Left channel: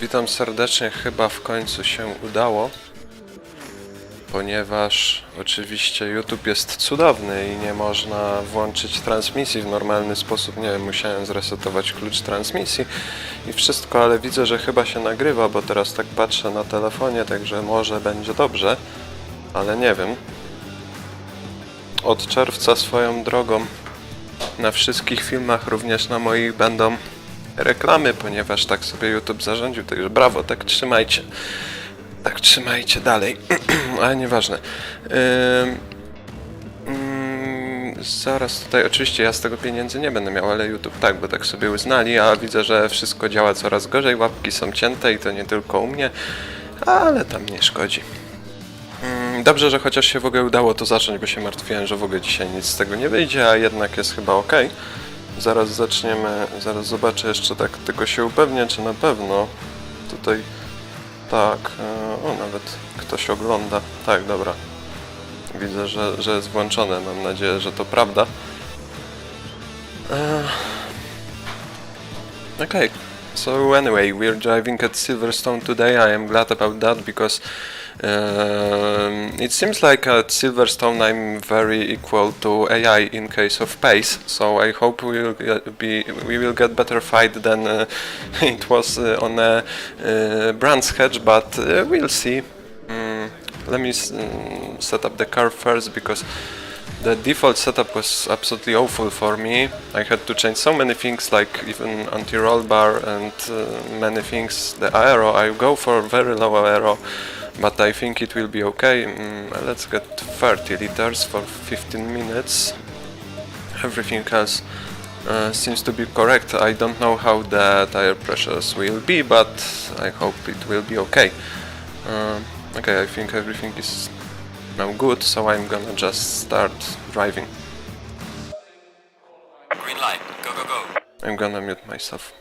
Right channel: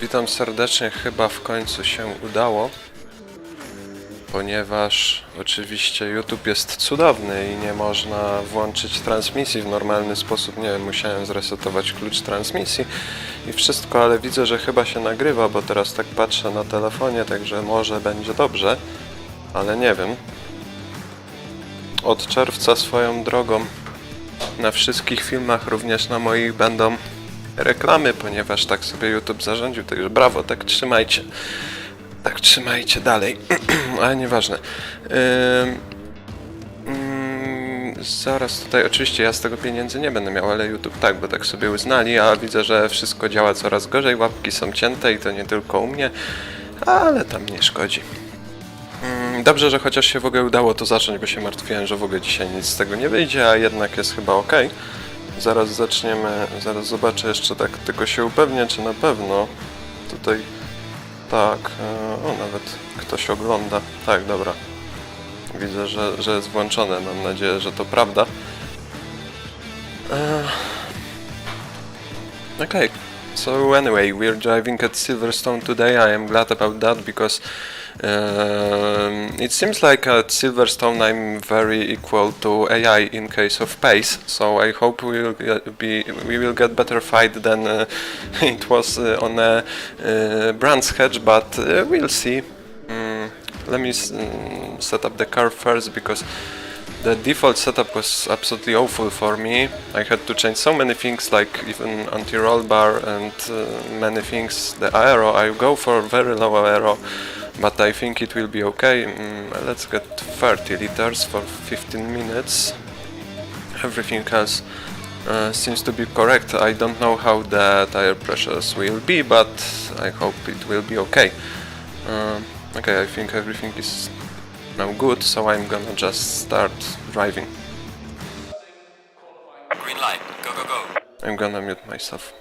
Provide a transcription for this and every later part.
Witam serdecznie, chyba w końcu się udało, ponieważ oczywiście YouTube jest cudowny i nie można włączyć transmisji w normalny sposób. Nie wiem, musiałem zresetować klucz transmisji i wszystko, ale widzę, że chyba się nagrywa, bo teraz tak patrzę na telefonie, także może będzie dobrze, ale nie wiem. Od czerwca swoją drogą na wszystkich filmach, również na moich, będą reklamy, ponieważ tak sobie YouTube zarządził, także brawo, tak trzymajcie. Tak trzymajcie dalej, ale nieważne. Zaraz tutaj, oczywiście ja z tego pieniędzy nie będę miał, ale YouTube tak, bo tak sobie uznali, a widzę, że wszystko działa coraz gorzej, łapki są cięte i to nie tylko u mnie, ale tam nie szkodzi. Dobrze, że chociaż się w ogóle udało to zacząć, bo się martwiłem, że w ogóle dzisiaj nic z tego nie wyjdzie, a jednak jest chyba ok. Zaraz zaczniemy, zaraz zobaczę jeszcze, tak tylko się upewnię, czy na pewno tutaj, tak, o, nawet ktoś ogląda, tak, dobra, widzę, że jest włączone, mam nadzieję, że to prawda. Okay, so anyway, we're driving at Silverstone today. I am glad about that because it seems like at Silverstone I'm very equal to AI in case of pace. So I hope we will get better fight than it was on a Brands Hatch, but we'll see. Let me set up the car first because the default setup was absolutely awful for me. I had to change so many things, like even anti-roll bar and many things. The aero, I go for very low aero, but I think it will be okay. Let's get 30 liters for 15 minutes. Everything else seems to be correct. I don't know how the tire pressures will be, but I hope it will be okay. Okay, I think everything is now good, so I'm gonna just start driving. Green light, go, go, go. I'm gonna mute myself.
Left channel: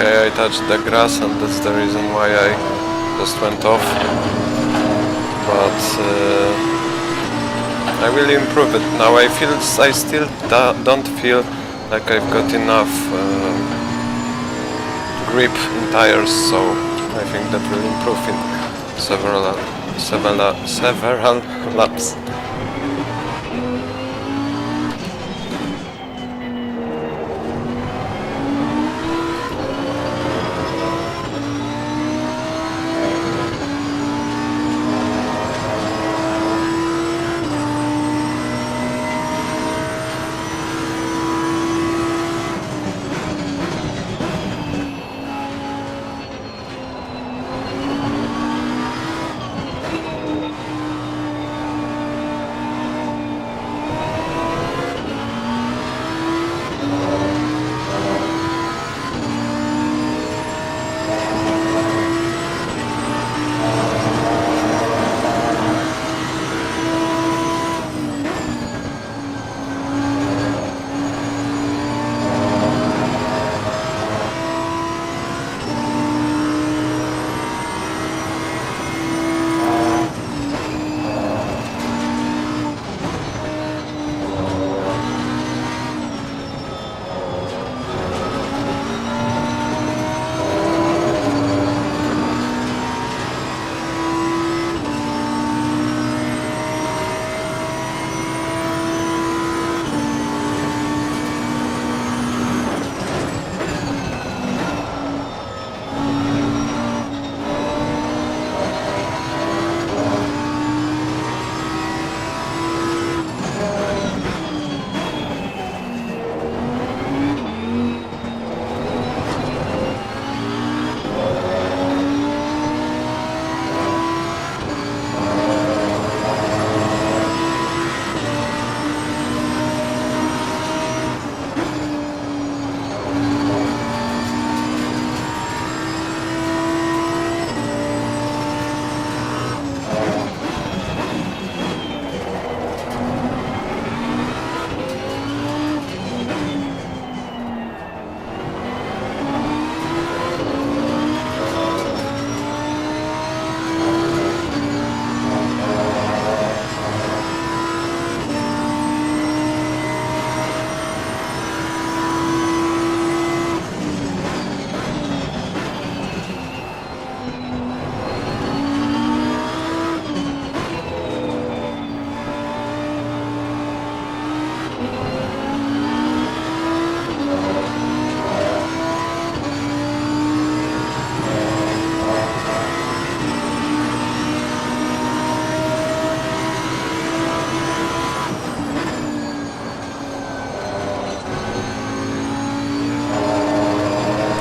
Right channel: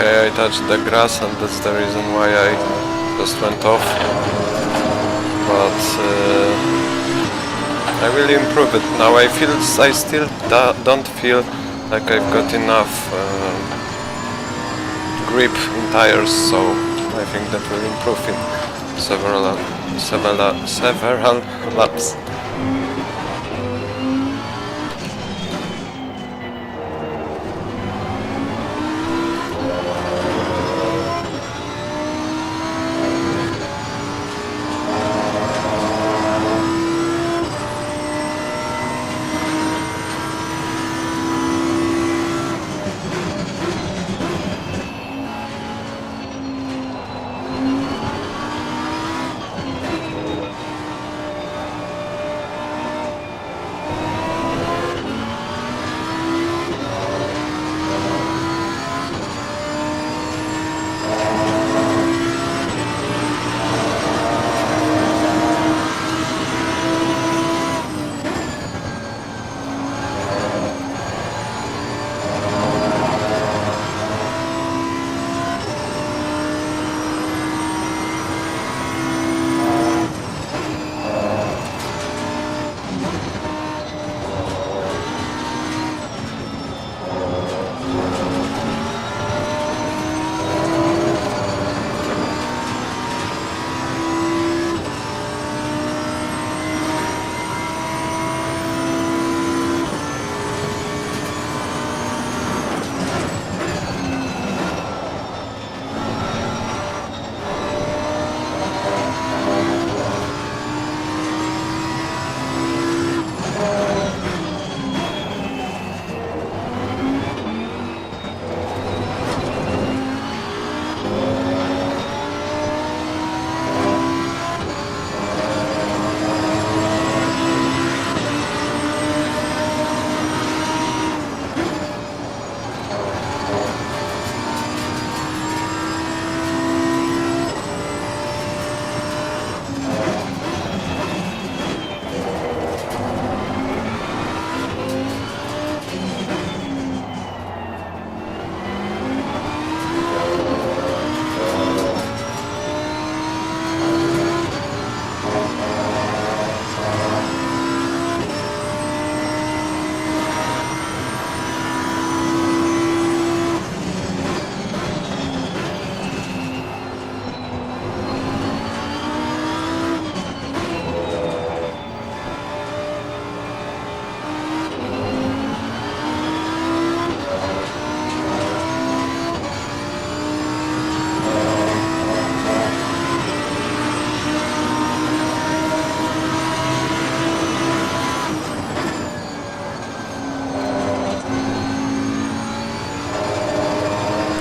Okay, I touched the grass and that's the reason why I just went off. But I will improve it now. I still don't feel like I've got enough grip in tires, so I think that will improve in several laps.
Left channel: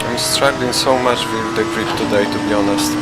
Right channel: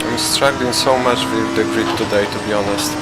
I'm struggling so much with the grip today, to be honest.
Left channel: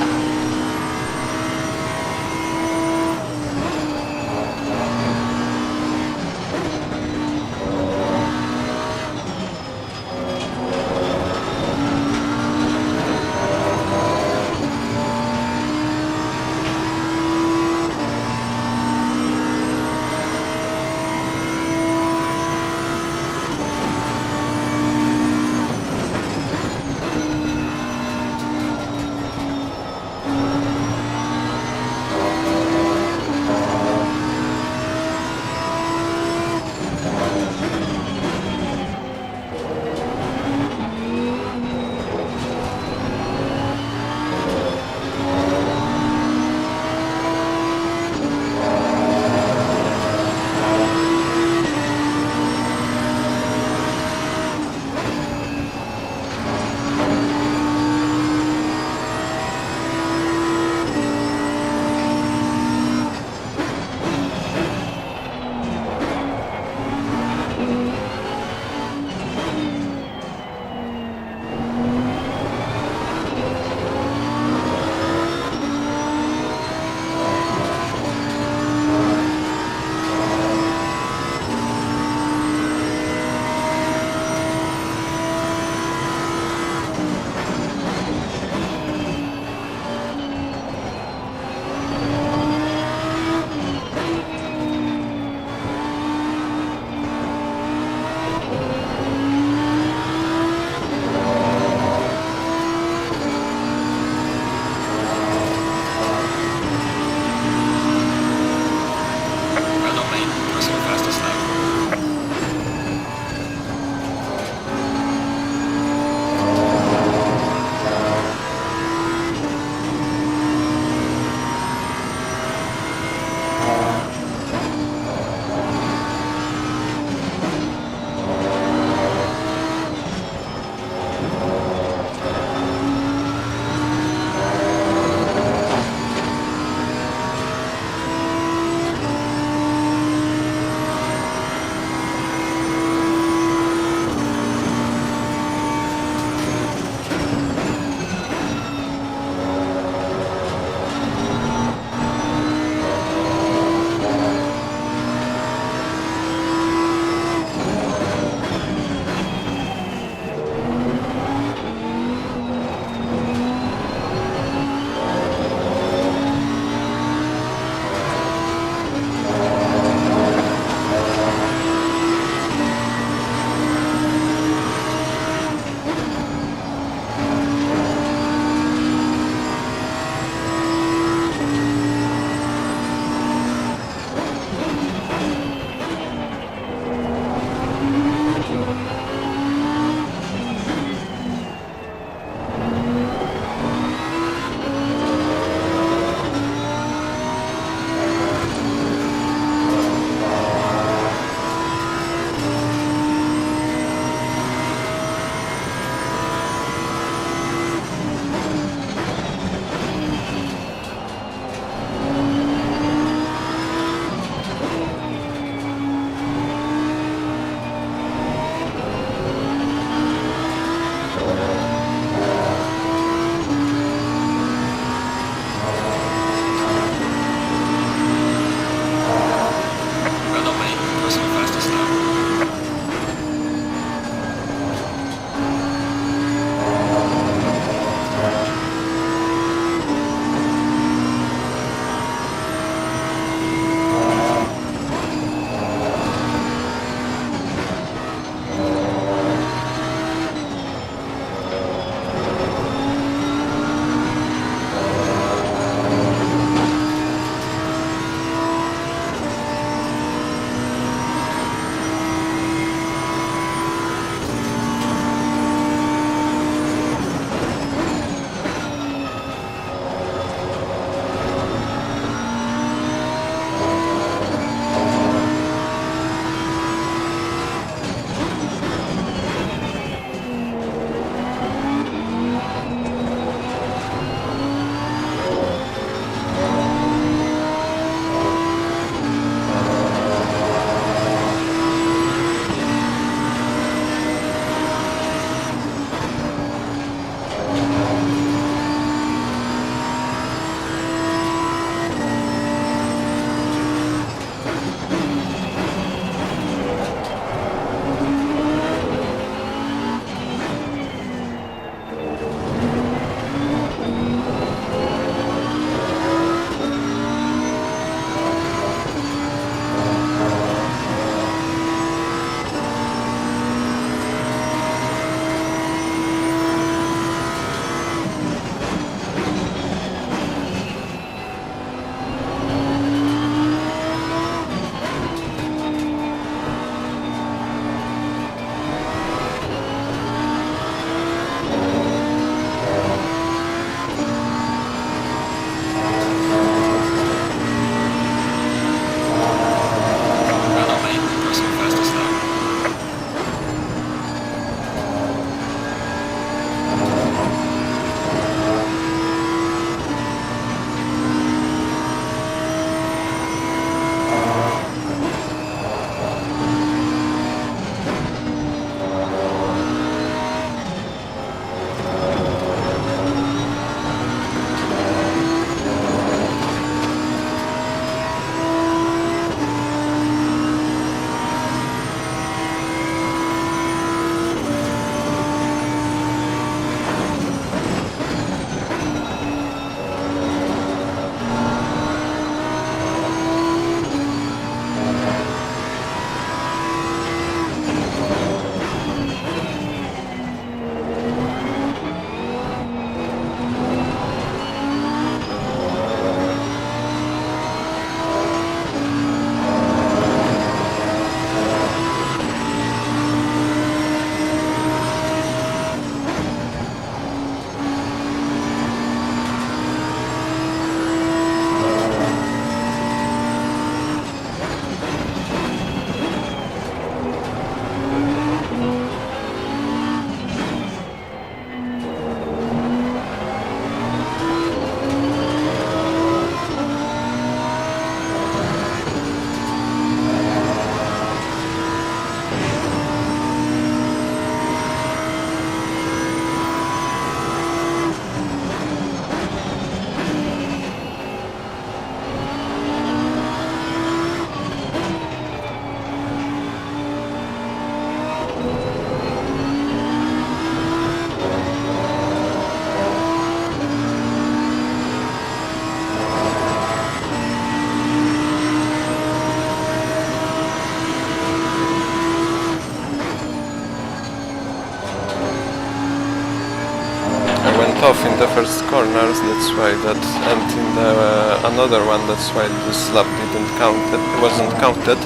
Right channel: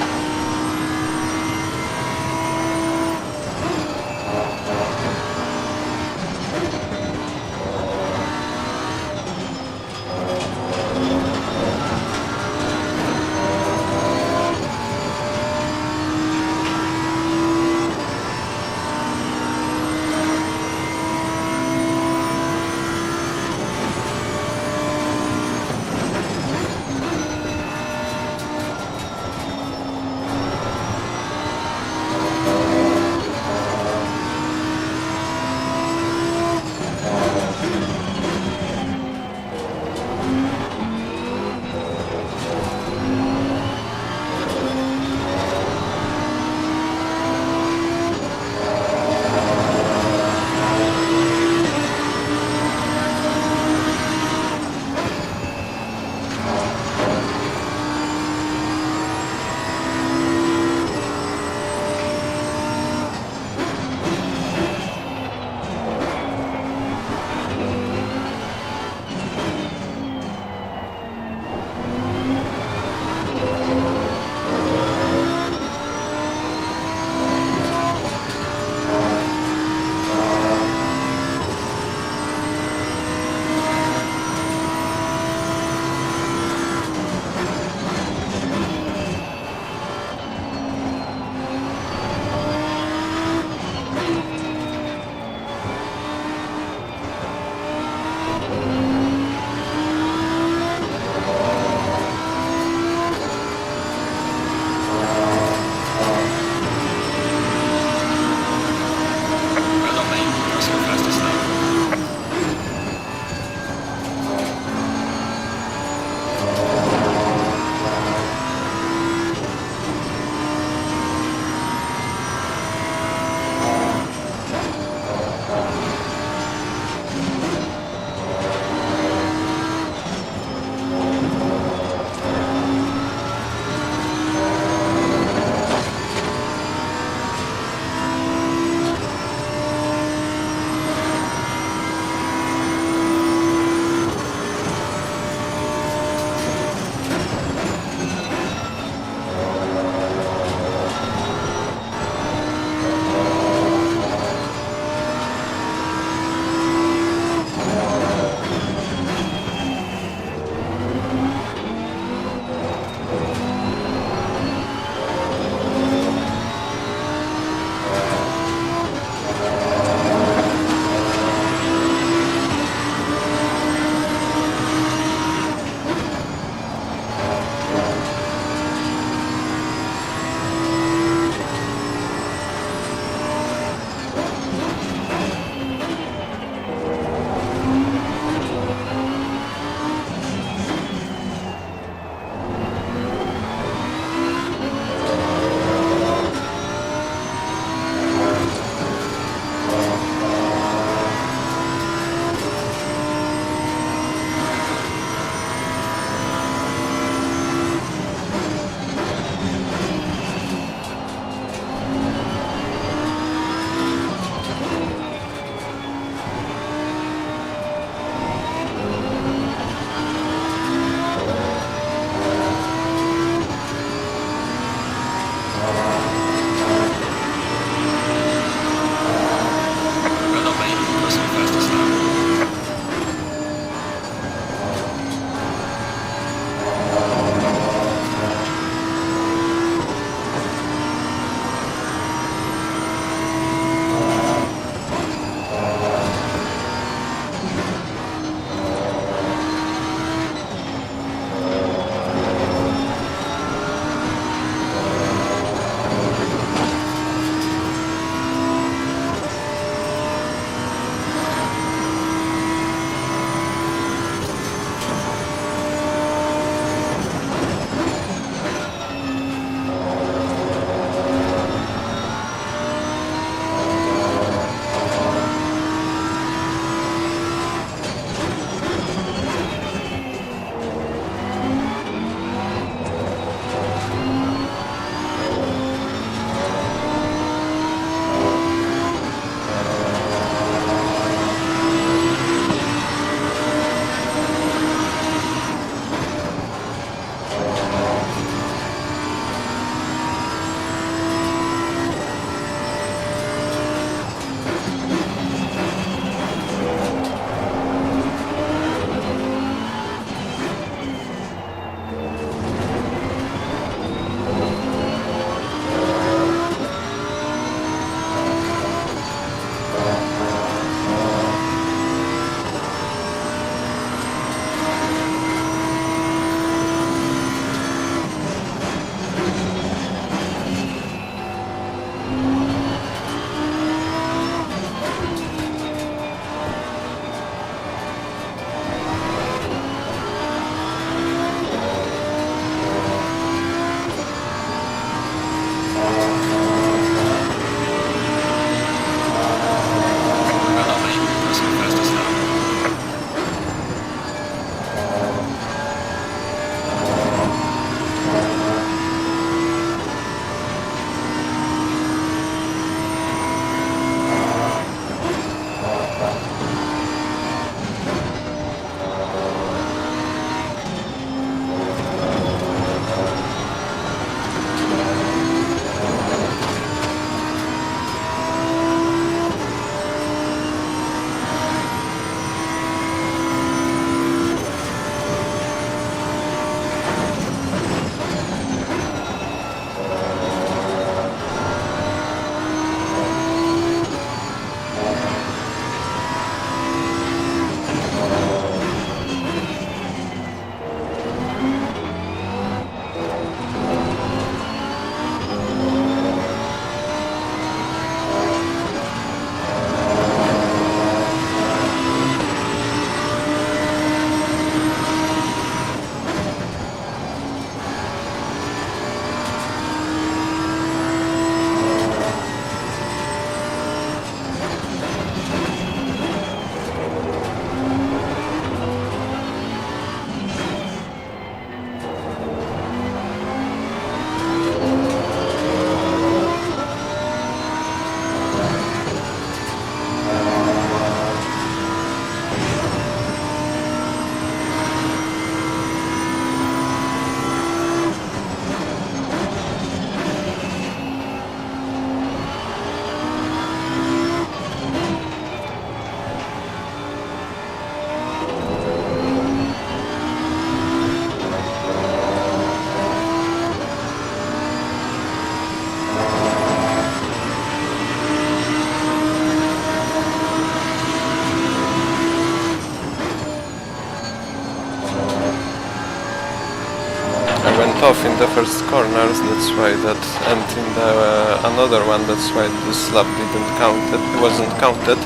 I went off in the first corners, that's why that, and in the another one, that's why this lap didn't count, it wasn't counted,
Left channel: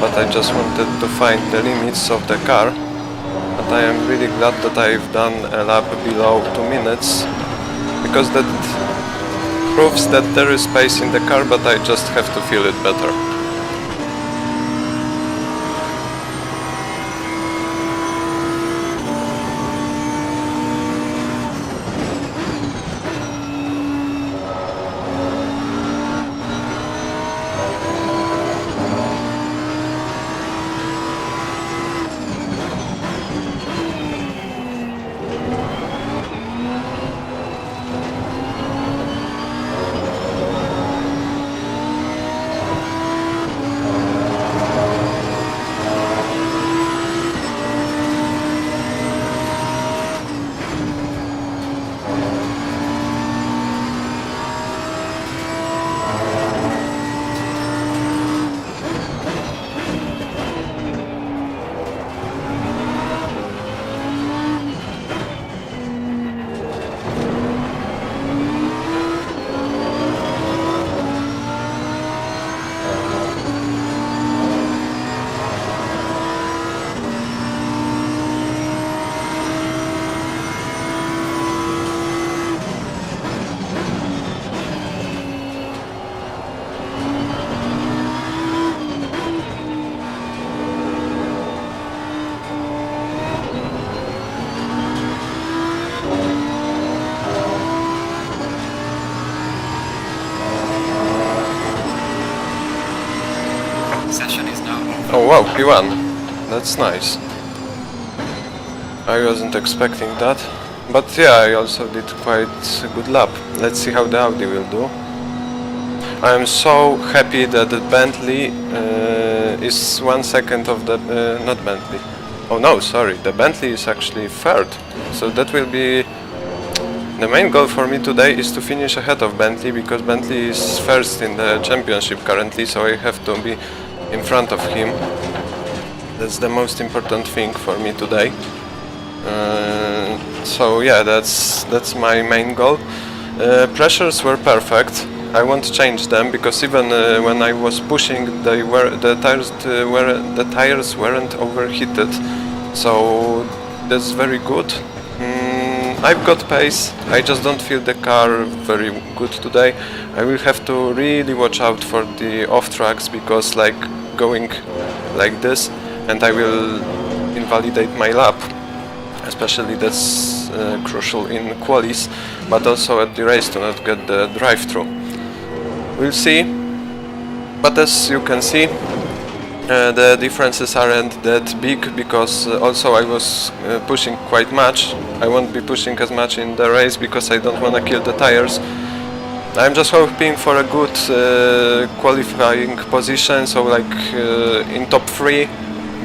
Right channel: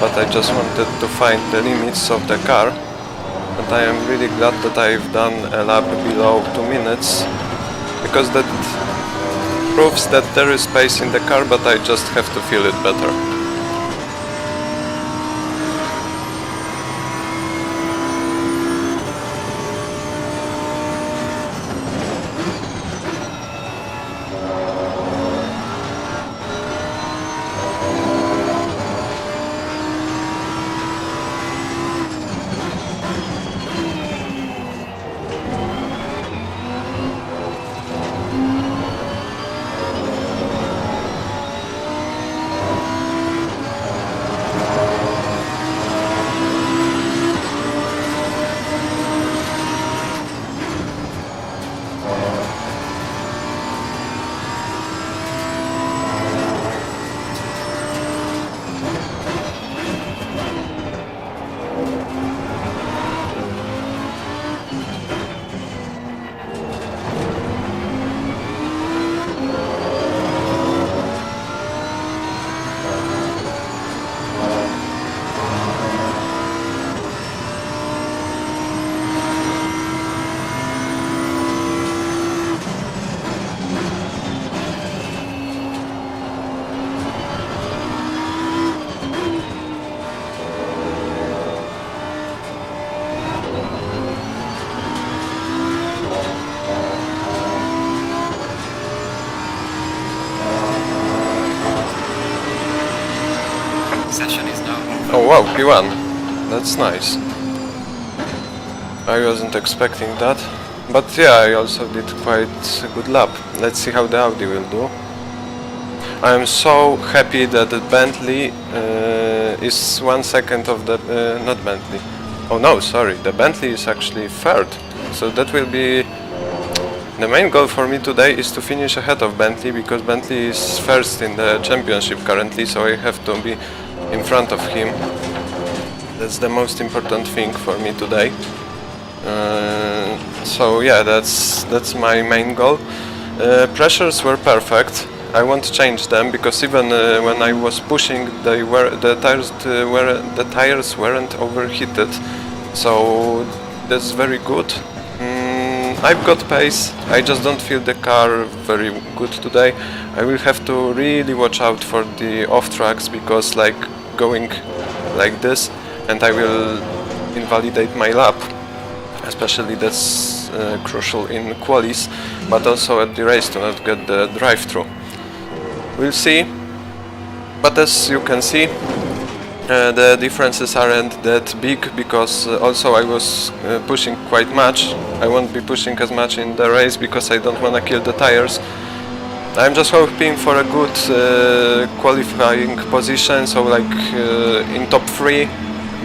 but I just wanted to find the limits of the car. But I am really glad that I've done a lap below 2 minutes, because that proves that there is space in the car, but I just have to feel it better. Session is now over. Oh wow, P1. That's nice. I wasn't expecting that. But yeah, I also did quite a good lap. Let's see how the Audi will do. I am so happy that the Bentley is 1 second of the... not Bentley. Oh no, sorry, the Bentley is actually third. So that will be... The main goal for me today is to finish ahead of Bentley, because Bentley is first in the championship currently, so I have to be in front of him. That's the most important thing for me today. So yeah, that's my main goal. Pressures were perfect. I won't change them, because even when I was pushing, the tires weren't overheated. So that's very good. I've got pace, I just don't feel the car very good today. I will have to really watch out for the off tracks, because like going like this, and I will invalidate my lap. Especially that's crucial in qualis, but also at the race to not get the drive-through. We'll see, but as you can see, the differences aren't that big, because also I was pushing quite much. I won't be pushing as much in the race, because I don't want to kill the tires. I'm just hoping for a good qualifying position, so like in top 3,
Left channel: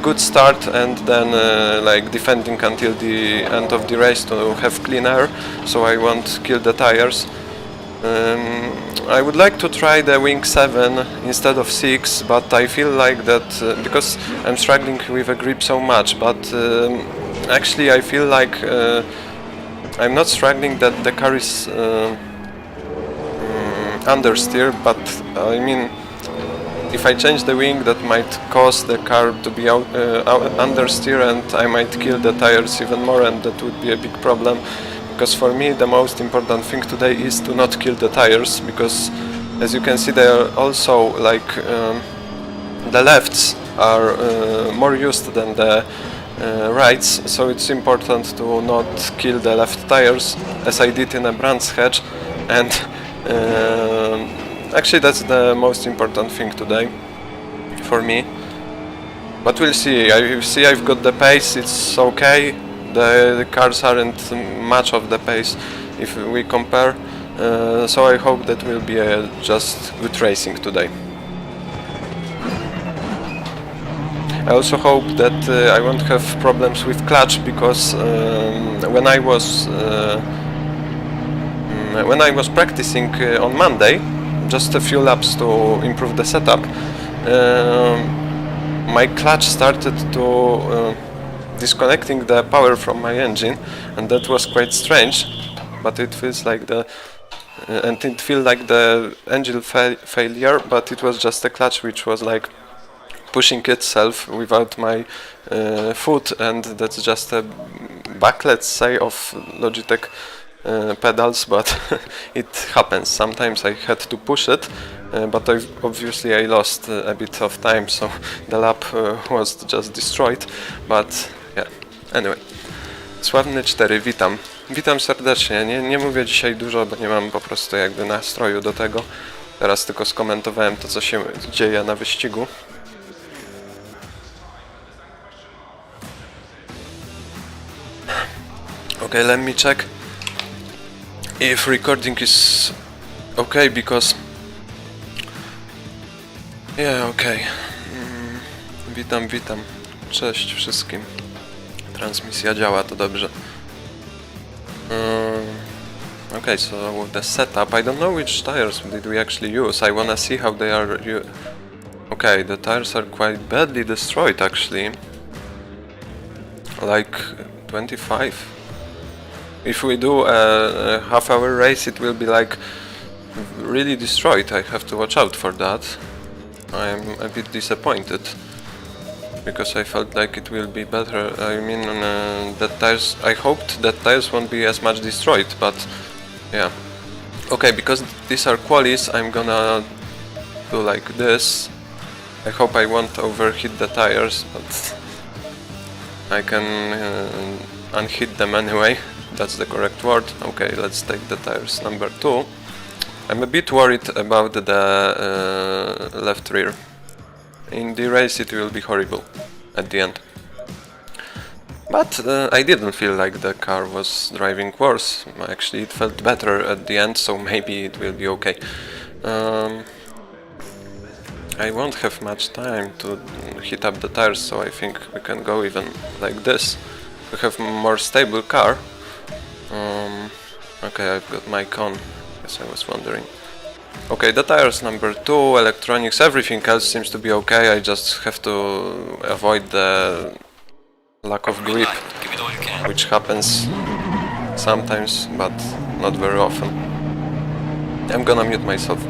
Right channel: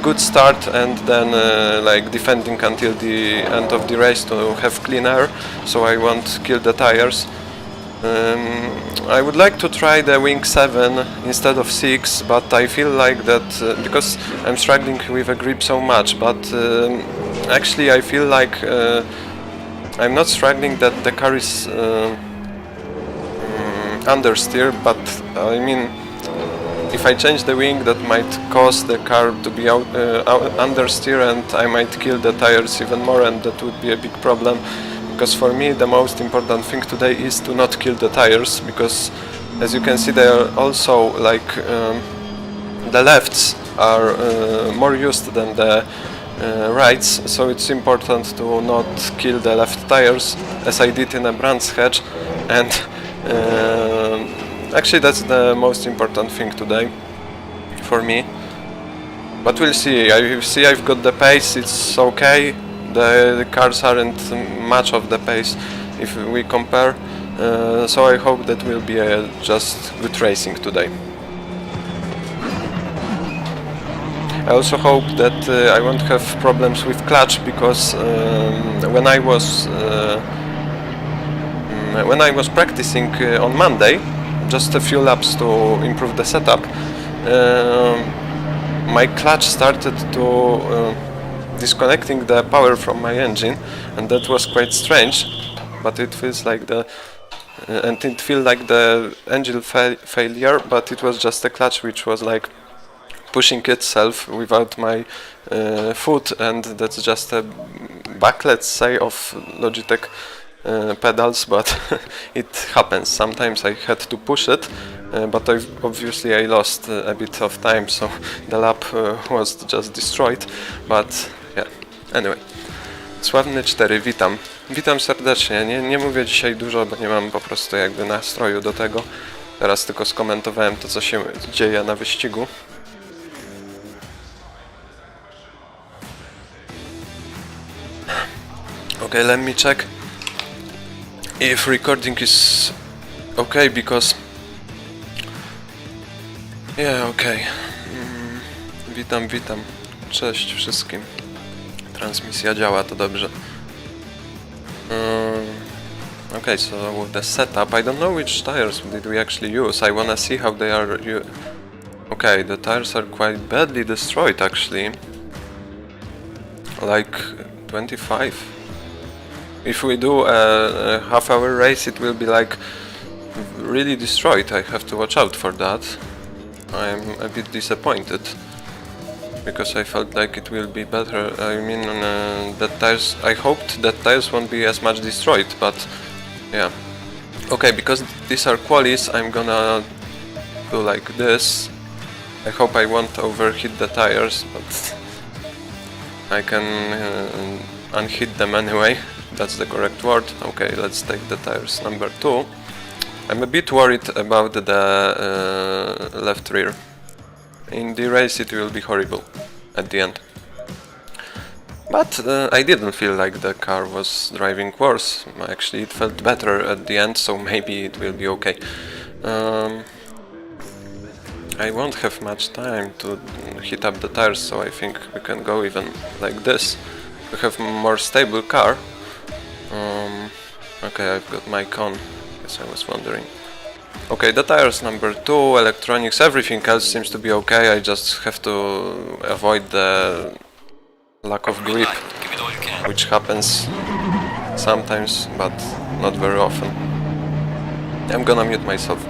good start, and then like defending until the end of the race to have clean air, so I won't kill the tires. I would like to try the wing 7 instead of 6, but I feel like that because I'm struggling with a grip so much, but actually I feel like I'm not struggling, that the car is understeer, but I mean, if I change the wing, that might cause the car to be understeer, and I might kill the tires even more, and that would be a big problem. Because for me the most important thing today is to not kill the tires, because as you can see they are also like the lefts are more used than the rights, so it's important to not kill the left tires, as I did in a Brands Hatch, and actually that's the most important thing today for me. But we'll see. I see I've got the pace, it's okay. The cars aren't much of the pace if we compare, so I hope that will be just good racing today. I also hope that I won't have problems with clutch, because when I was practicing on Monday, just a few laps to improve the setup, my clutch started to disconnecting the power from my engine, and that was quite strange. but it feels like the and it feels like the engine failure, but it was just a clutch which was like pushing itself without my foot, and that's just a bug, let's say, of Logitech pedals, but it happens. Sometimes I had to push it, but obviously I lost a bit of time, so the lap was just destroyed, but yeah, anyway. Sławny 4, witam. Witam serdecznie. Nie mówię dzisiaj dużo, bo nie mam po prostu jakby nastroju do tego. Teraz tylko skomentowałem to, co się dzieje na wyścigu. Okay, let me check if recording is okay, because yeah, okay. Witam. Cześć wszystkim. Transmisja działa, to dobrze. Okay, so the setup, I don't know which tires did we actually use. I wanna see how they are. Okay, the tires are quite badly destroyed actually. Like 25. If we do a half-hour race, it will be like really destroyed. I have to watch out for that. I'm a bit disappointed because I felt like it will be better. I mean, that tires. I hoped that tires won't be as much destroyed, but yeah. Okay, because these are qualies, I'm gonna do like this. I hope I won't overheat the tires, but I can unheat them anyway. That's the correct word. Okay, let's take the tires number 2. I'm a bit worried about the left rear. In the race it will be horrible at the end. But I didn't feel like the car was driving worse. Actually, it felt better at the end, so maybe it will be okay. I won't have much time to heat up the tires, so I think we can go even like this. We have a more stable car. Okay, I've got mic on. Yes, I was wondering. Okay, the tires number 2, electronics, everything else seems to be okay. I just have to avoid the lack of grip, Give it all you can. which happens sometimes, but not very often. I'm gonna mute myself.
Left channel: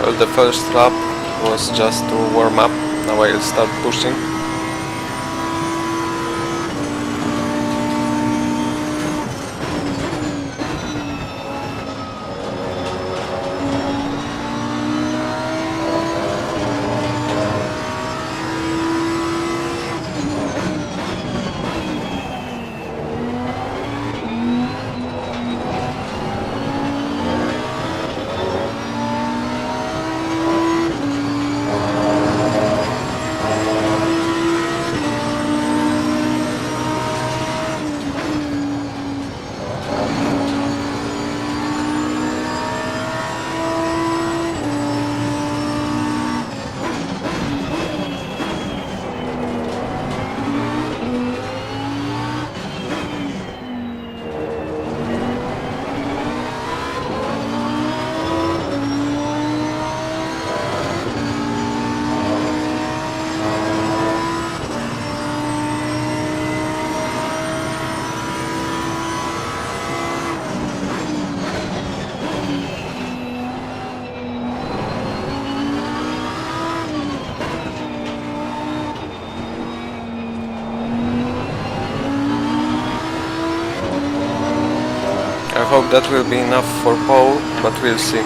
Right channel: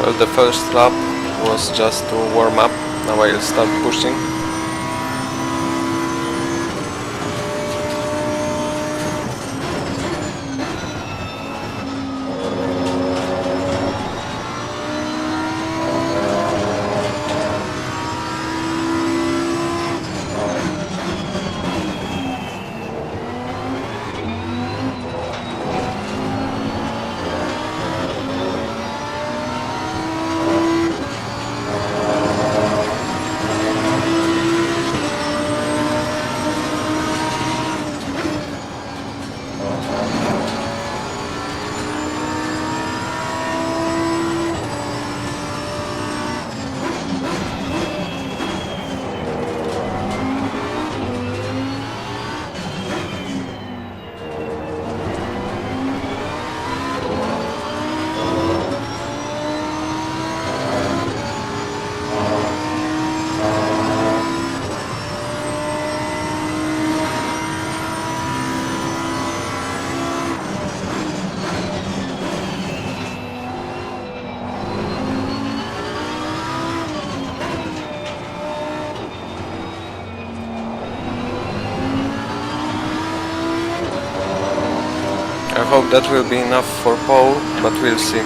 Well, the first lap was just to warm up, now I'll start pushing. I hope that will be enough for pole, but we'll see.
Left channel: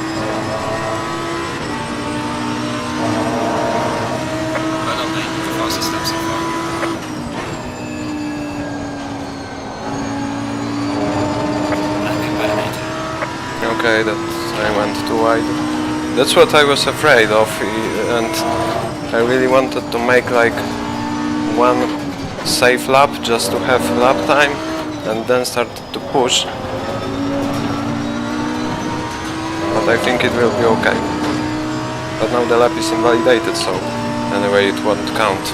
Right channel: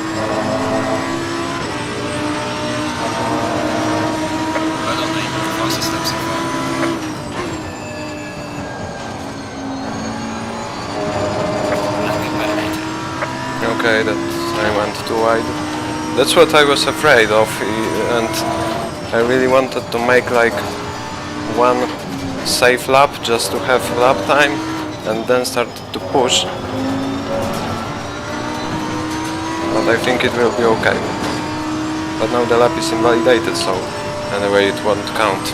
Well done, mate. Fastest step so far. Happy about it, mate. Okay, that I went too wide. That's what I was afraid of, and I really wanted to make like one safe lap just to have lap time and then start to push. But I think it will be okay. But now the lap is invalidated, so anyway it won't count.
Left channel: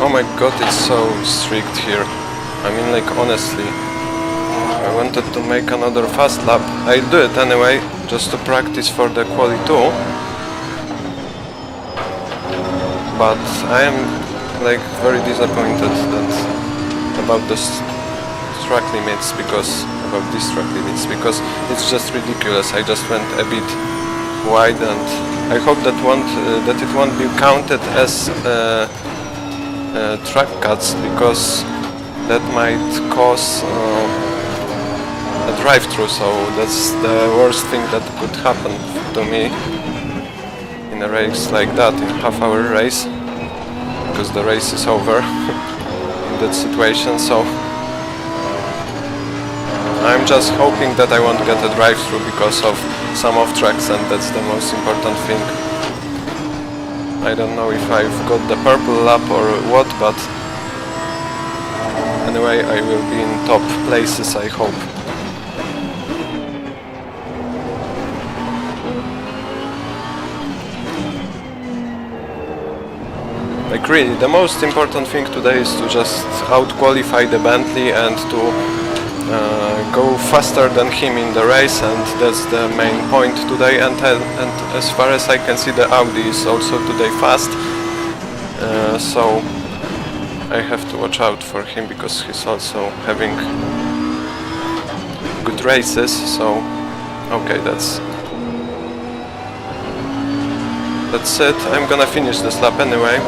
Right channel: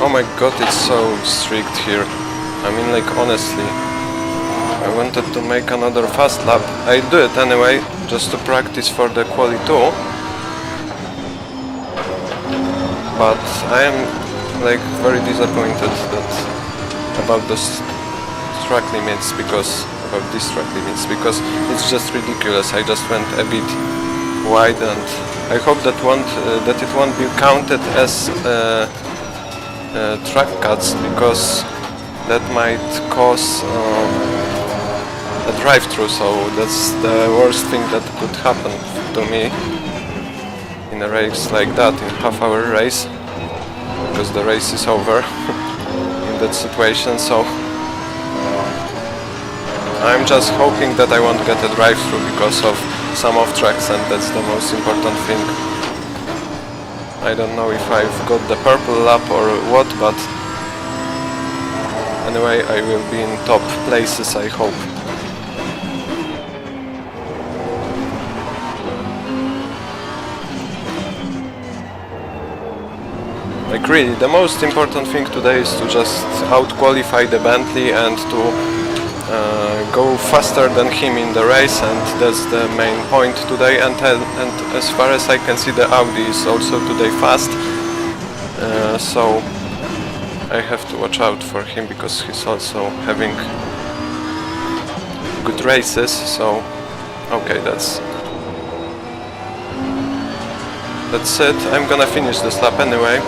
Oh my god, it's so strict here. I mean, like, honestly, I wanted to make another fast lap. I'll do it anyway, just to practice for the quali 2. But I am, like, very disappointed about this track limits, because it's just ridiculous. I just went a bit wide, and I hope that it won't be counted as track cuts, because that might cause a drive-through, so that's the worst thing that could happen to me in a race like that, in half-hour race, because the race is over in that situation. So I'm just hoping that I won't get a drive-through because of some off-tracks, and that's the most important thing. I don't know if I've got the purple lap or what, but anyway, I will be in top places, I hope. Like really, the most important thing today is to just out-qualify the Bentley and to go faster than him in the race, and that's the main point today. And as far as I can see, the Audi is also today fast, so I have to watch out for him because he's also having good races. So okay, that's it. I'm gonna finish this lap anyway.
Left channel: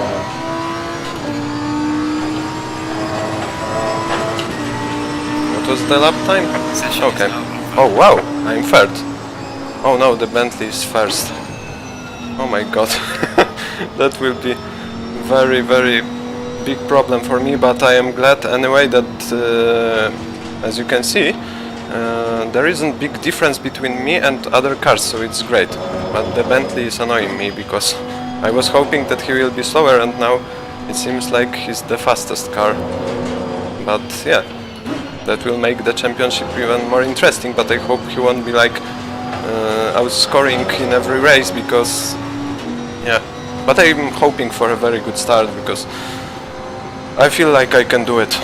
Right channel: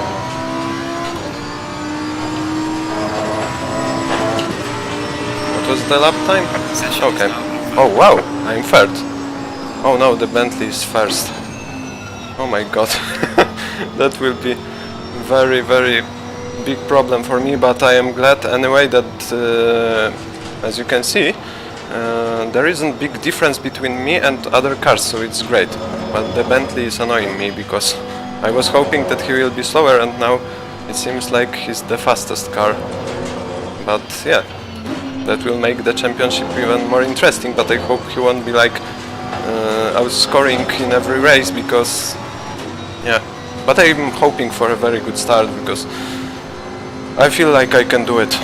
What was the lap time? Session Okay. is now over. Oh wow, I'm third. Oh no, the Bentley is first. Oh my god. That will be very, very big problem for me, but I am glad anyway that, as you can see, there isn't big difference between me and other cars, so it's great. But the Bentley is annoying me because I was hoping that he will be slower, and now it seems like he's the fastest car. But yeah, that will make the championship even more interesting, but I hope he won't be like outscoring in every race, because yeah, but I'm hoping for a very good start because I feel like I can do it.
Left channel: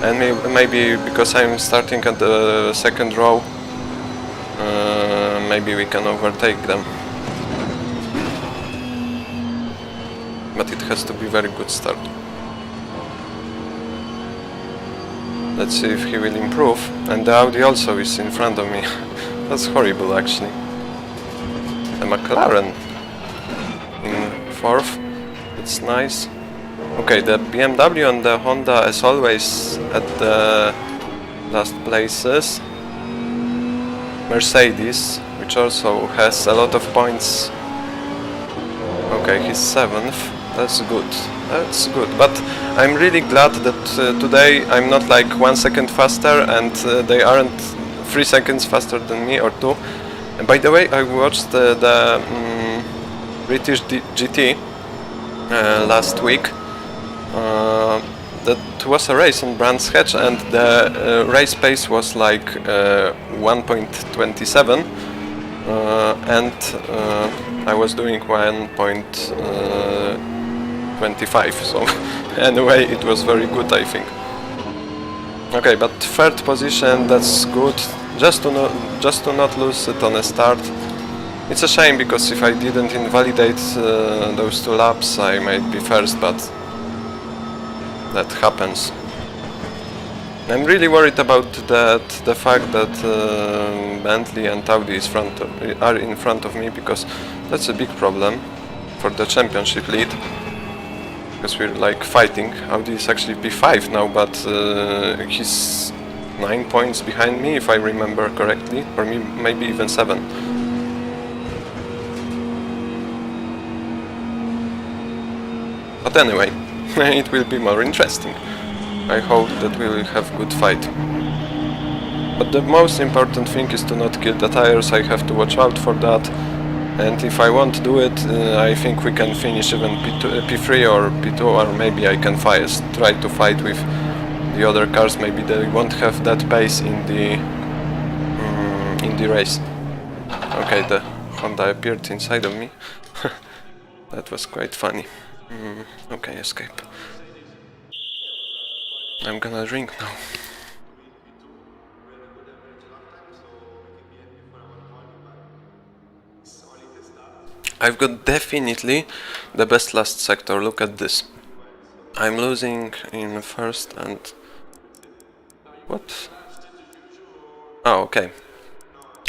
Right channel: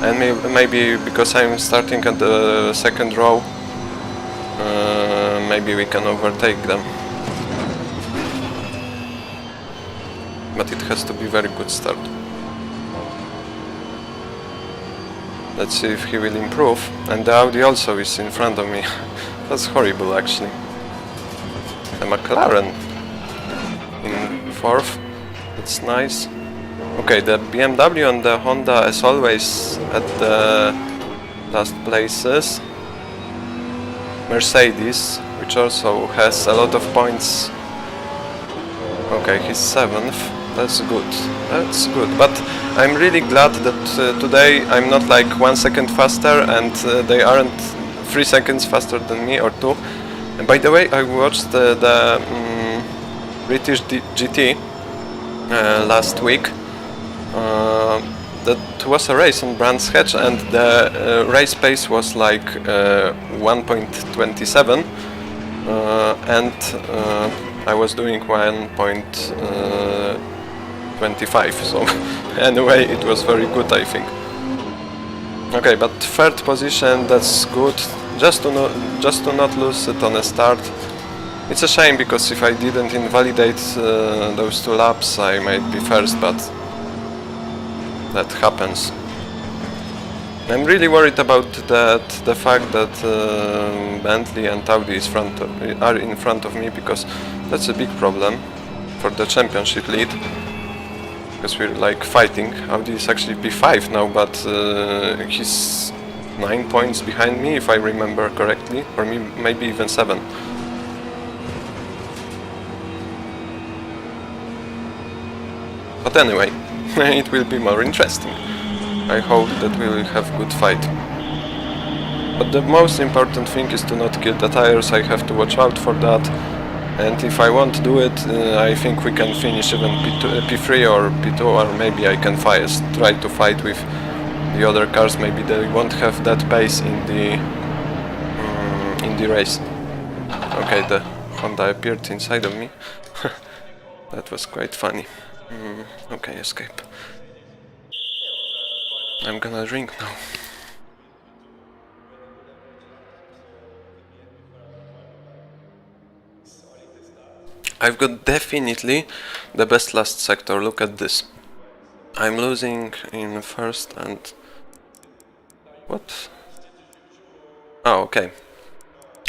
And maybe because I'm starting at the second row, maybe we can overtake them. But it has to be very good start. Let's see if he will improve. And the Audi also is in front of me. That's horrible actually. The McLaren in fourth. That's nice. Okay, the BMW and the Honda as always at the last places. Mercedes, which also has a lot of points. Okay, he's 7th. That's good. That's good. But I'm really glad that today I'm not like 1 second faster, and they aren't 3 seconds faster than me, or 2. And by the way, I watched the British GT last week. That was a race on Brands Hatch, and the race pace was like 1.27, and I was doing 1.25, so anyway it was very good, I think. Okay, but third position, that's good, just to not lose it on a start. It's a shame because if I didn't invalidate those 2 laps I might be first, but that happens. I'm really worried about the fact that Bentley and Audi are in front of me, because that's a big problem for the championship lead. Because we're like fighting. Audi is actually P5 now, but he's 9 points behind me if I remember correctly, or maybe even 7. But anyway, it will be more interesting. I hope that we will have good fight. But the most important thing is to not kill the tires. I have to watch out for that. And if I won't do it, I think we can finish even P3 or P2, or maybe I can try to fight with the other cars. Maybe they won't have that pace in the race. Okay, the Honda appeared inside of me. That was quite funny. Okay, escape. I'm gonna drink now. I've got definitely the best last sector. Look at this. I'm losing in first and... What? Oh, okay.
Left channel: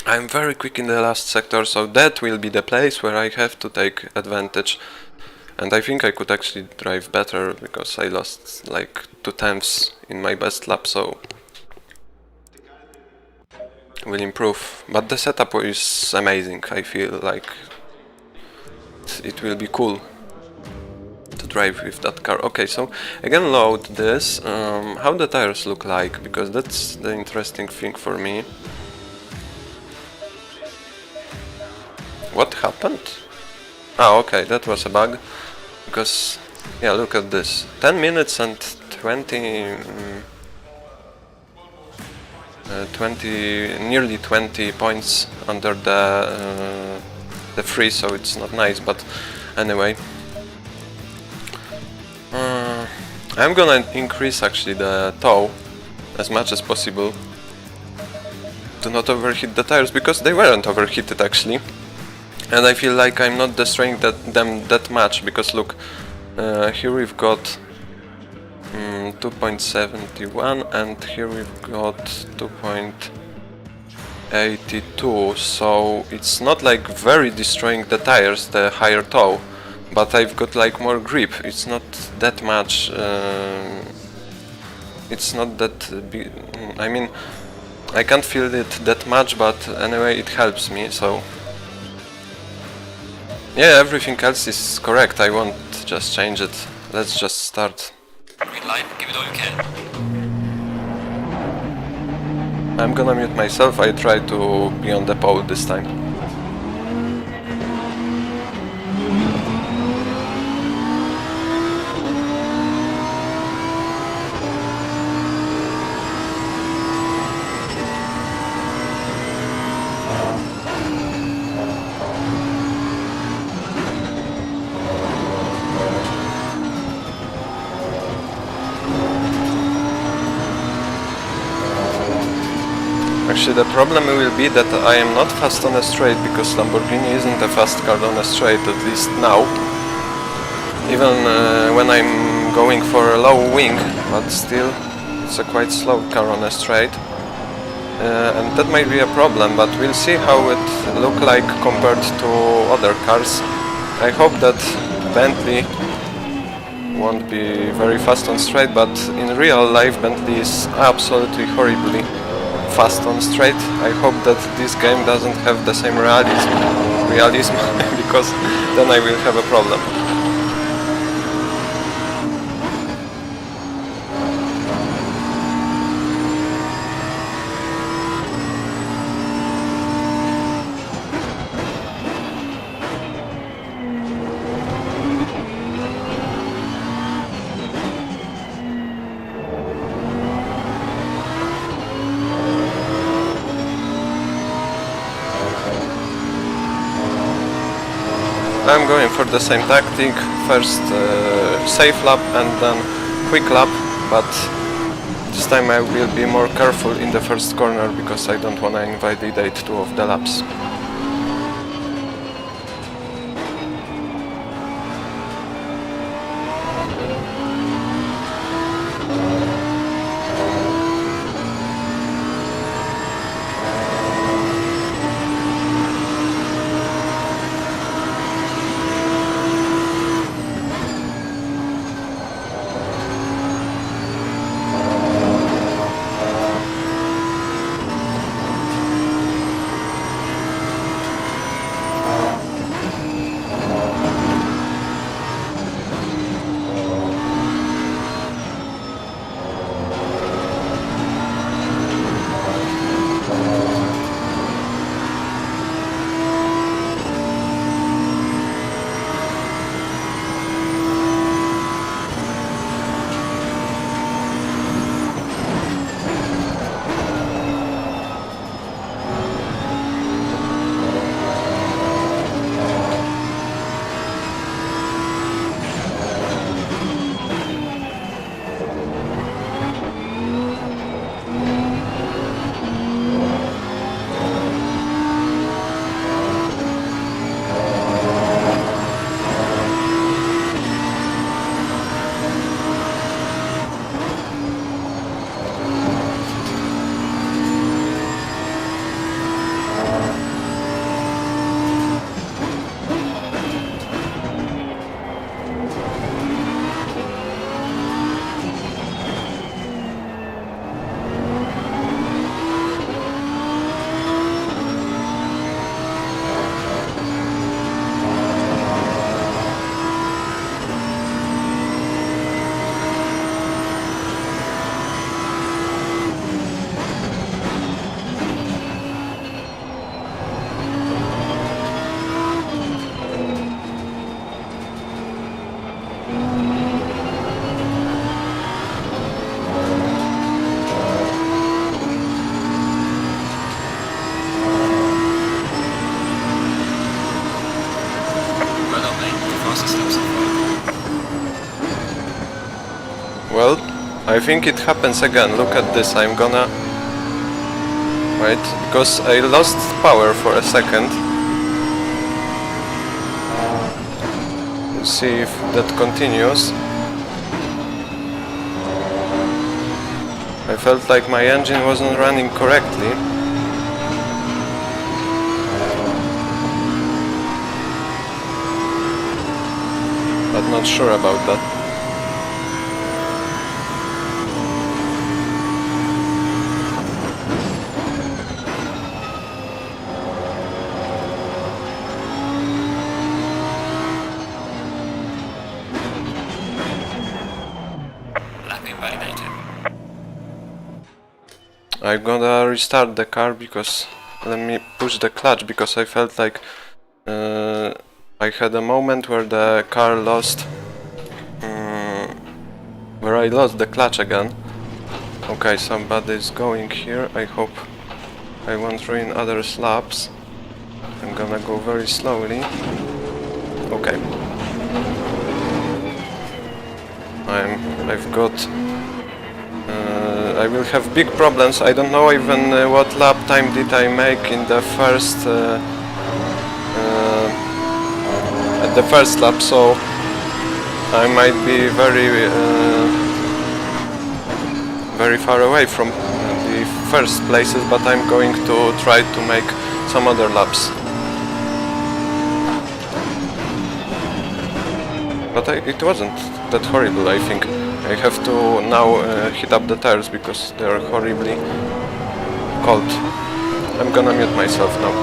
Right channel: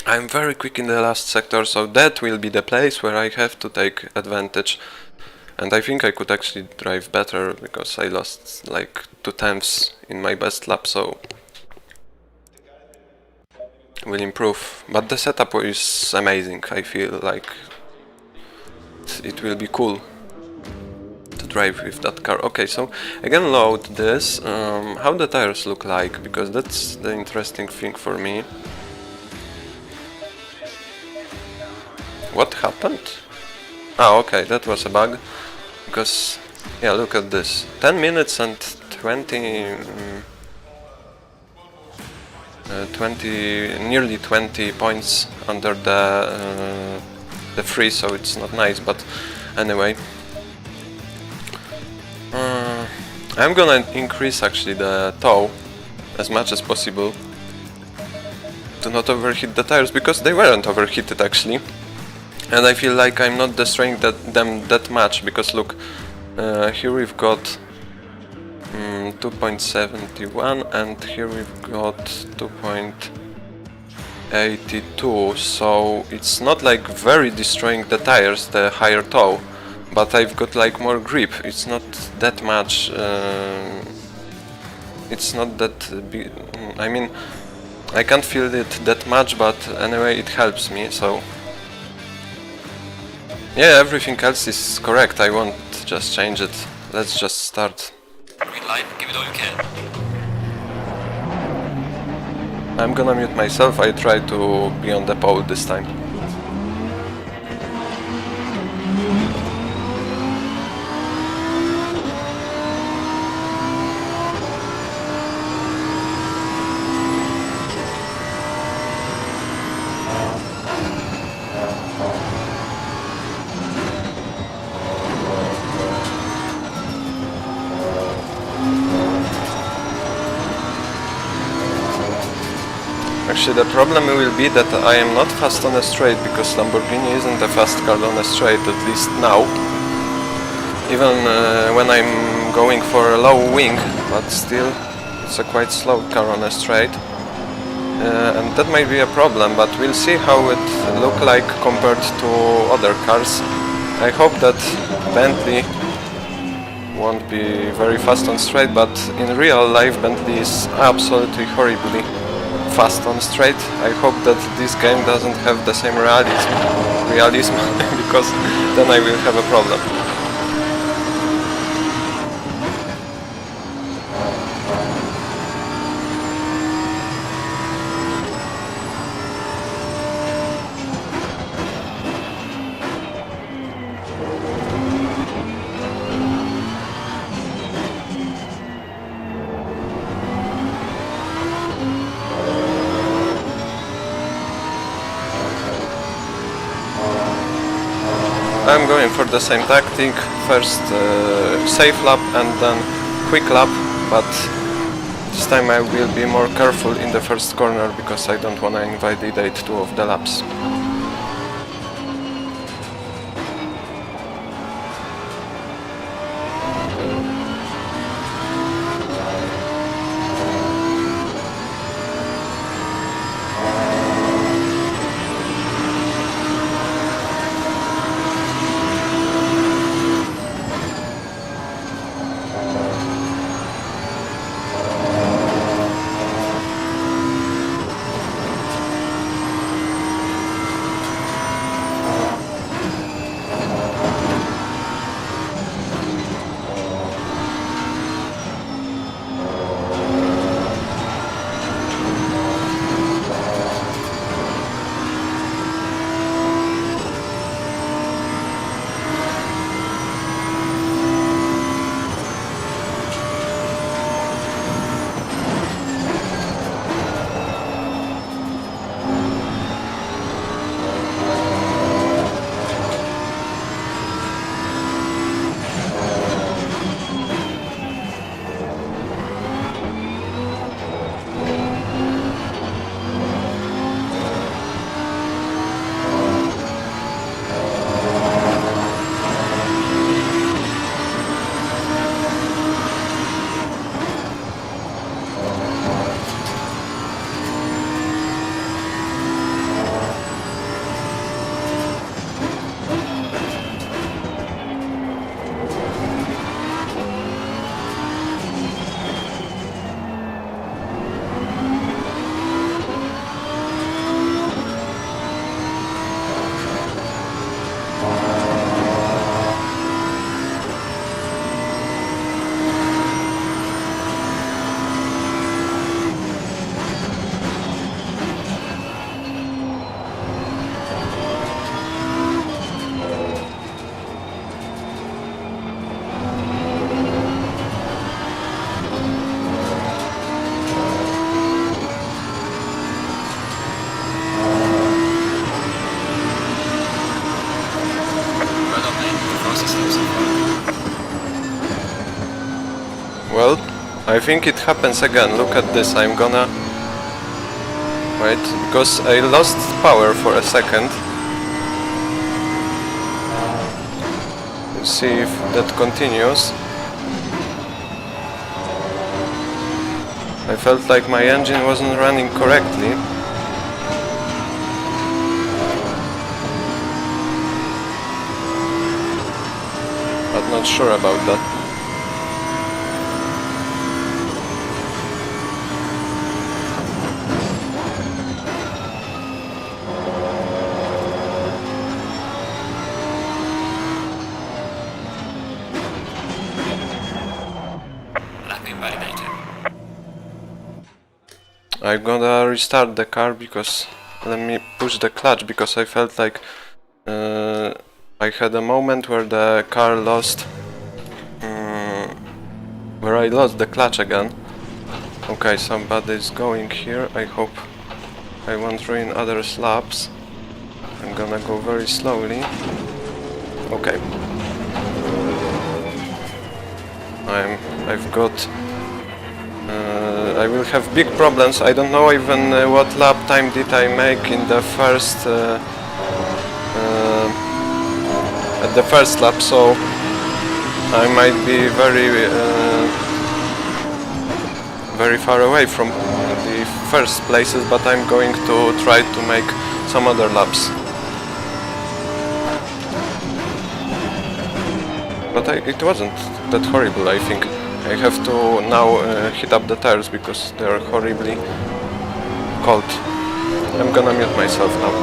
I'm very quick in the last sector, so that will be the place where I have to take advantage. And I think I could actually drive better, because I lost like 2/10 in my best lap, so will improve. But the setup is amazing. I feel like it will be cool to drive with that car. Okay, so again load this. How the tires look like, because that's the interesting thing for me. What happened? Ah, okay, that was a bug. Because, yeah, look at this. 10 minutes and nearly 20 points under the free, so it's not nice, but anyway. I'm gonna increase actually the tow as much as possible to not overheat the tires, because they weren't overheated actually. And I feel like I'm not destroying them that much, because look, here we've got 2.71 and here we've got 2.82, so it's not like very destroying the tires, the higher tow, but I've got like more grip. It's not that much, it's not that big, I mean, I can't feel it that much, but anyway it helps me, so yeah, everything else is correct. I won't just change it. Let's just start. Green light, give it all you can. I'm gonna mute myself. I try to be on the pole this time. Actually, the problem will be that I am not fast on a straight, because Lamborghini isn't a fast car on a straight, at least now. Even when I'm going for a low wing, but still it's a quite slow car on a straight. And that might be a problem, but we'll see how it look like compared to other cars. I hope that Bentley won't be very fast on straight, but in real life Bentley is absolutely horribly fast on straight. I hope that this game doesn't have the same realism because then I will have a problem. I'm going for the same tactic, first safe lap and then quick lap, but this time I will be more careful in the first corner because I don't want to invalidate two of the laps. Well, I think it happens again. Look at this. I'm gonna wait because I lost power for a second. Let's see if that continues. I felt like my engine wasn't running correctly. But not sure about that. Lap invalidated. I'm gonna restart the car because let me push the clutch because I felt like I had a moment where the car lost where I lost the clutch again. Okay, somebody's going here. I hope I won't ruin others' laps. I'm gonna go very slowly. Okay. I've got I will have big problems. I don't know even what lap time did I make in the first at the first lap, so I might be very far away from the first places, but I'm going to try to make some other laps. But it wasn't that horrible, I think. I have to now heat up the tires because they are horribly cold. I'm gonna mute myself now.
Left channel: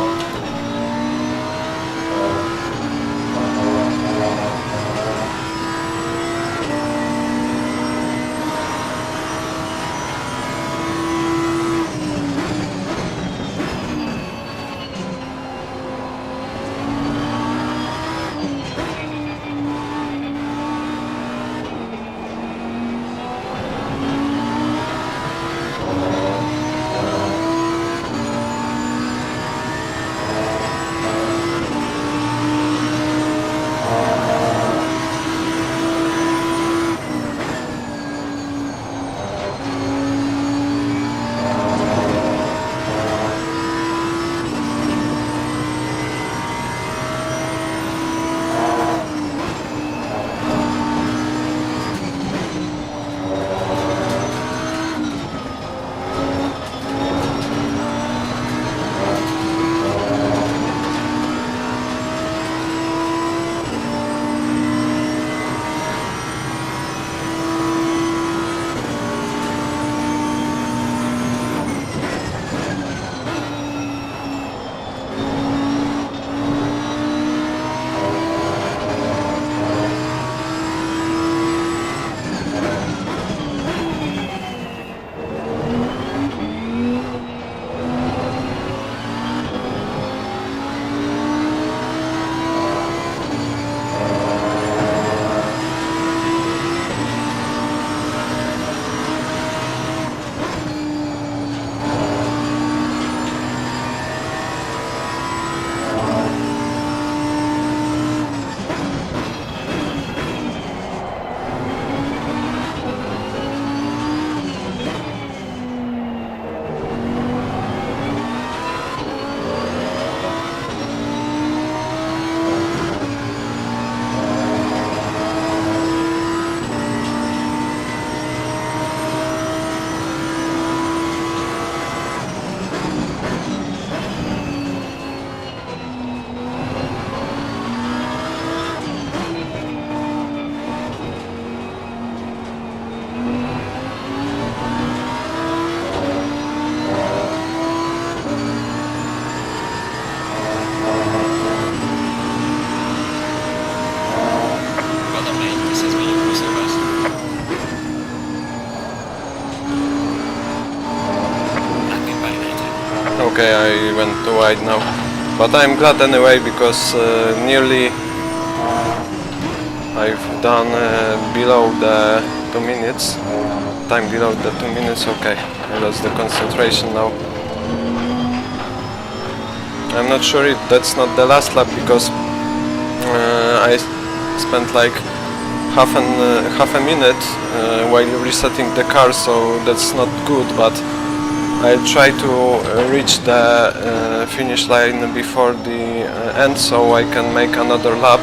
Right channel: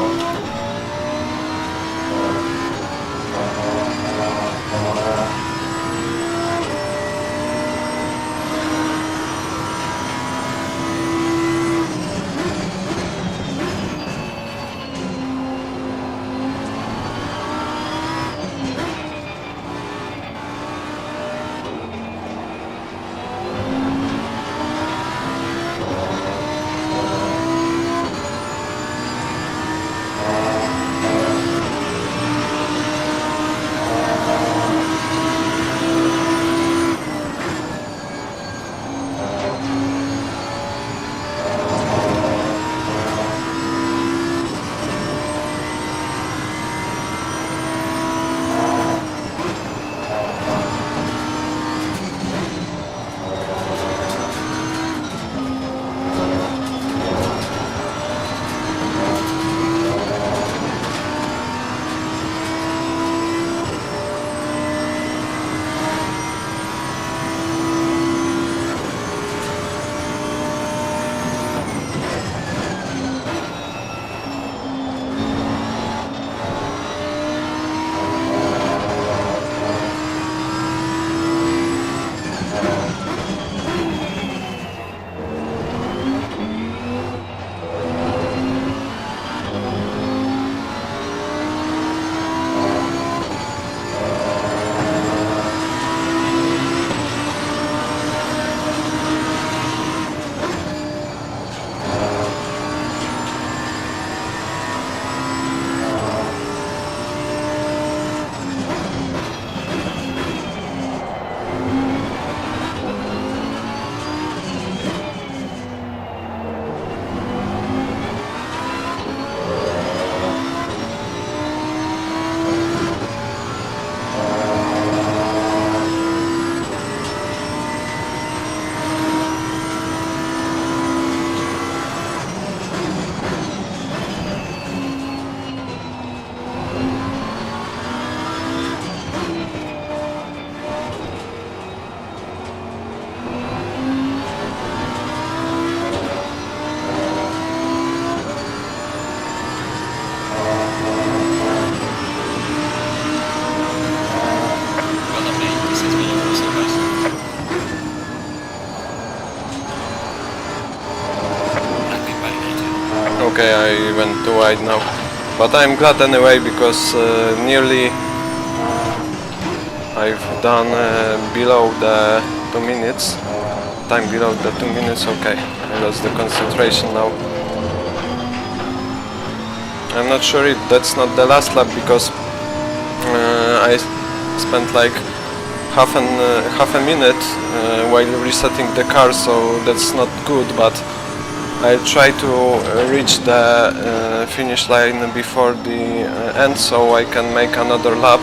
Okay, I went too wide now, but I'm glad anyway because nearly I've done below the 2 minutes. Time below the 2 minutes. Okay, I lost the concentration now. I'm not sure if that's not the last lap because I spent like half a minute while resetting the car, so that's not good, but I'll try to reach the finish line before the end, so I can make another lap,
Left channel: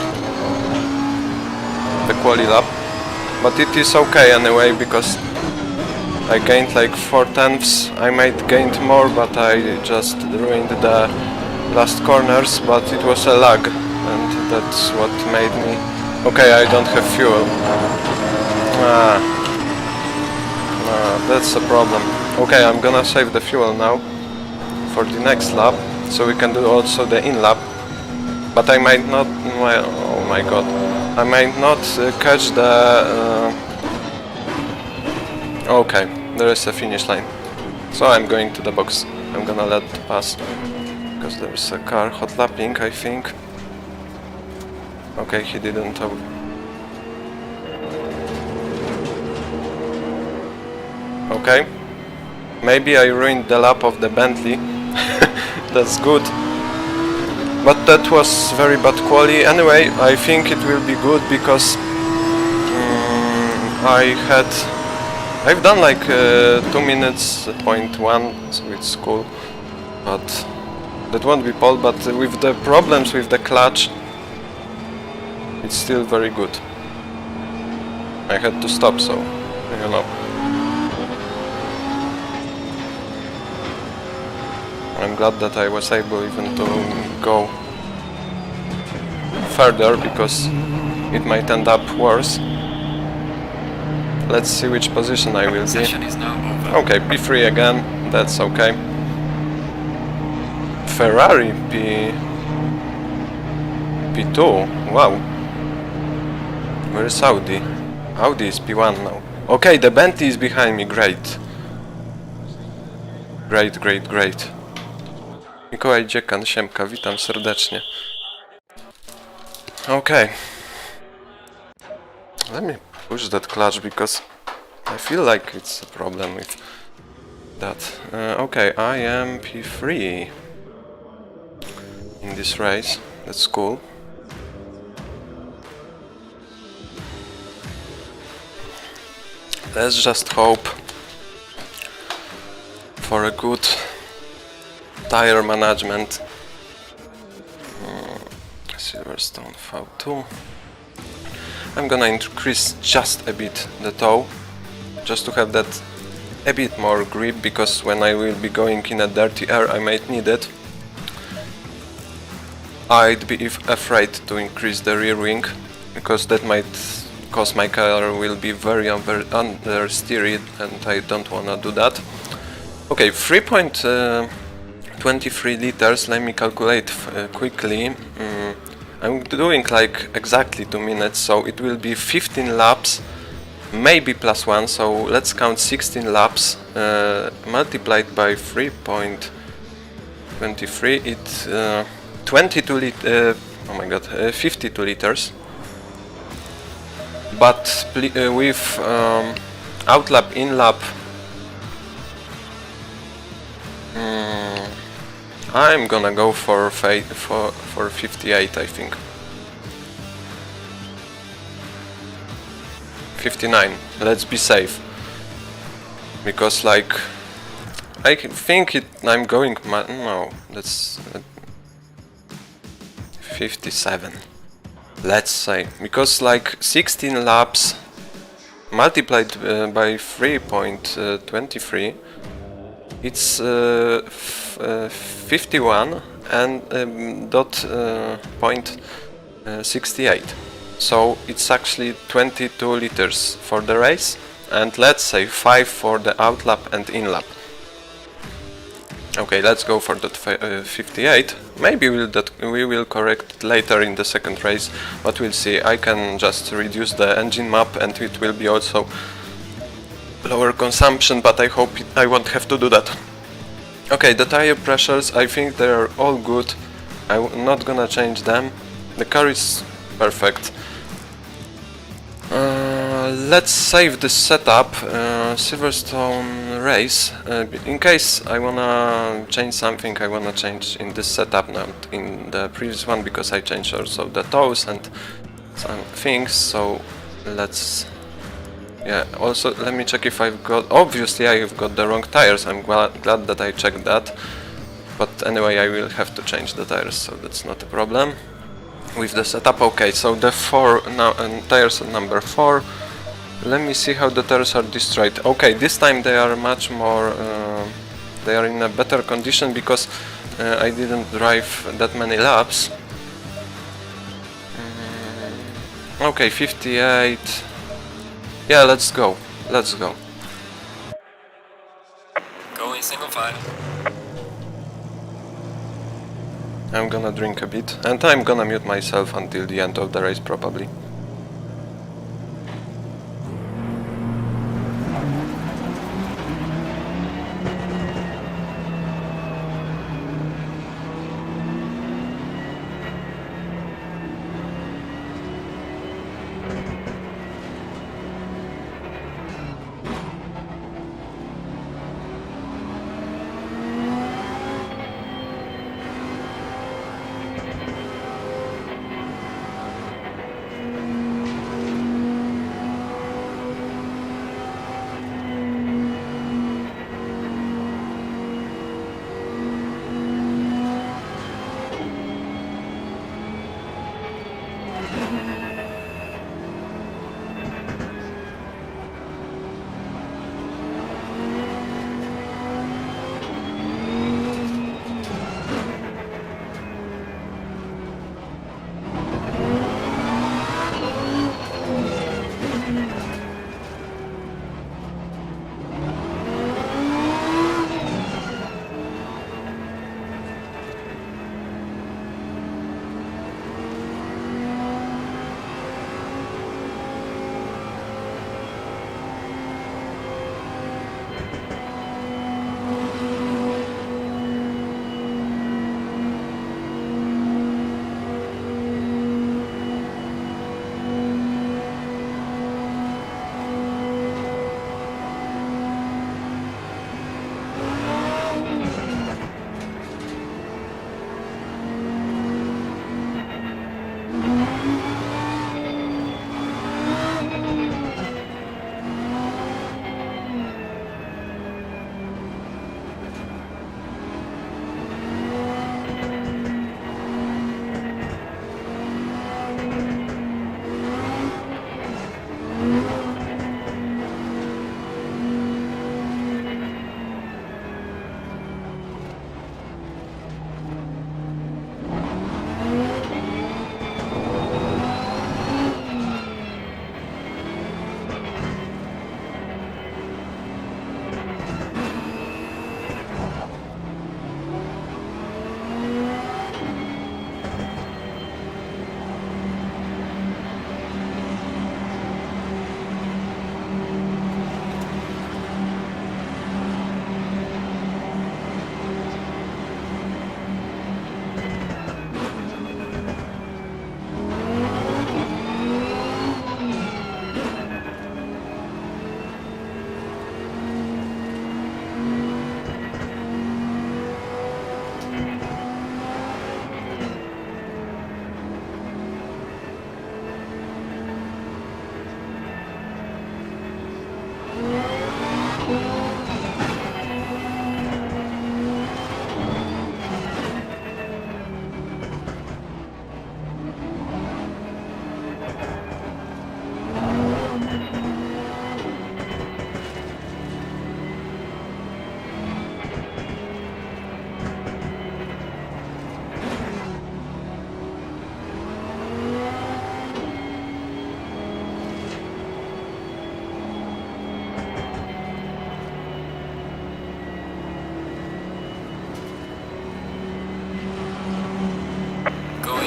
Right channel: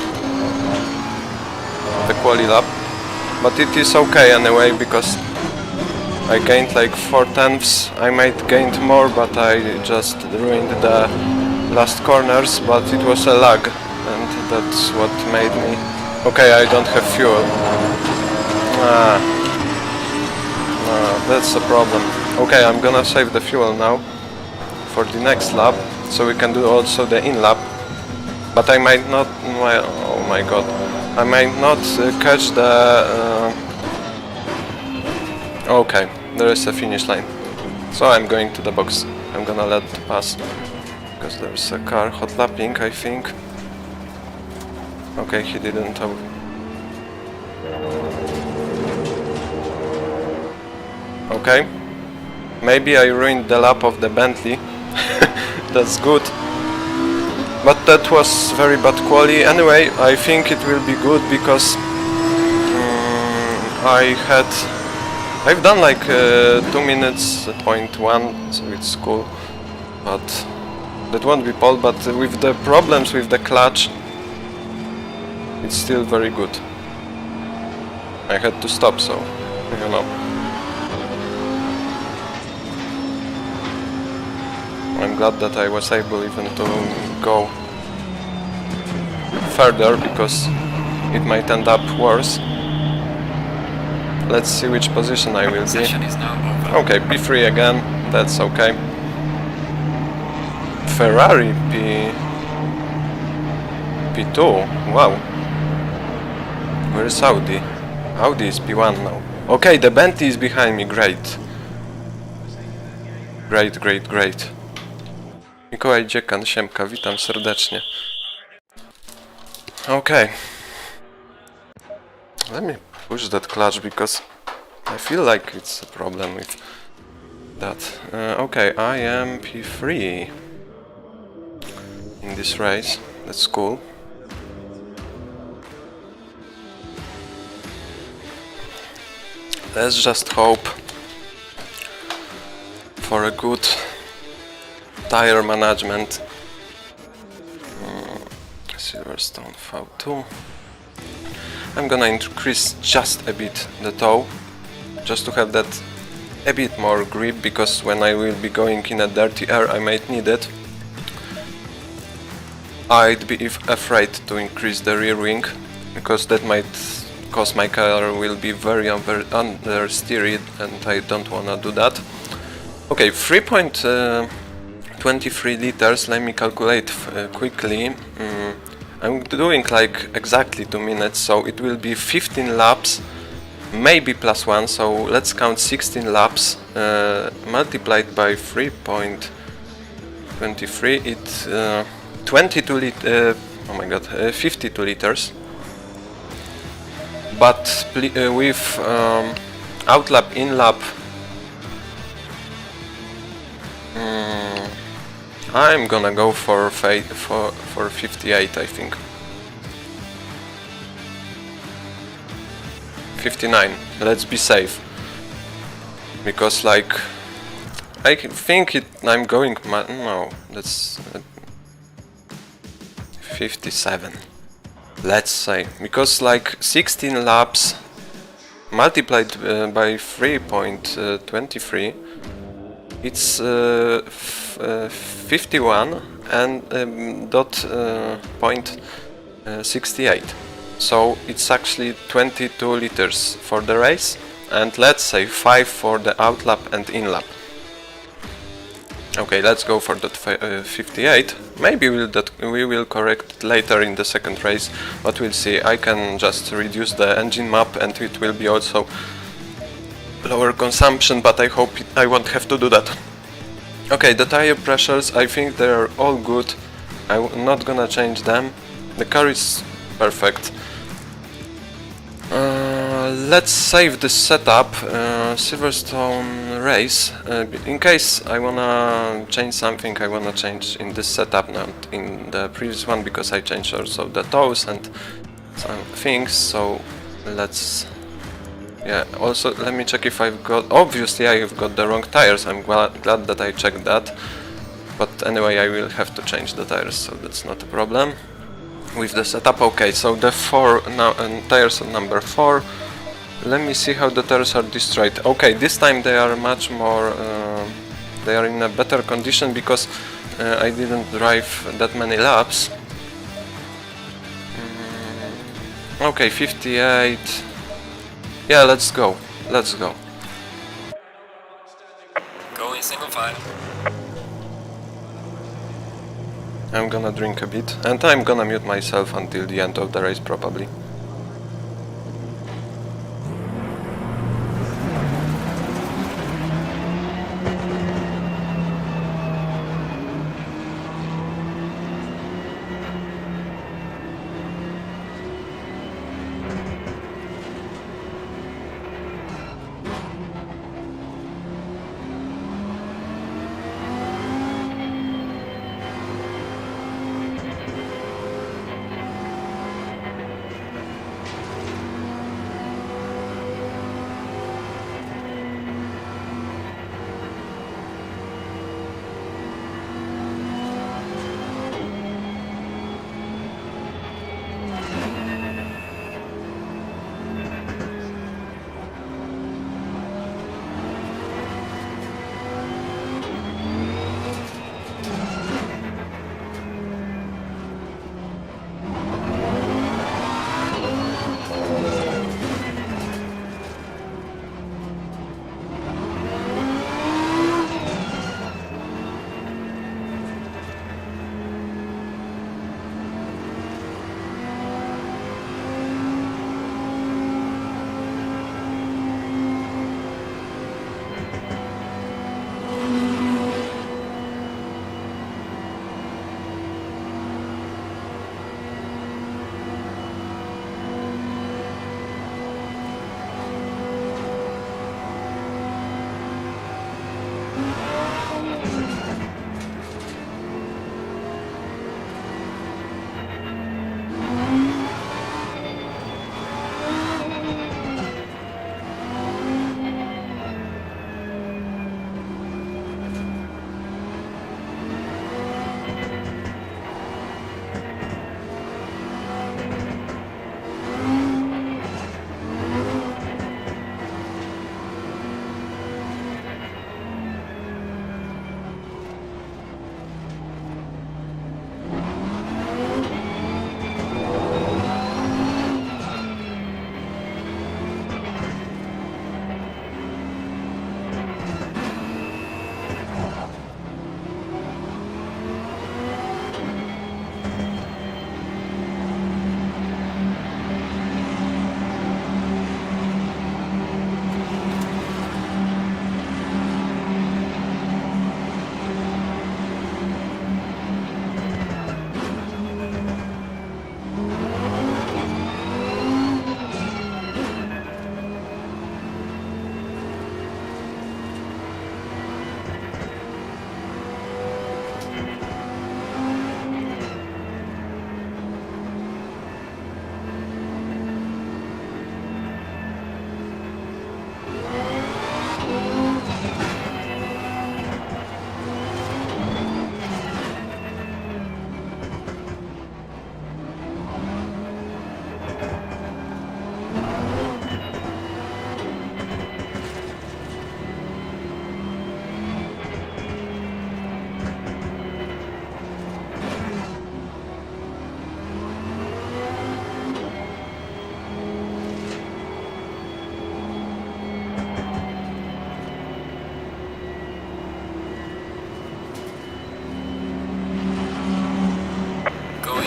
the quali lap. But it is okay anyway, because I gained like 4/10. I might gained more, but I just ruined the last corners, but it was a lag, and that's what made me... Okay, I don't have fuel. That's a problem. Okay, I'm gonna save the fuel now for the next lap, so we can do also the in lap. But I might not... oh my god. I might not catch the... Okay, there is a finish line. So I'm going to the box. I'm gonna let it pass. Because there's a car hot lapping, I think. Okay, he didn't... Okay. Maybe I ruined the lap of the Bentley. That's good. But that was very bad quality. Anyway, I think it will be good because I've done like 2 minutes point 1, so it's cool. But that won't be pole. But with the problems with the clutch, it's still very good. I had to stop, so you know. I'm glad that I was able even to go further, because it might end up worse. Let's see which position I will be. Session is now over. Okay, P3 again, that's okay. Ferrari P2, wow. Where is Audi? Audi is P1 now. Okay, the Bentley is behind me, great. Great. Mikołaj Dziekan, siemka, witam serdecznie. Okay. Let me push that clutch, because I feel like it's a problem with that. Okay, I am P3 in this race, that's cool. Let's just hope for a good tire management. Silverstone V2. I'm gonna increase just a bit the toe, just to have that a bit more grip, because when I will be going in a dirty air I might need it. I'd be afraid to increase the rear wing, because that might cause my car will be very understeered, and I don't wanna do that. Okay, 3.23 liters, let me calculate quickly. I'm doing like exactly 2 minutes, so it will be 15 laps, maybe +1, so let's count 16 laps multiplied by 3.23, it's 22 liters, oh my god, 52 liters. But with outlap, in-lap, I'm gonna go for 58, I think. 59, let's be safe. Because like, I think I'm going, no, that's 57. Let's say, because like 16 laps multiplied by 3.23, it's 51 and point 68. So it's actually 22 liters for the race, and let's say 5 for the outlap and inlap. Okay, let's go for that 58. Maybe we will correct it later in the second race, but we'll see. I can just reduce the engine map and it will be also lower consumption, but I hope I won't have to do that. Okay, the tire pressures, I think they are all good. I'm not gonna change them. The car is perfect. Let's save this setup, Silverstone race. In case I wanna change something, I wanna change in this setup, not in the previous one, because I changed also the toes and some things. So let's... Yeah, also let me check if I've got... Obviously I've got the wrong tires, I'm glad that I checked that. But anyway, I will have to change the tires, so that's not a problem. With the setup, okay, so the tires are number 4. Let me see how the tires are destroyed. Okay, this time they are much more... they are in a better condition because I didn't drive that many laps. Okay, 58. Yeah, let's go. Let's go. Go in single file. I'm gonna drink a bit, and I'm gonna mute myself until the end of the race probably.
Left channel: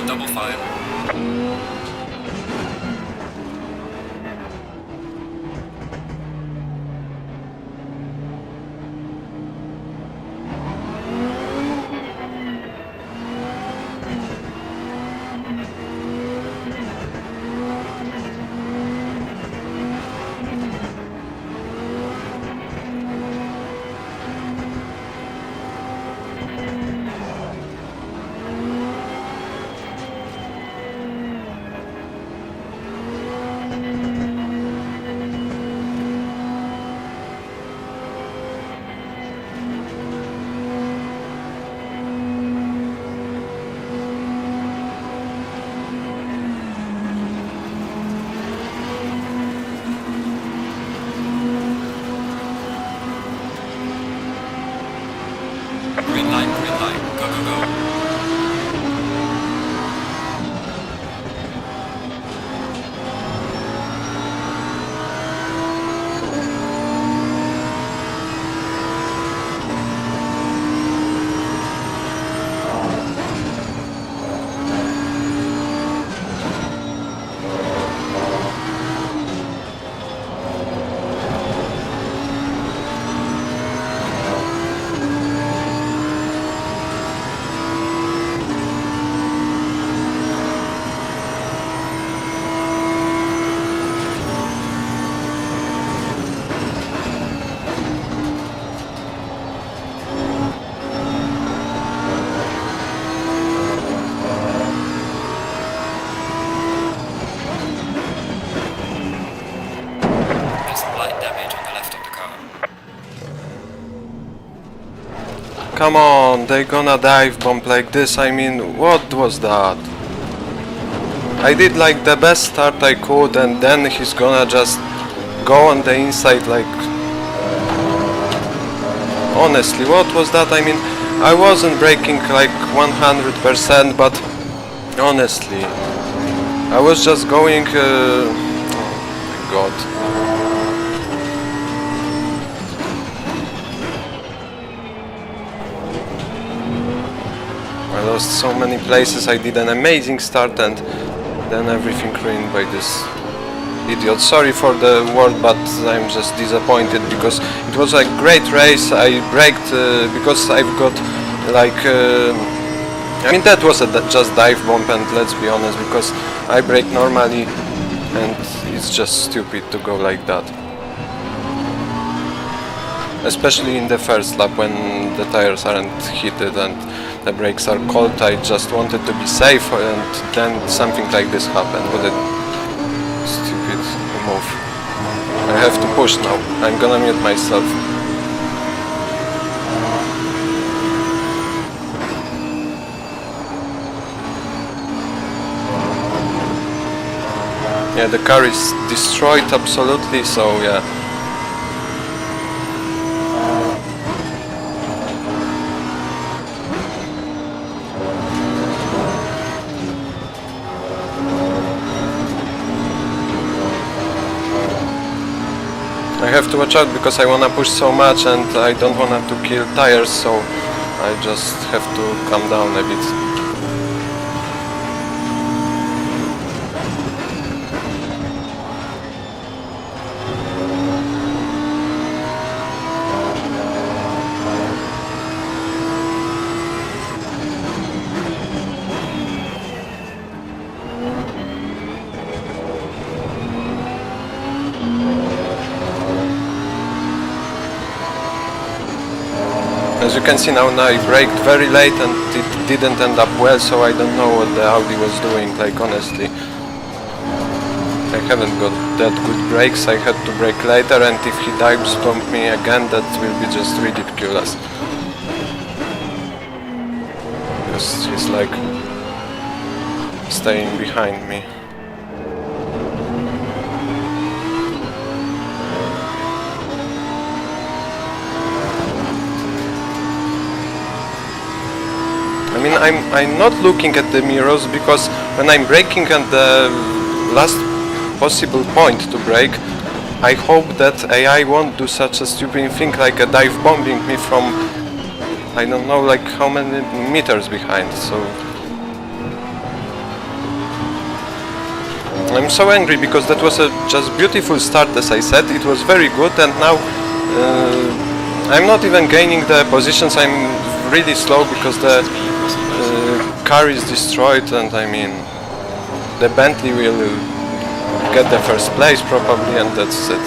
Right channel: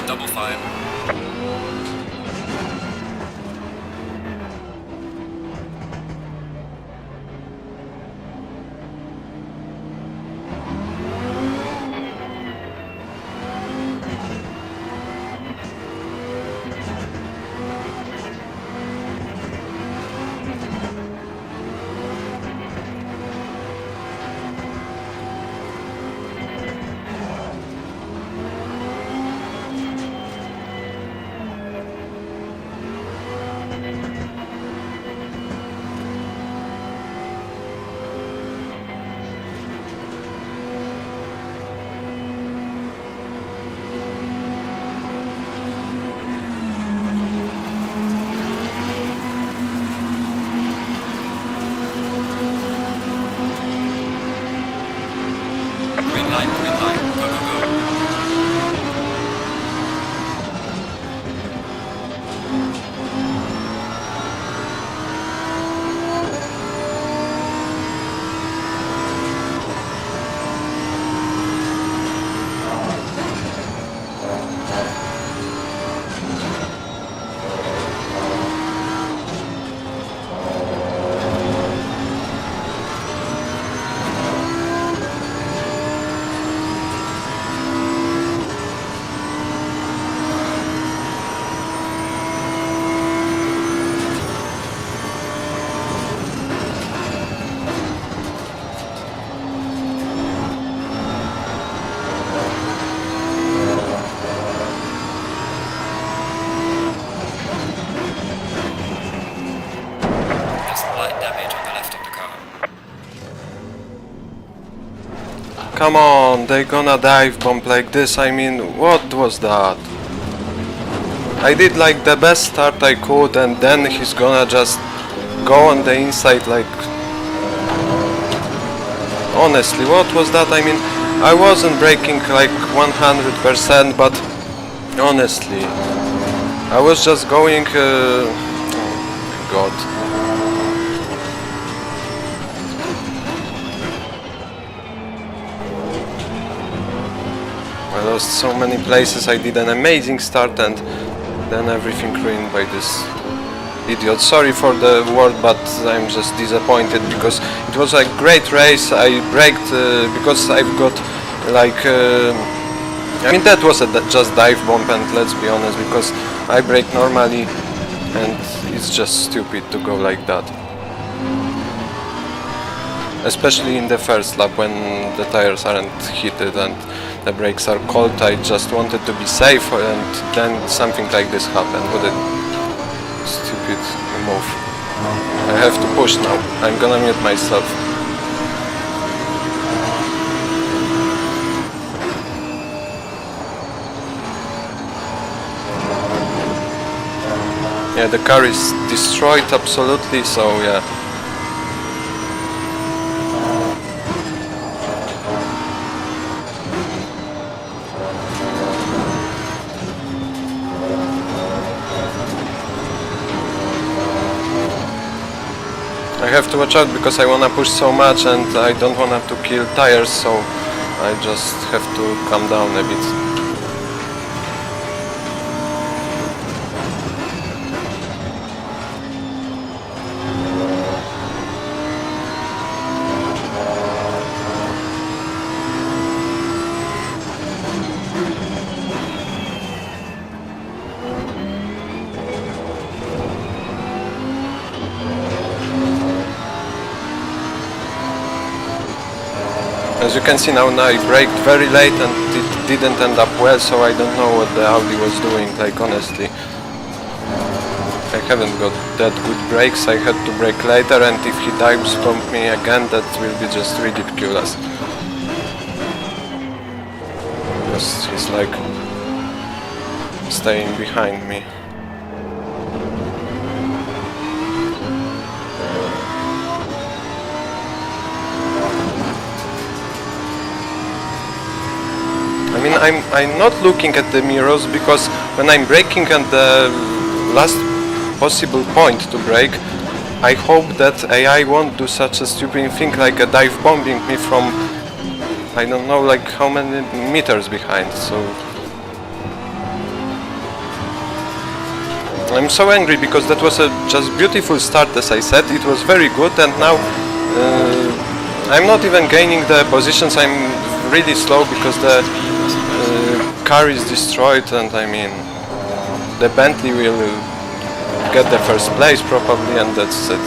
double file. Come on, they gonna dive bomb like this, I mean, what was that? I did like the best start I could, and then he's gonna just go on the inside like... Honestly, what was that? I mean, I wasn't braking like 100%, but honestly, I was just going... oh my god. I lost so many places, I did an amazing start and then everything ruined by this idiot. Sorry for the word, but I'm just disappointed because it was a great race. I braked because I've got like... I mean, that was a just dive bomb, and let's be honest, because I brake normally and it's just stupid to go like that. Especially in the first lap when the tires aren't heated and the brakes are cold. I just wanted to be safe, and then something like this happened. What a stupid move. I have to push now. I'm gonna mute myself. Yeah, the car is destroyed absolutely, so yeah. I have to watch out because I wanna push so much and I don't wanna to kill tires, so I just have to calm down a bit. As you can see now, I braked very late and it didn't end up well, so I don't know what the Audi was doing, like honestly. I haven't got that good brakes, I had to brake later, and if he dives bomb me again, that will be just ridiculous. Because he's like staying behind me. I mean, I'm not looking at the mirrors because when I'm braking at the last possible point to brake, I hope that AI won't do such a stupid thing like a dive bombing me from I don't know like how many meters behind. So I'm so angry because that was a just beautiful start, as I said. It was very good, and now I'm not even gaining the positions. I'm really slow because the car is destroyed, and I mean the Bentley will get the first place probably, and that's it.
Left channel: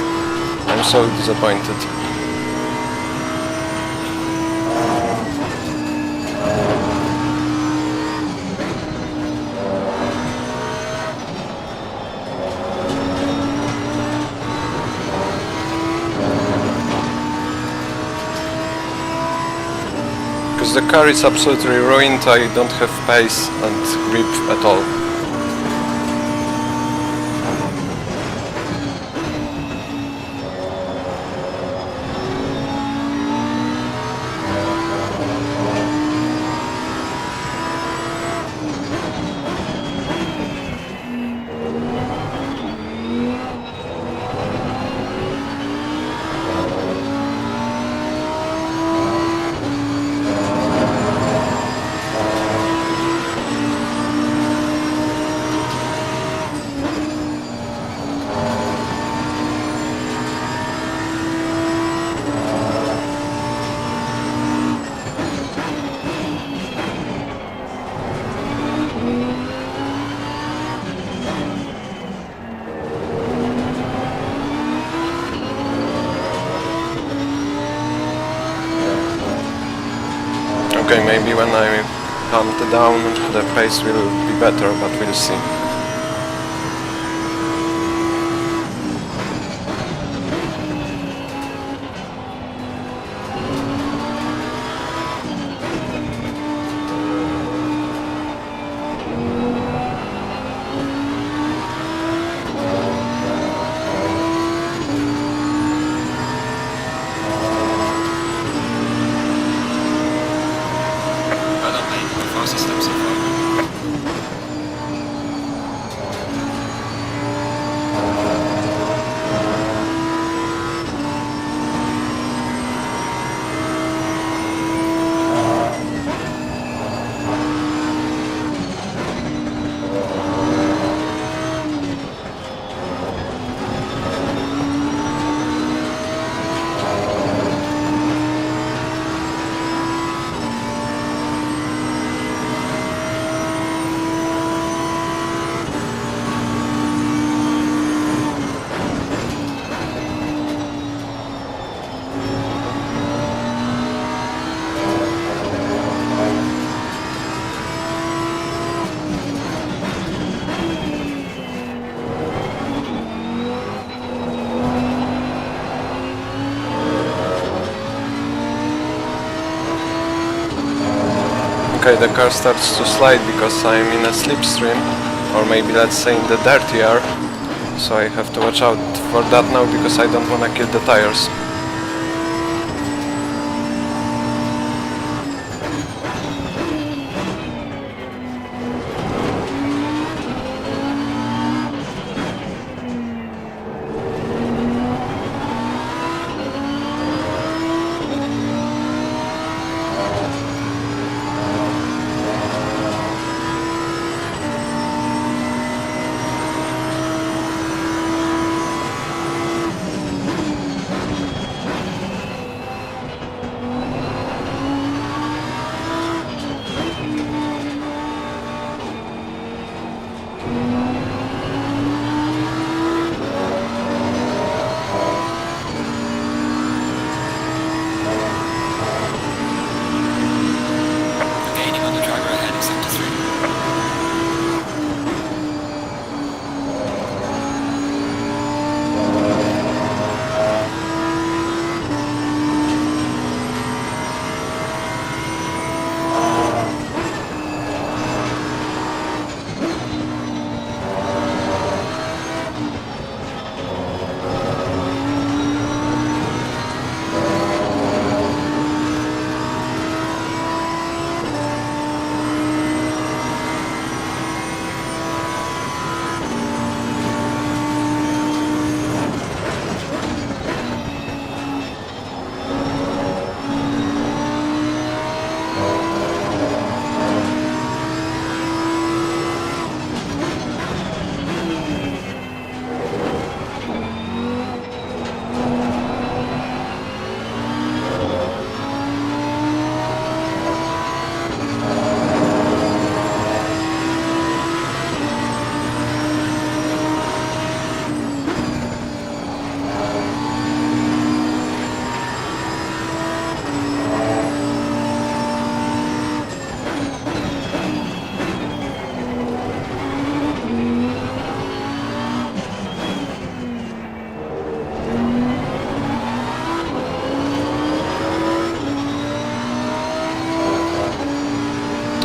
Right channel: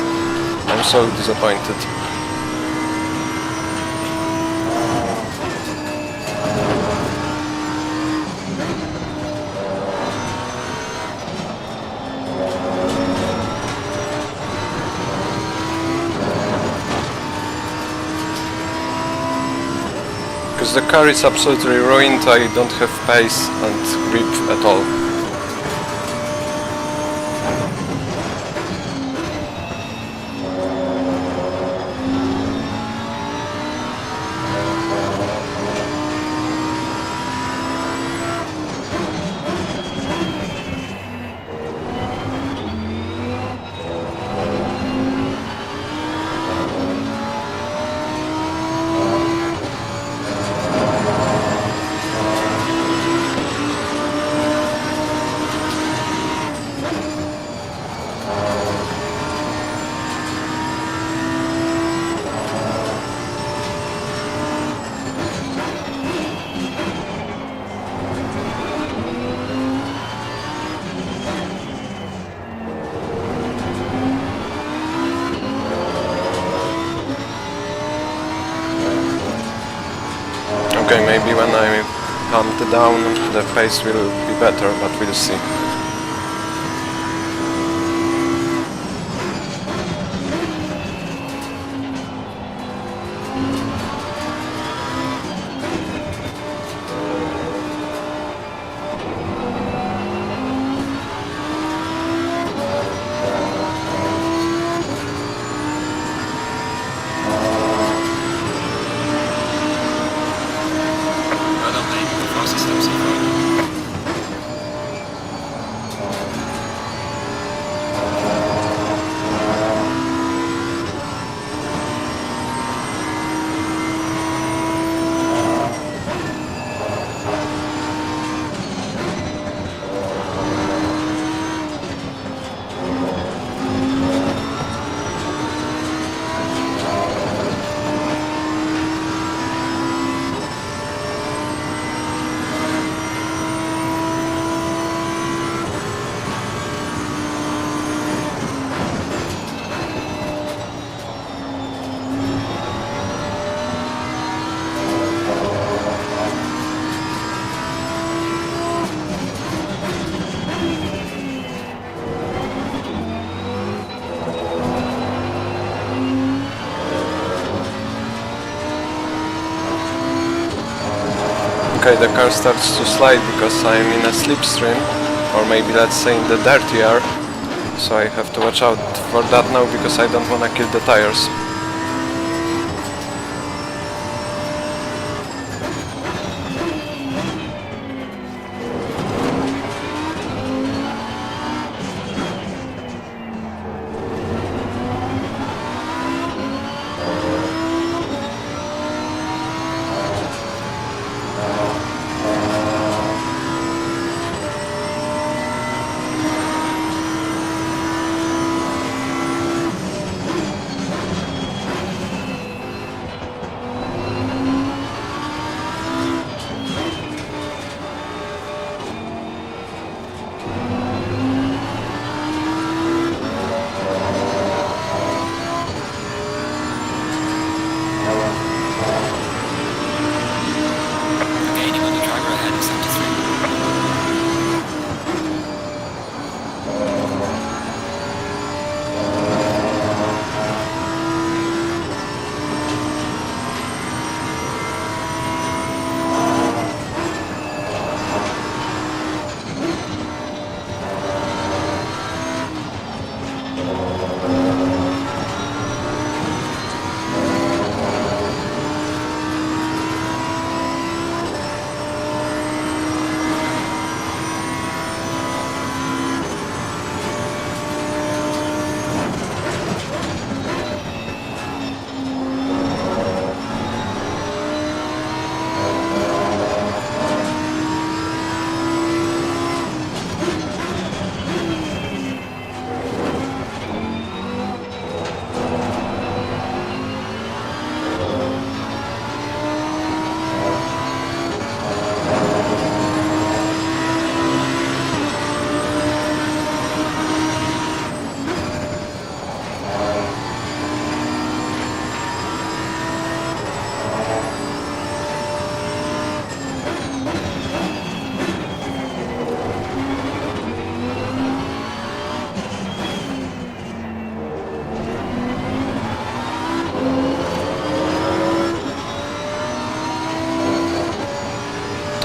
I'm so disappointed. Because the car is absolutely ruined, I don't have pace and grip at all. Okay, maybe when I calm down the pace will be better, but we'll see. Okay, the car starts to slide because I'm in a slipstream, or maybe let's say in the dirty air, so I have to watch out for that now because I don't wanna kill the tires. Gaining on the driver ahead of 73.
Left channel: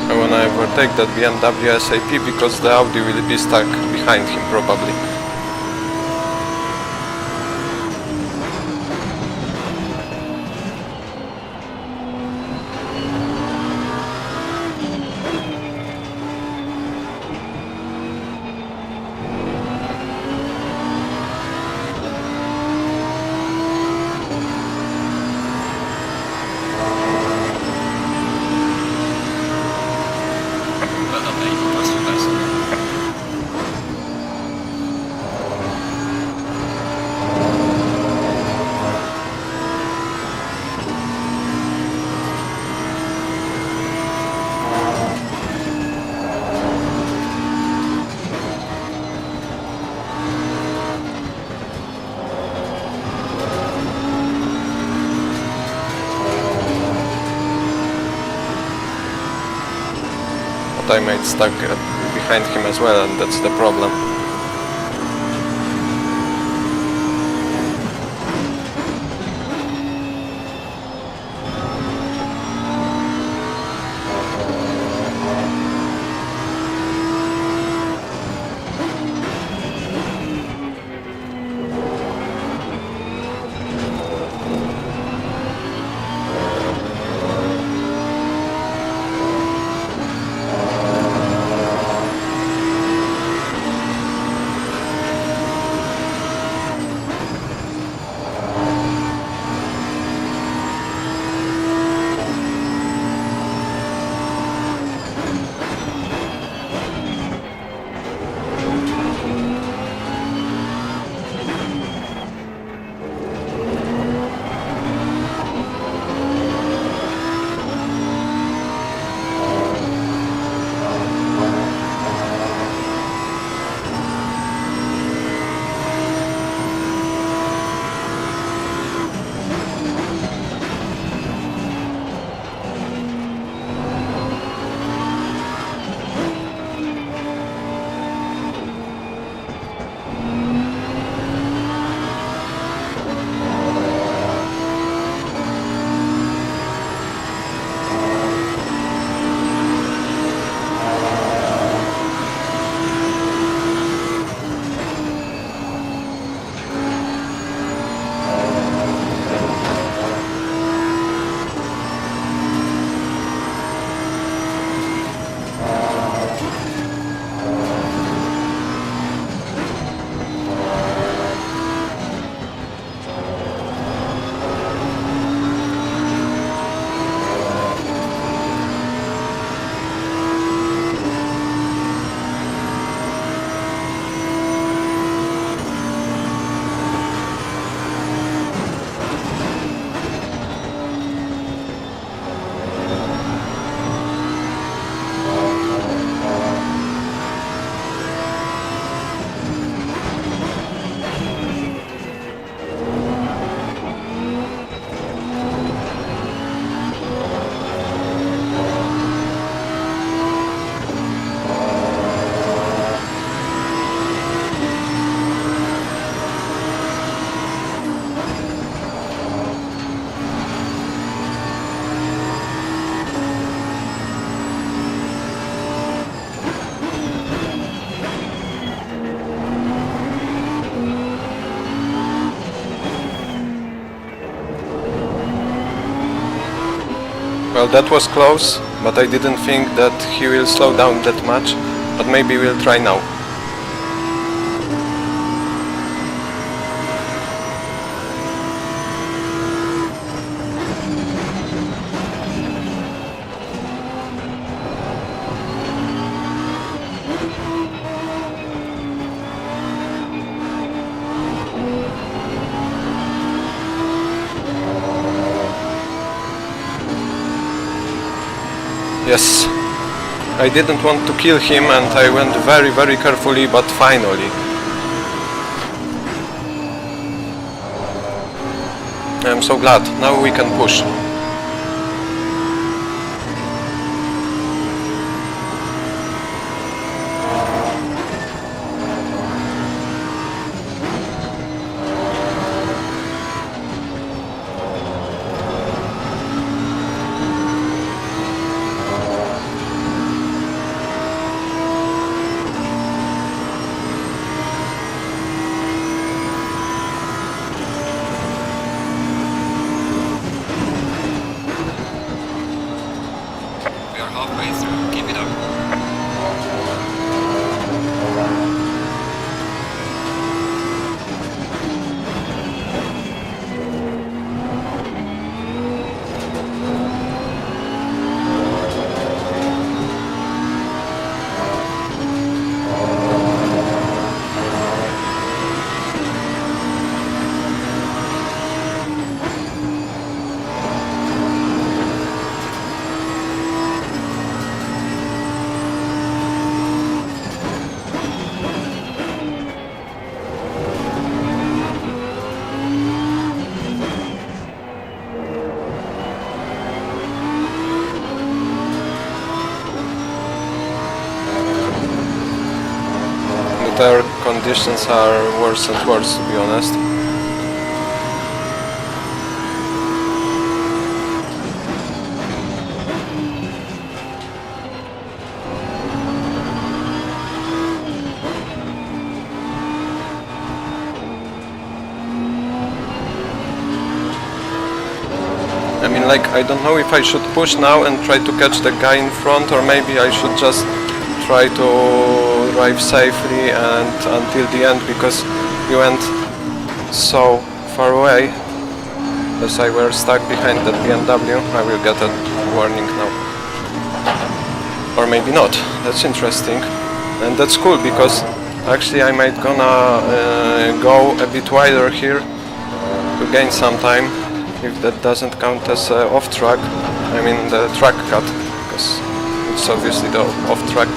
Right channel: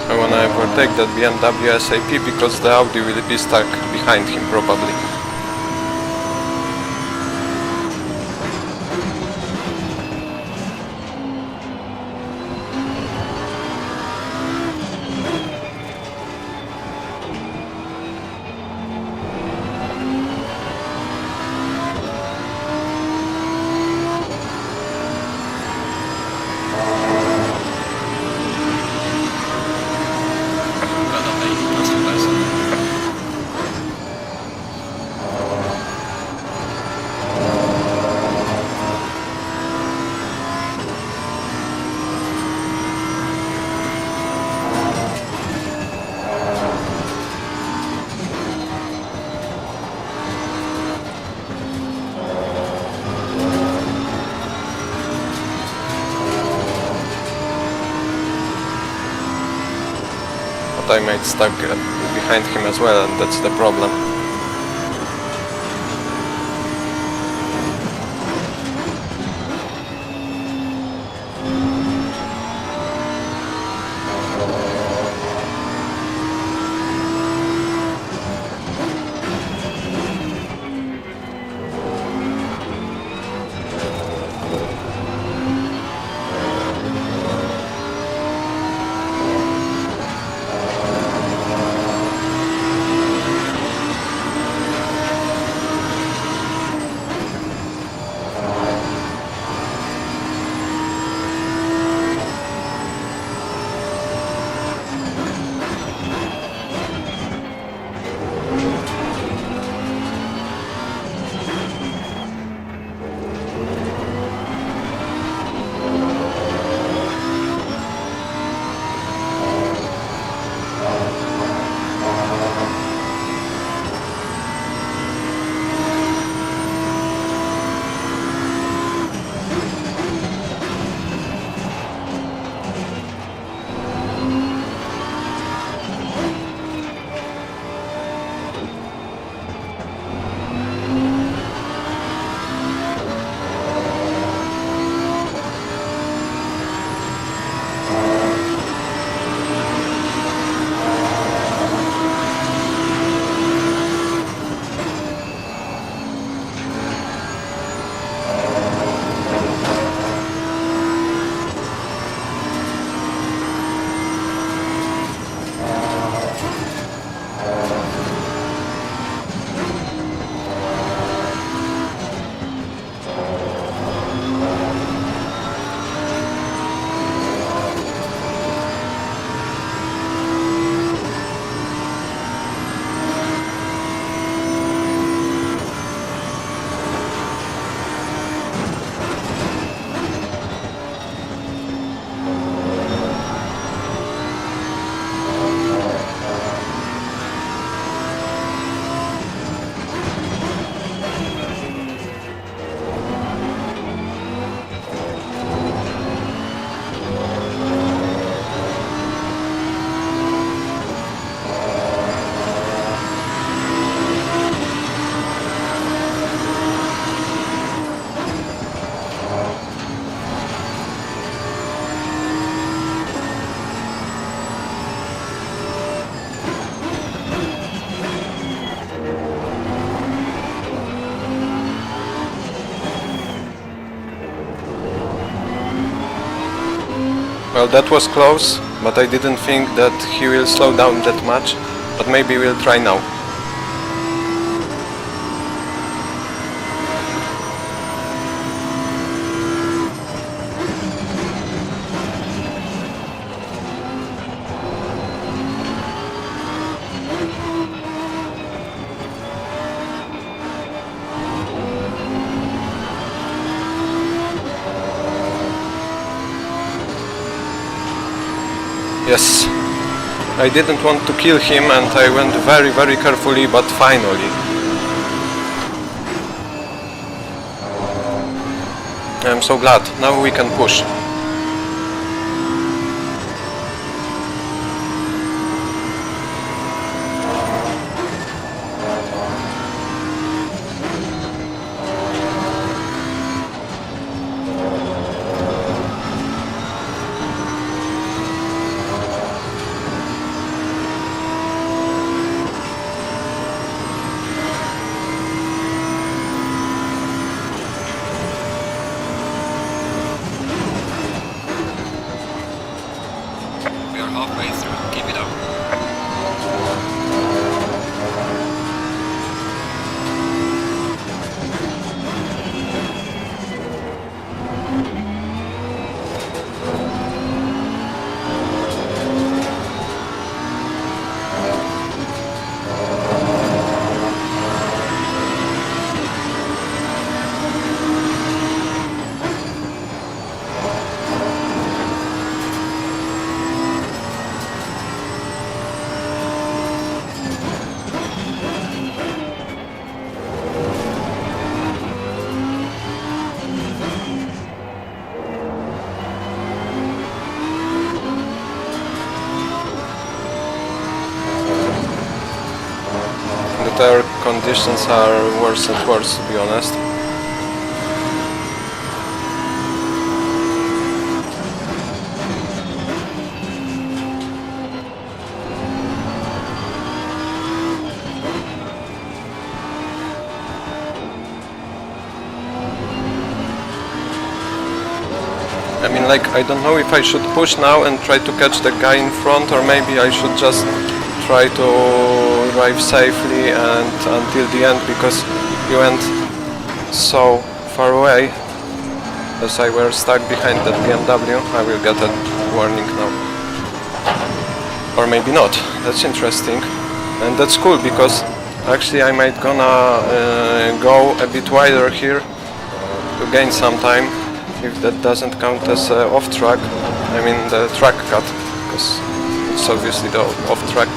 I wanna overtake that BMW SAP because the Audi will be stuck behind him probably. Well done, mate. That's the best. But I might stuck behind him as well, and that's the problem. Well, that was close, but I didn't think that he will slow down that much, but maybe we'll try now. Yes, I didn't want to kill him and I went very carefully, but finally. I'm so glad, now we can push. We are halfway through. Keep it up. The tire conditions are worse and worse, to be honest. I mean, like, I don't know if I should push now and try to catch the guy in front, or maybe I should just try to drive safely and until the end, because he went so far away. As I were stuck behind that BMW, I will get a warning now. Or maybe not. That's interesting. And that's cool, because actually I might gonna go a bit wider here to gain some time, if that doesn't count as off track. I mean the track cut, because it's obviously the off track.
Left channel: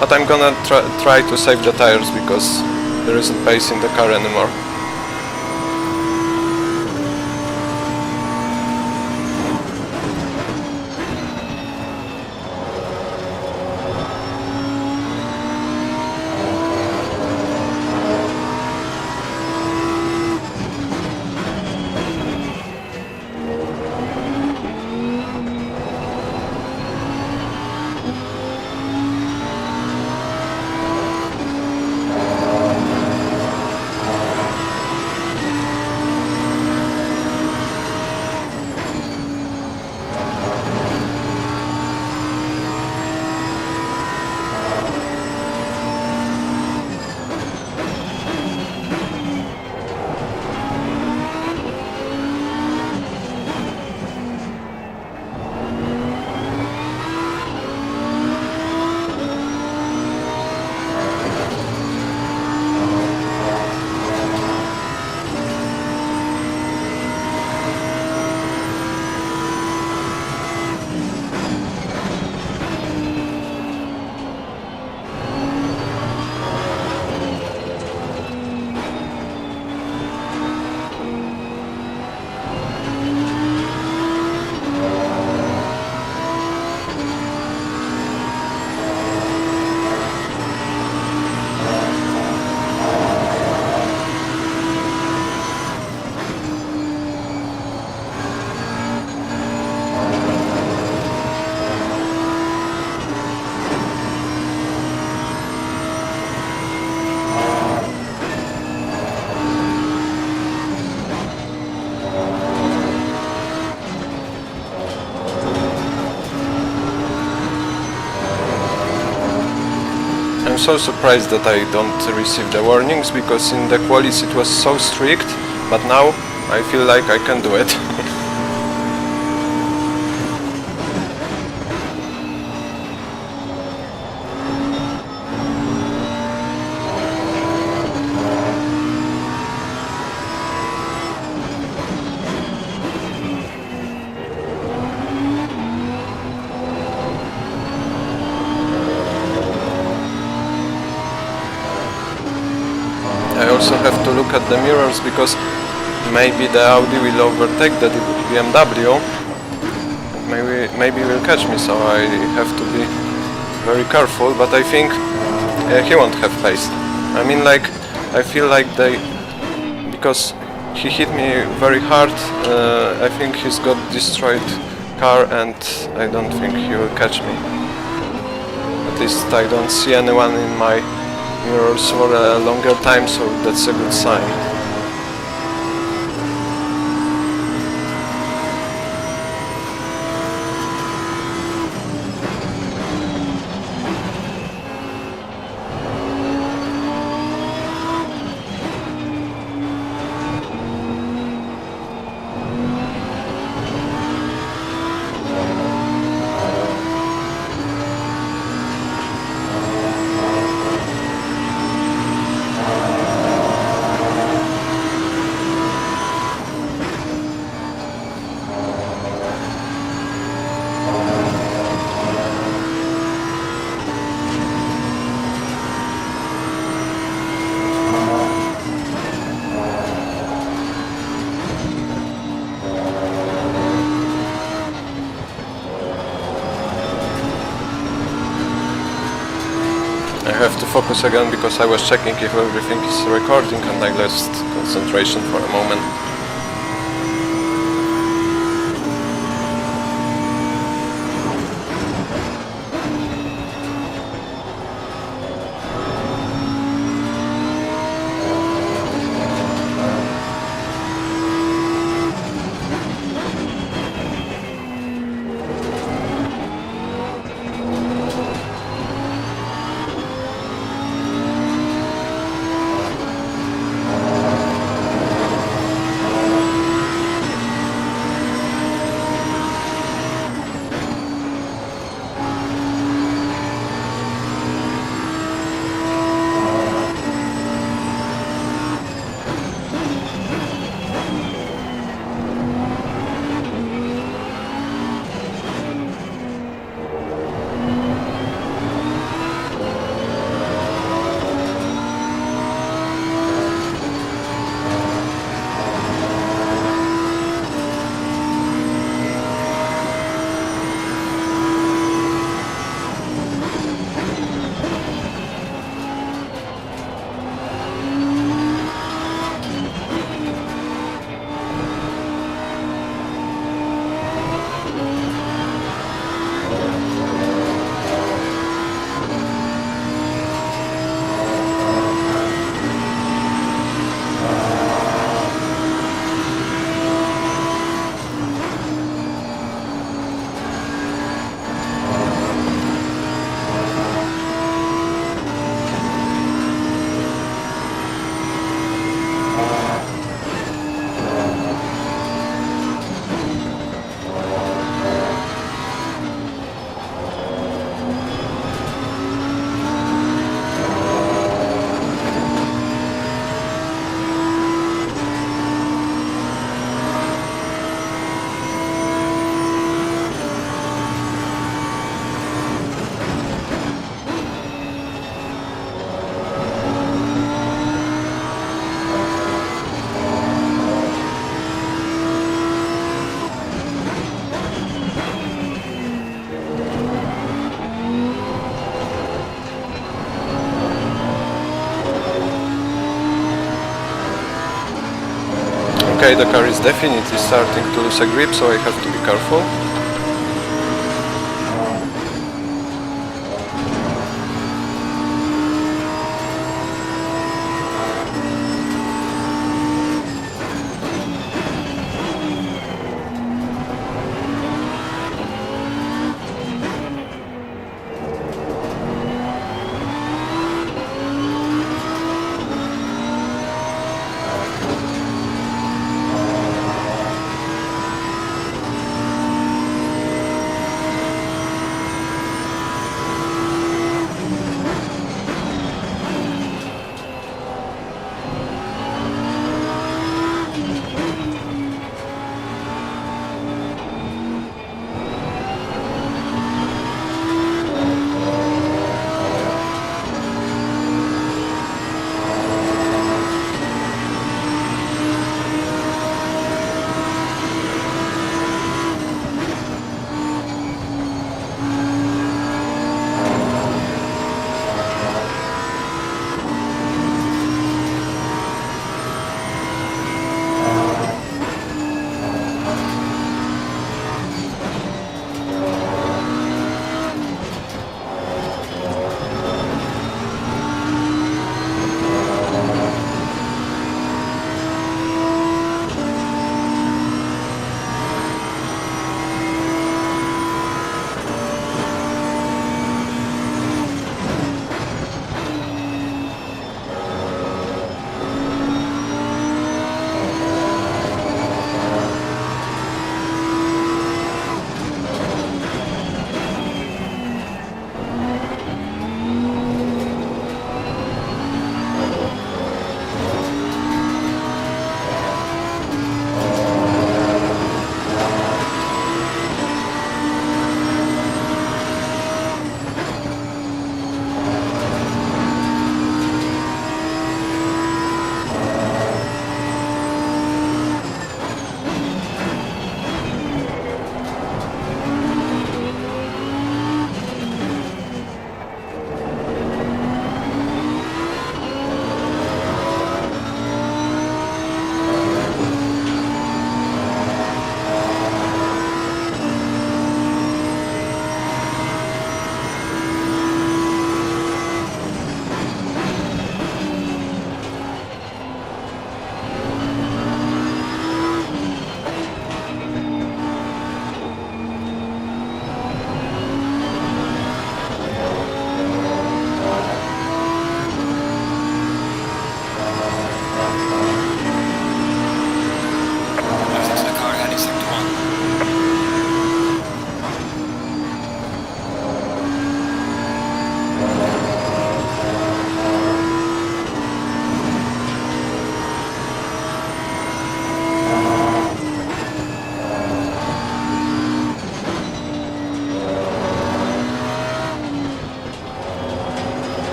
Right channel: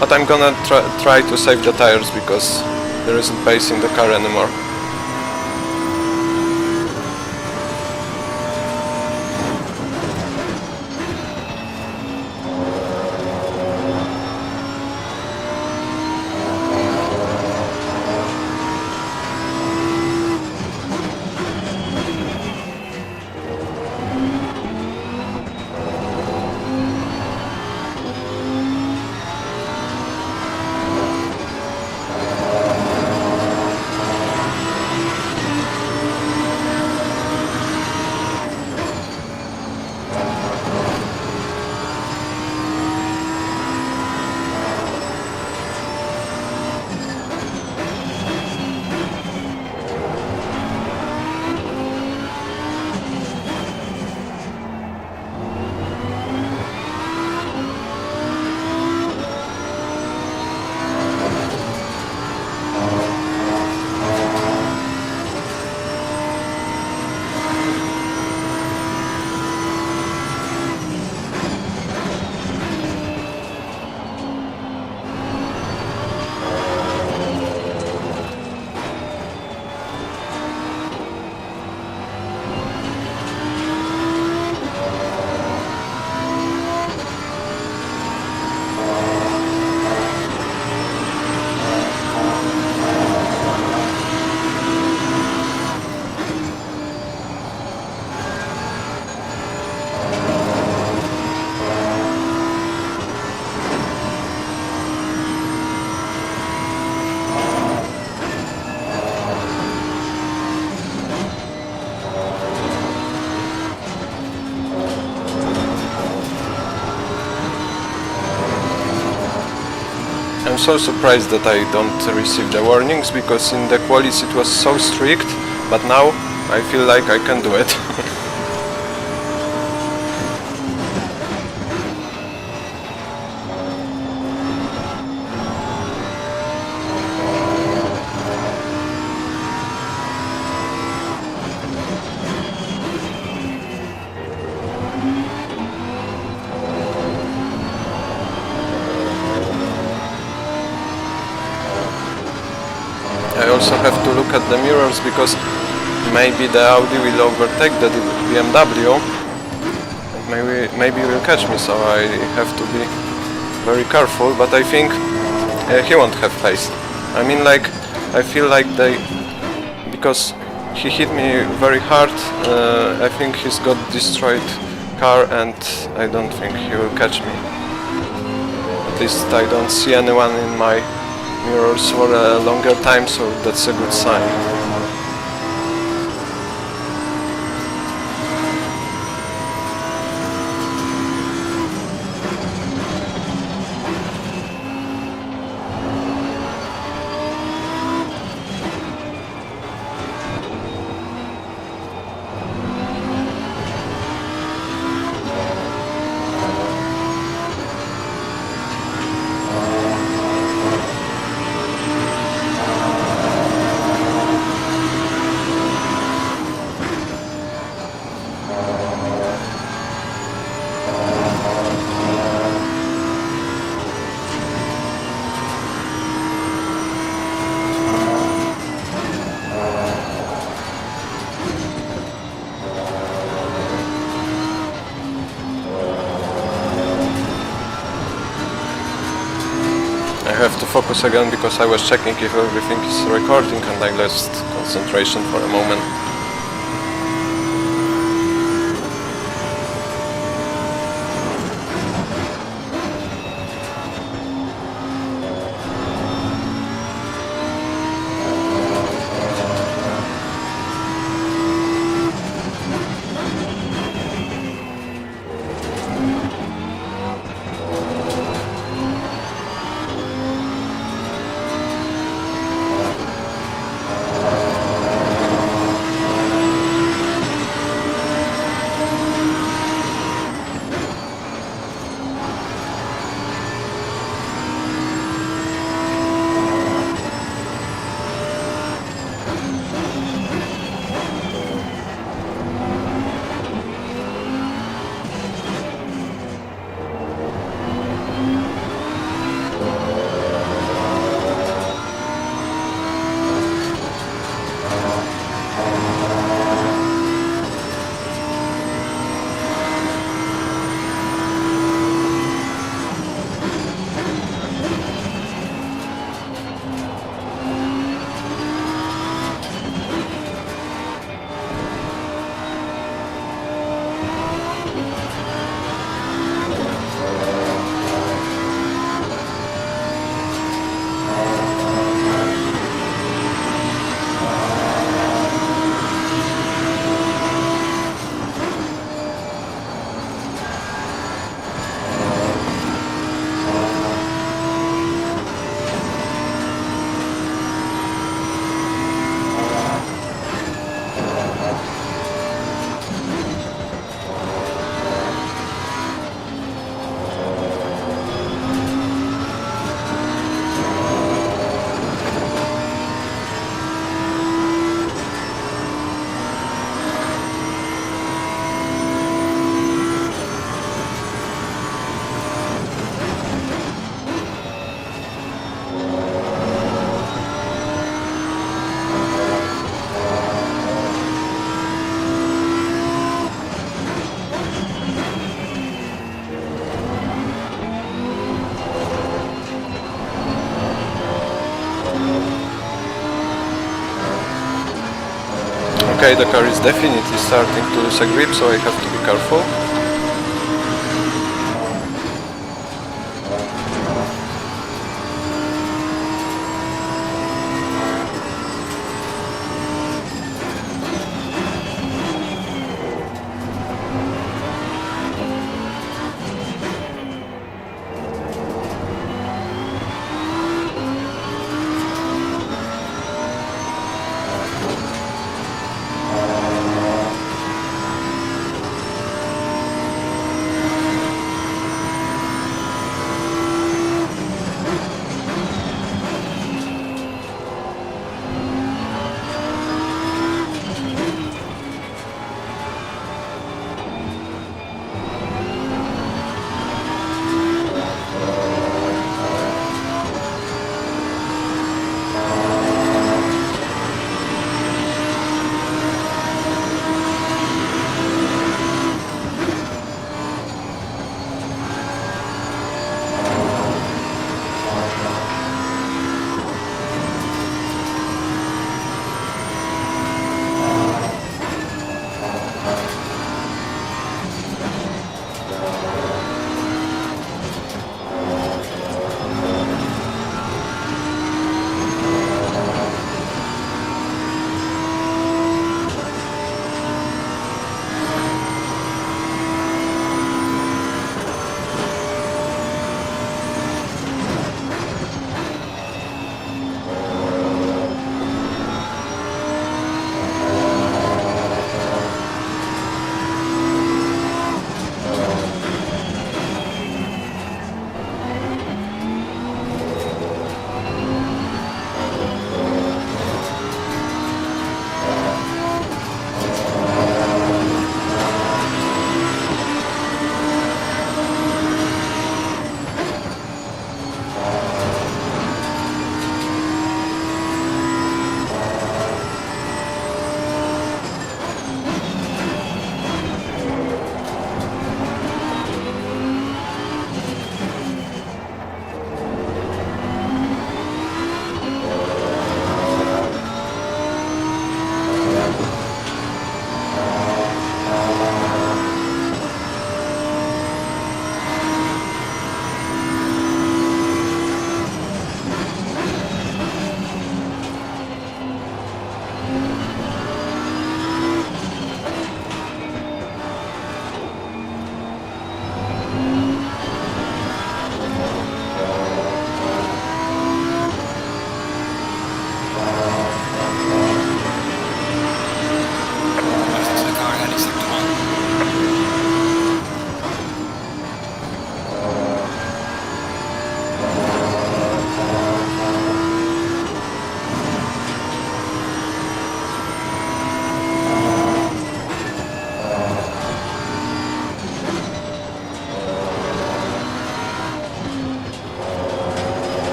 But I'm gonna try to save the tires, because there isn't pace in the car anymore. I'm so surprised that I don't receive the warnings, because in the qualis it was so strict, but now I feel like I can do it. I also have to look at the mirrors, because maybe the Audi will overtake the BMW and maybe will catch me, so I have to be very careful, but I think he won't have pace. I mean, like, I feel like because he hit me very hard, I think he's got destroyed car, and I don't think he will catch me. At least I don't see anyone in my mirrors for a longer time, so that's a good sign. I have to focus again, because I was checking if everything is recording and I lost concentration for a moment. Okay, the car is definitely starting to lose a grip, so I have to be careful.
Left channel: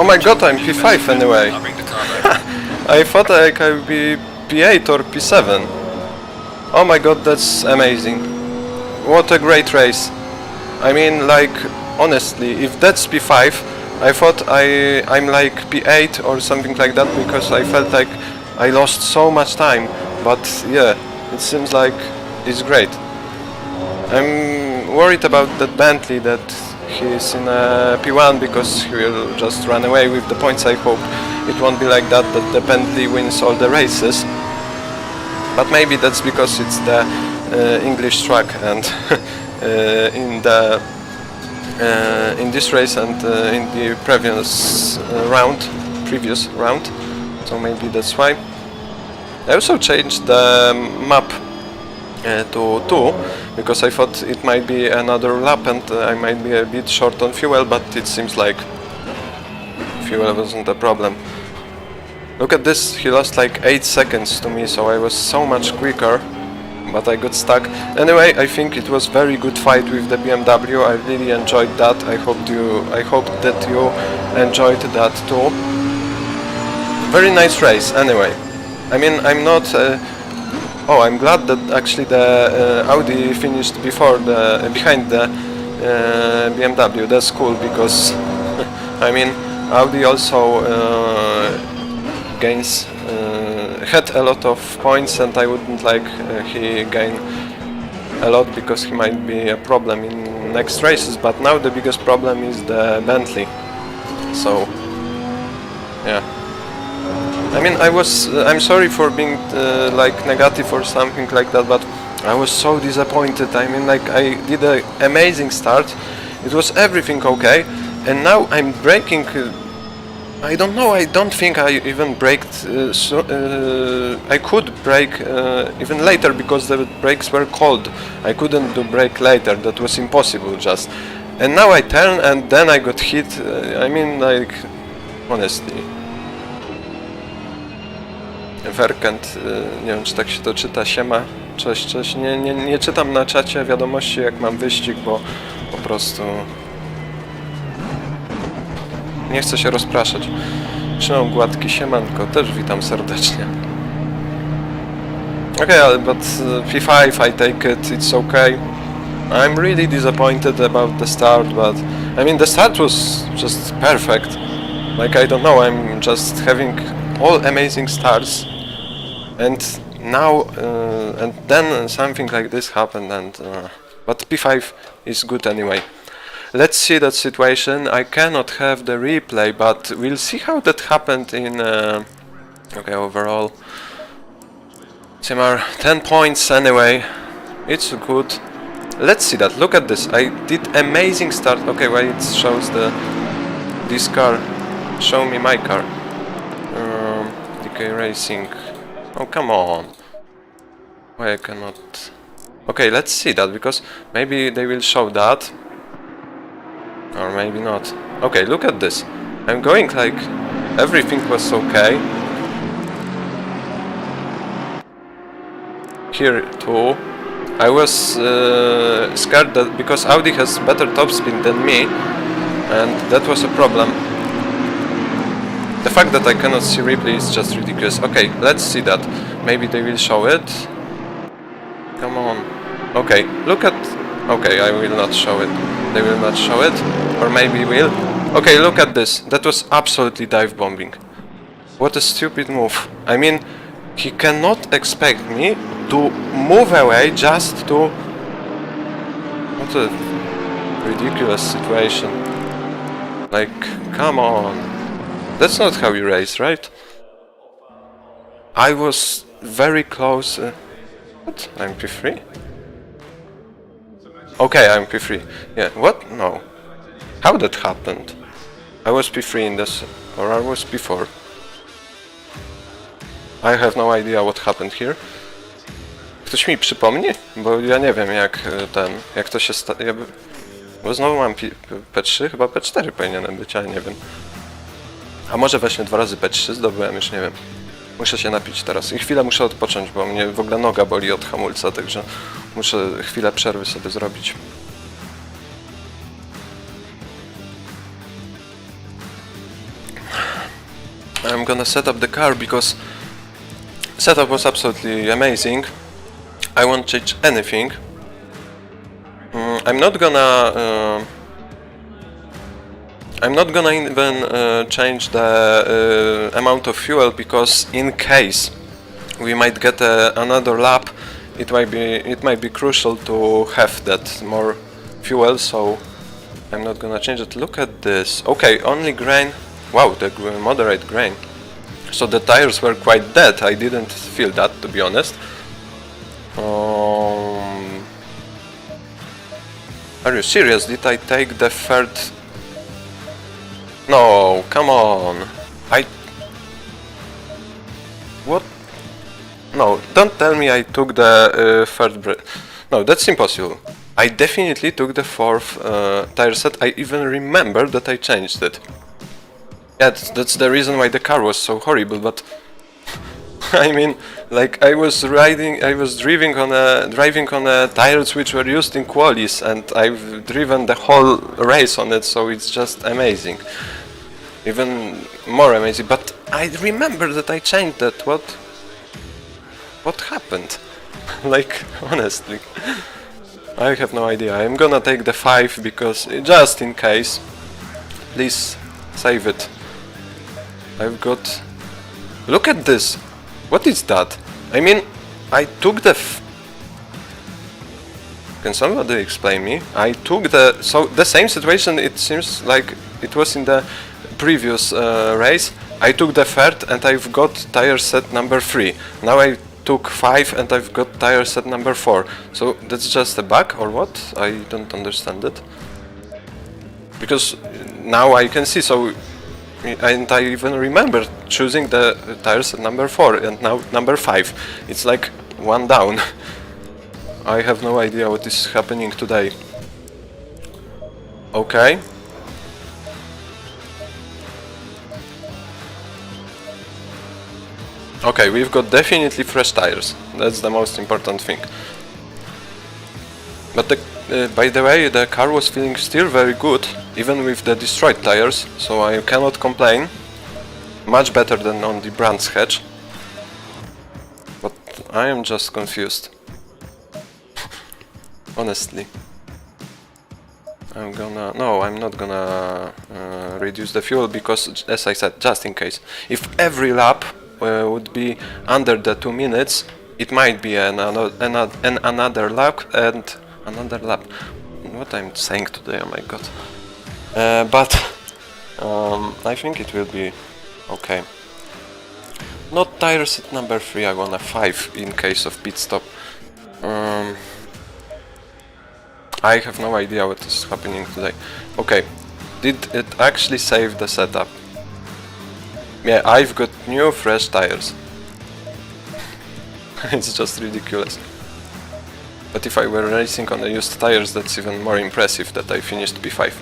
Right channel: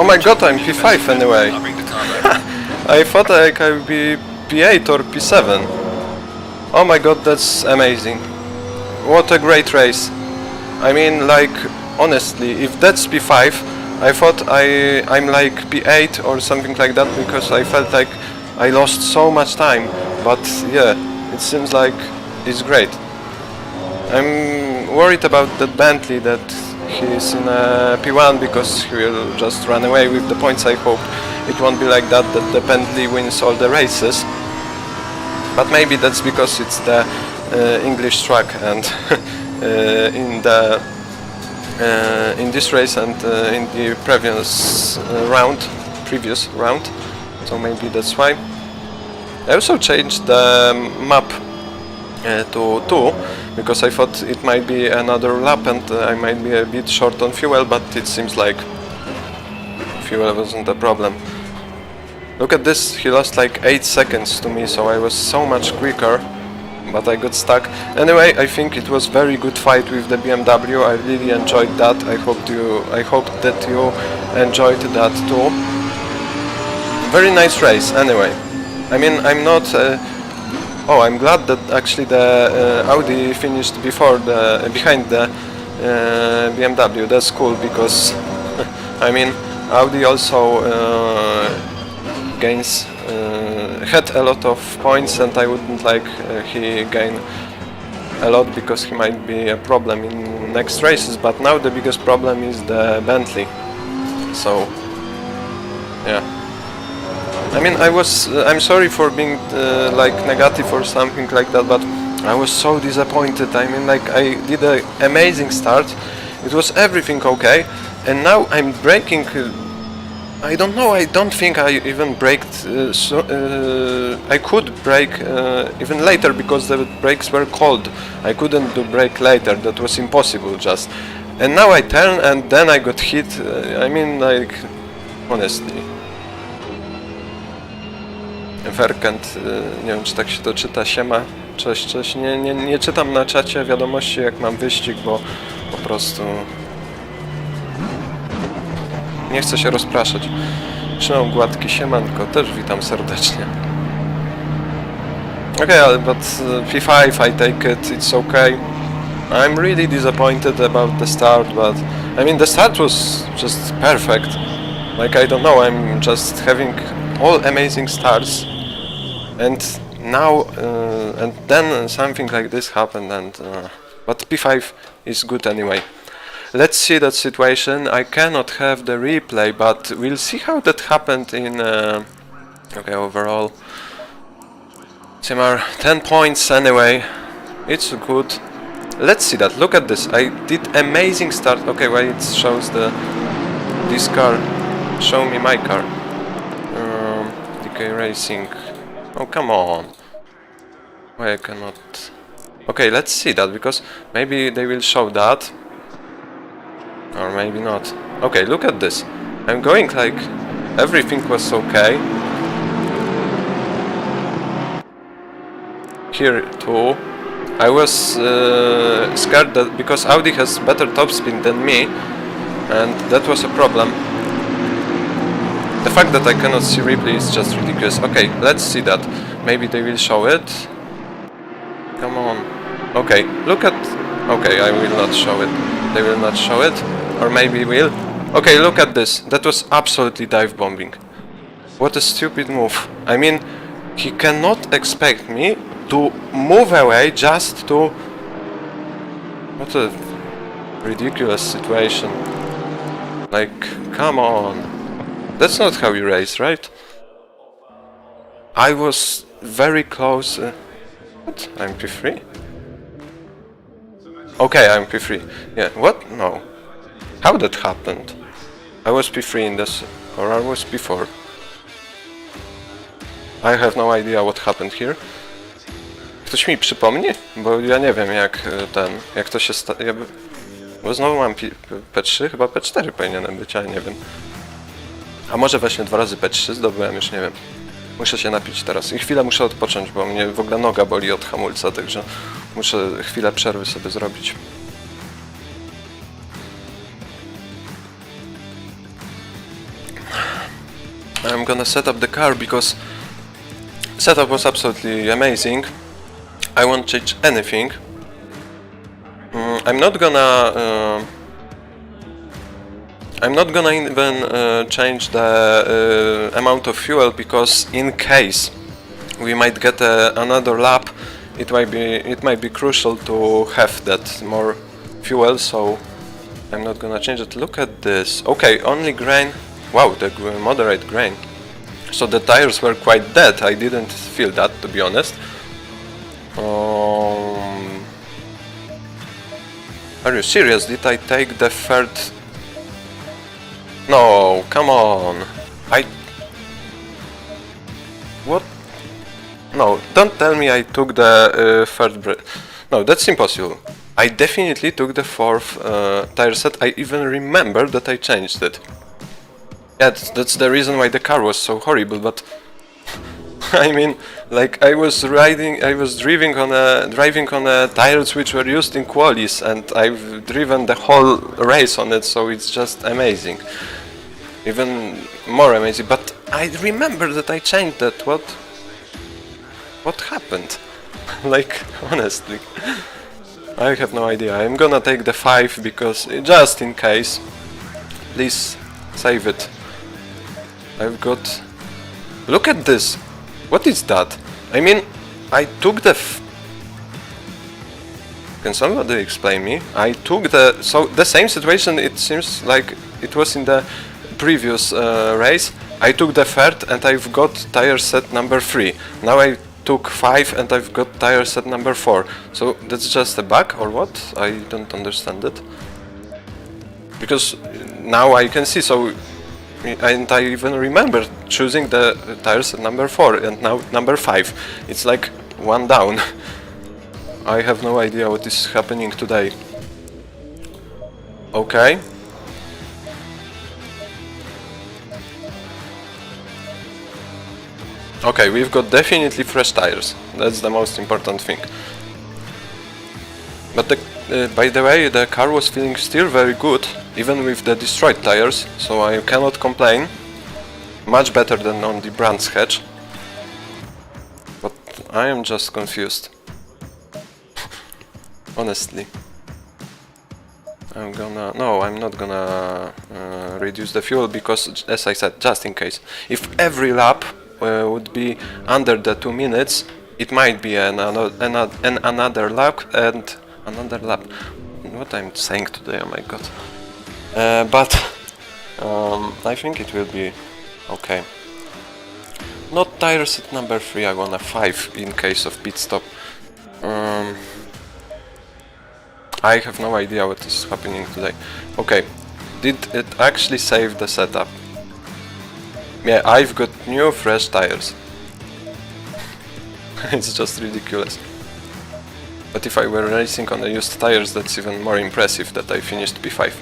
Oh my god, I'm P5 anyway. I'll bring the car back. I thought I could be P8 or P7. Oh my god, that's amazing. What a great race. I mean, like, honestly, if that's P5, I thought I'm like P8 or something like that, because I felt like I lost so much time. But yeah, it seems like it's great. I'm worried about that Bentley, that he's in a P1 because he will just run away with the points. I hope it won't be like that the Bentley wins all the races. But maybe that's because it's the English track, and in this race and in the previous round, so maybe that's why. I also changed the map to 2, because I thought it might be another lap and I might be a bit short on fuel, but it seems like fuel wasn't a problem. Look at this, he lost like 8 seconds to me, so I was so much quicker, but I got stuck. Anyway, I think it was very good fight with the BMW. I really enjoyed that. I hope that you enjoyed that too. Very nice race anyway. I mean, I'm not I'm glad that actually the Audi finished behind the BMW. That's cool, because I mean, Audi also had a lot of points, and I wouldn't like he gain a lot, because he might be a problem in next races. But now the biggest problem is the Bentley. So yeah. I mean, I'm sorry for being like negative or something like that, but I was so disappointed. I mean, like, I did an amazing start, it was everything okay, and now I'm braking. I don't know, I don't think I even braked, I could brake even later, because the brakes were cold. I couldn't do brake later, that was impossible just. And now I turn and then I got hit. I mean, like, honestly. Werkent, nie wiem, czy tak się to czyta, siema, cześć, cześć. Nie czytam na czacie wiadomości, jak mam wyścig, bo po prostu nie chcę się rozpraszać. Trzymam gładki, siemanko, też witam serdecznie. Okay, but P5, I take it, it's okay. I'm really disappointed about the start, but I mean, the start was just perfect. Like, I don't know, I'm just having all amazing starts, and now and then something like this happened, and but P5 is good anyway. Let's see that situation. I cannot have the replay, but we'll see how that happened in okay, overall Simar 10 points anyway, it's good. Let's see that. Look at this, I did amazing start. Okay, why it shows this car, show me my car. DK Racing. Oh, come on. Why I cannot... Okay, let's see that, because maybe they will show that. Or maybe not. Okay, look at this. I'm going like everything was okay. Here too. I was scared that because Audi has better top speed than me, and that was a problem. The fact that I cannot see replay is just ridiculous. Okay, let's see that. Maybe they will show it. Come on. Okay, look at... Okay, I will not show it. They will not show it. Or maybe will. Okay, look at this. That was absolutely dive bombing. What a stupid move. I mean, he cannot expect me to move away just to... What a ridiculous situation. Like, come on. That's not how you race, right? I was very close... What? I'm P3? Okay, I'm P3. Yeah, what? No. How that happened? I was P3 in this... Or I was P4. I have no idea what happened here. Ktoś mi przypomni? Bo ja nie wiem jak to się bo znowu mam P3, chyba P4 powinienem być, ale nie wiem. A może właśnie 2 razy P3 zdobyłem, już nie wiem. Muszę się napić teraz i chwilę muszę odpocząć, bo mnie w ogóle noga boli od hamulca, także muszę chwilę przerwy sobie zrobić. I'm gonna set up the car because setup was absolutely amazing. I won't change anything. I'm not gonna even change the amount of fuel, because in case we might get another lap, it might be crucial to have that more fuel. So I'm not gonna change it. Look at this. Okay, only grain. Wow, the moderate grain. So the tires were quite dead. I didn't feel that, to be honest. Are you serious? Did I take the third? No, come on. What? No, don't tell me I took the third break. No, that's impossible. I definitely took the fourth tire set. I even remember that I changed it. Yeah, that's the reason why the car was so horrible, but I mean, like, I was driving on tires which were used in qualies, and I've driven the whole race on it, so it's just amazing. Even more amazing. But I remember that I changed that. What happened? Like, honestly, I have no idea. I'm gonna take the 5 because just in case. Please save it. I've got. Look at this. What is that? I mean, I took the. Can somebody explain me? I took the same situation. It seems like it was in the previous race. I took the third and I've got tire set number 3. Now I took 5 and I've got tire set number 4. So that's just a bug or what? I don't understand it. Because now I can see, so, and I even remember choosing the tire set number 4 and now number 5. It's like one down. I have no idea what is happening today. Okay. Okay, we've got definitely fresh tires. That's the most important thing. But by the way, the car was feeling still very good, even with the destroyed tires, so I cannot complain. Much better than on the Brands Hatch. But I am just confused. Honestly. No, I'm not gonna reduce the fuel because, as I said, just in case. If every lap would be under the 2 minutes, it might be another lap and another lap. What I'm saying today, oh my god. But I think it will be okay. Not tire set number 3, I want a 5 in case of pit stop. I have no idea what is happening today. Okay, did it actually save the setup? Yeah, I've got new fresh tires. It's just ridiculous. But if I were racing on the used tires, that's even more impressive that I finished P5.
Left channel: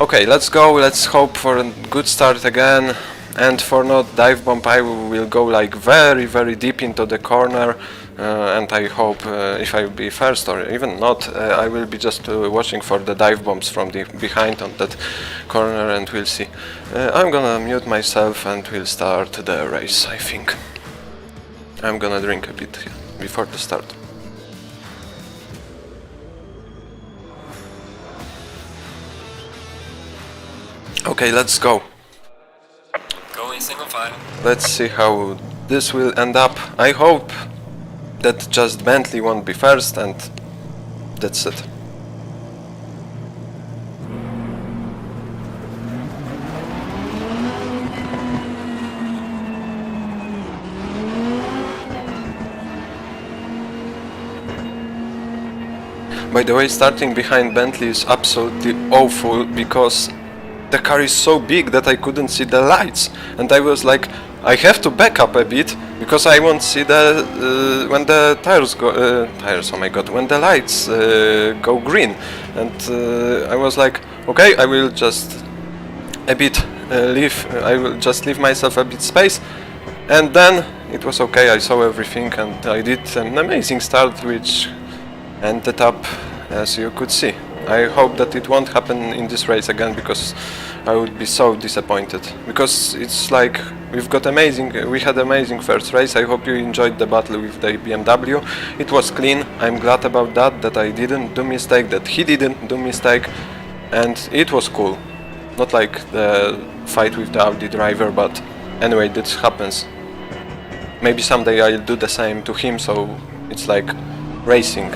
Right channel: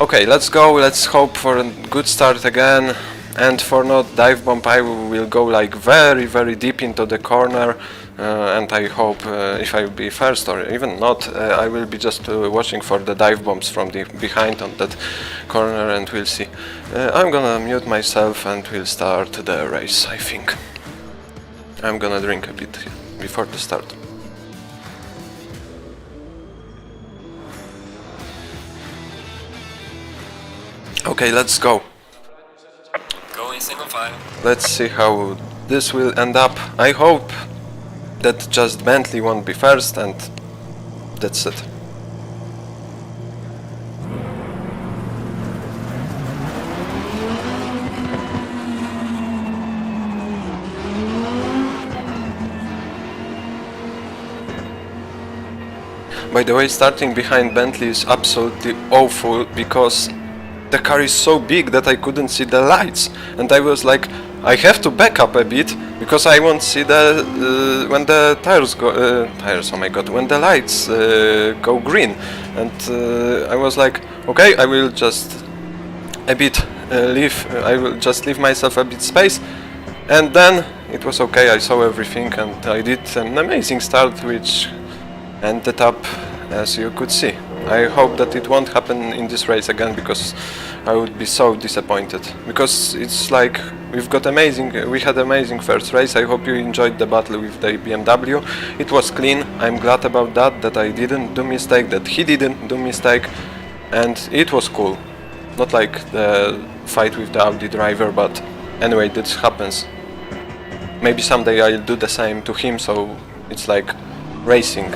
Okay, let's go, let's hope for a good start again. And for not dive bomb, I will go like very, very deep into the corner. And I hope if I will be first or even not, I will be just watching for the dive bombs from the behind on that corner, and we'll see. I'm gonna mute myself and we'll start the race, I think. I'm gonna drink a bit before the start. Okay, let's go. Going single file. Let's see how this will end up. I hope that just Bentley won't be first, and that's it. By the way, starting behind Bentley is absolutely awful because the car is so big that I couldn't see the lights, and I was like, I have to back up a bit because I won't see the when the tires go oh my god, when the lights go green, and I was like, okay, I will just a bit I will just leave myself a bit space, and then it was okay. I saw everything and I did an amazing start, which ended up as you could see. I hope that it won't happen in this race again, because I would be so disappointed. Because it's like we had amazing first race. I hope you enjoyed the battle with the BMW. It was clean. I'm glad about that I didn't do mistake, that he didn't do mistake, and it was cool. Not like the fight with the Audi driver, but anyway, this happens. Maybe someday I'll do the same to him, so it's like racing.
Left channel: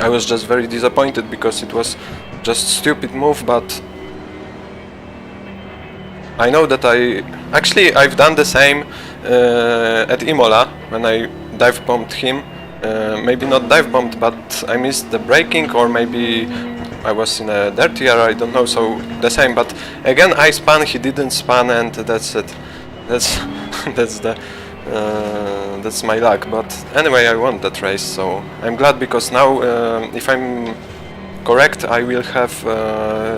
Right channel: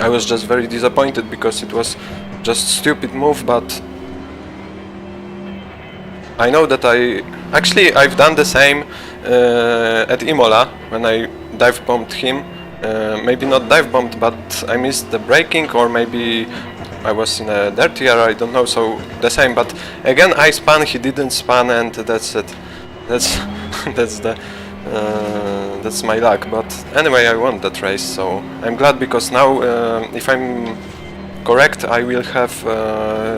I was just very disappointed because it was just stupid move, but I know that I've done the same at Imola when I dive bombed him. Maybe not dive bombed, but I missed the braking, or maybe I was in a dirtier, I don't know, so the same. But again I spun, he didn't spun, and that's it. That's that's my luck. But anyway, I won that race, so I'm glad, because now if I'm correct, I will have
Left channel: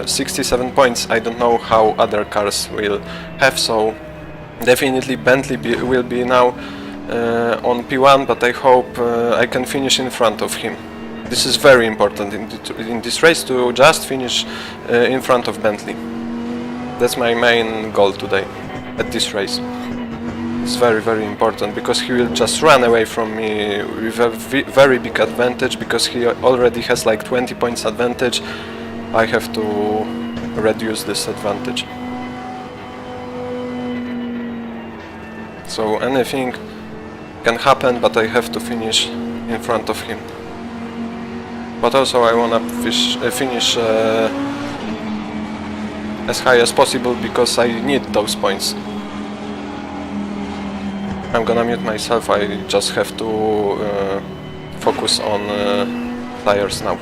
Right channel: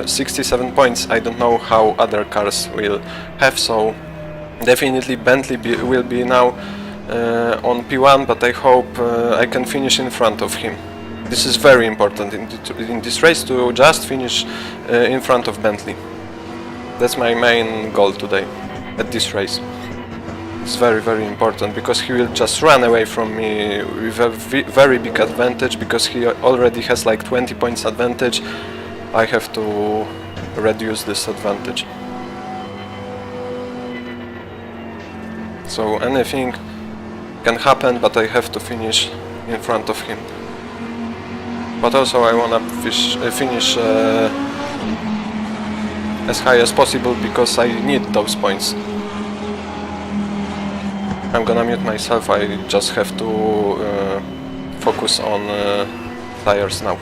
67 points. I don't know how other cars will have, so definitely Bentley will be now on P1, but I hope I can finish in front of him. This is very important in this race, to just finish in front of Bentley. That's my main goal today at this race. It's very, very important, because he will just run away from me with a very big advantage, because he already has like 20 points advantage. I have to reduce this advantage. So anything can happen, but I have to finish in front of him. But also I wanna finish as high as possible, because I need those points. I'm gonna mute myself, I just have to focus on tires now.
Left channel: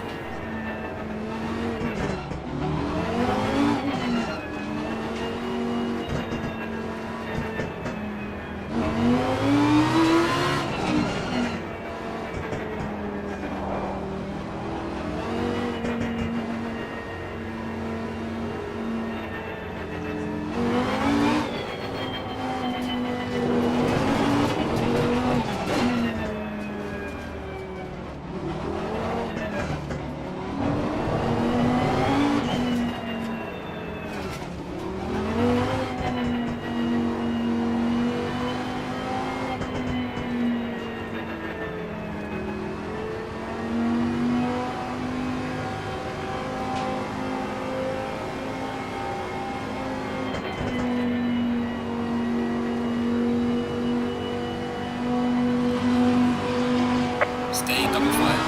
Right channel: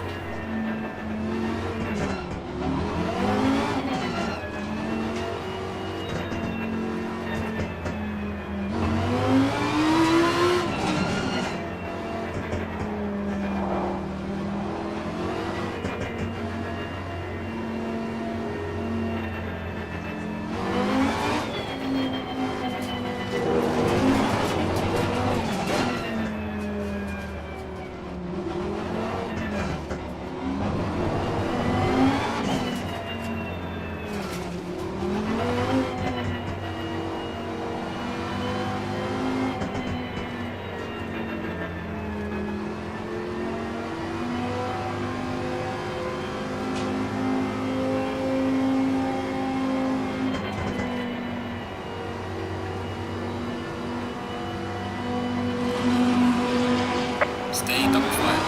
Stay double file.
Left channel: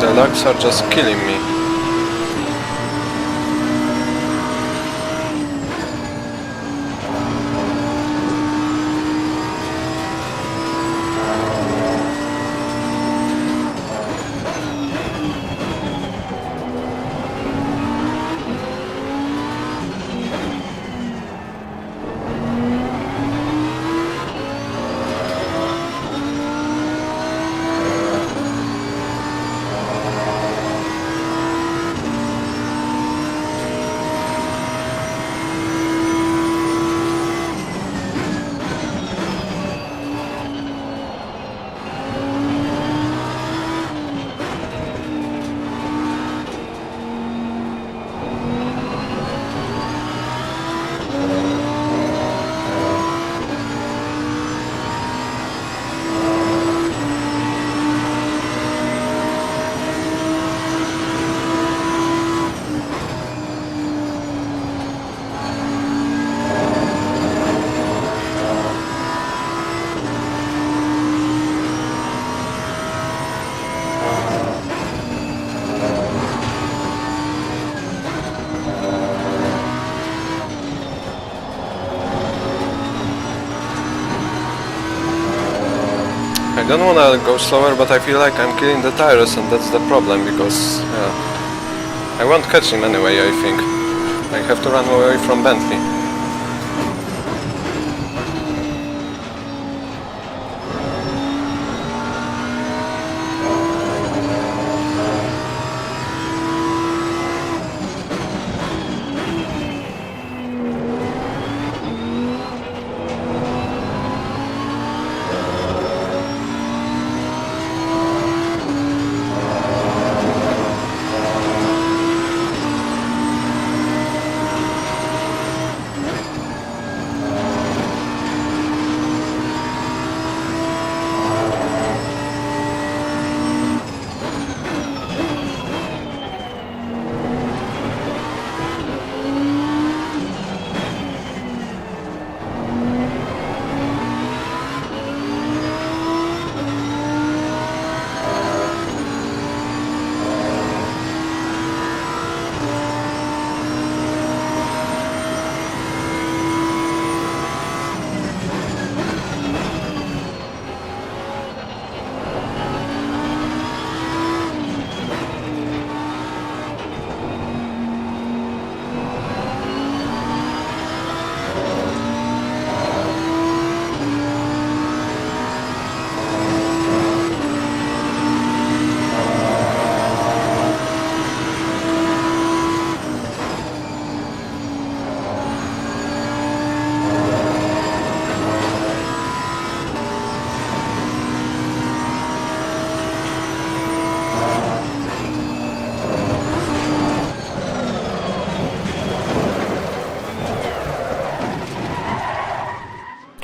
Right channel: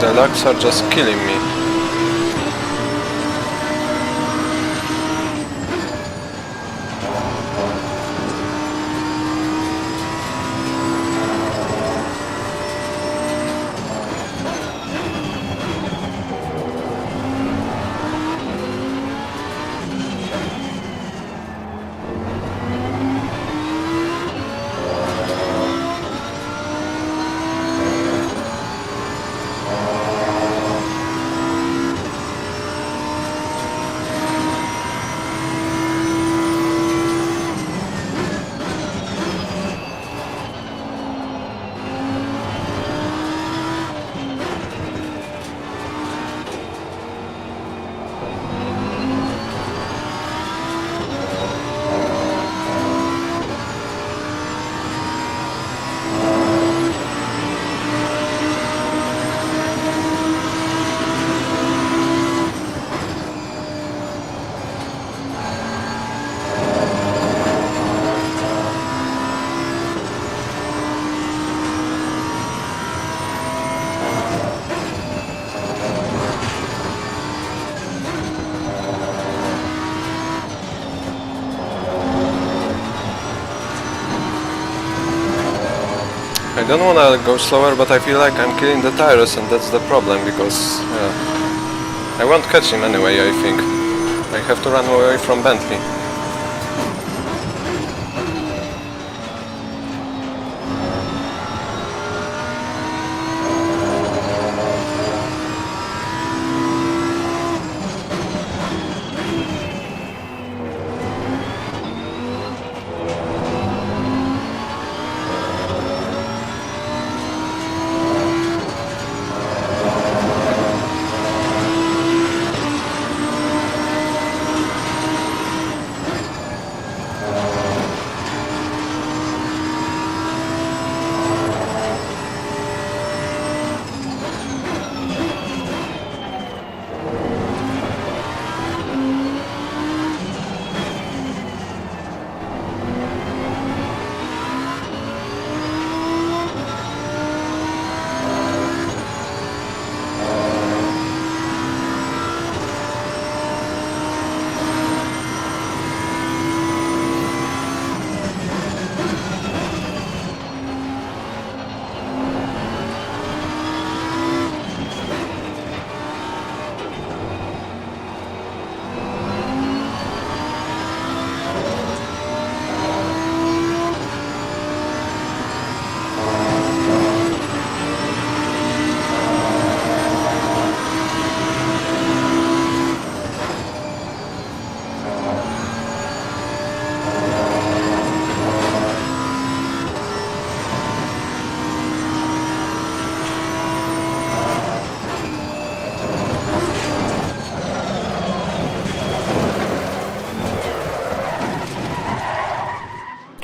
The lags are just killing me. I don't wanna go slower, but I feel like I'm killing the tires, and that's the problem, because I won't catch him anyway, I think. I have to run away from Bentley.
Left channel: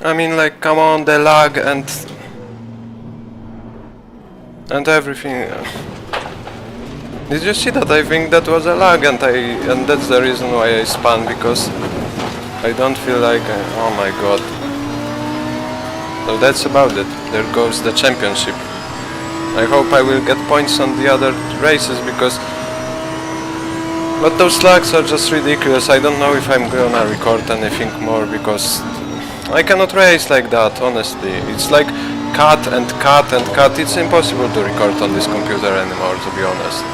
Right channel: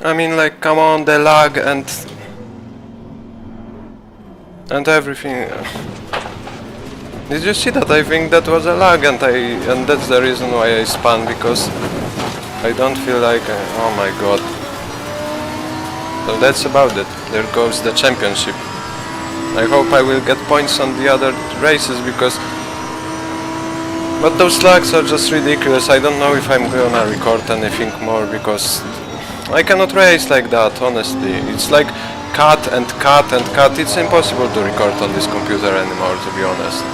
I mean, like, come on, the lag and everything. Did you see that? I think that was a lag, and that's the reason why I spun, because I don't feel like oh my god. So that's about it. There goes the championship. I hope I will get points on the other races, because but those lags are just ridiculous. I don't know if I'm gonna record anything more, because I cannot race like that, honestly. It's like cut and cut and cut. It's impossible to record on this computer anymore, to be honest.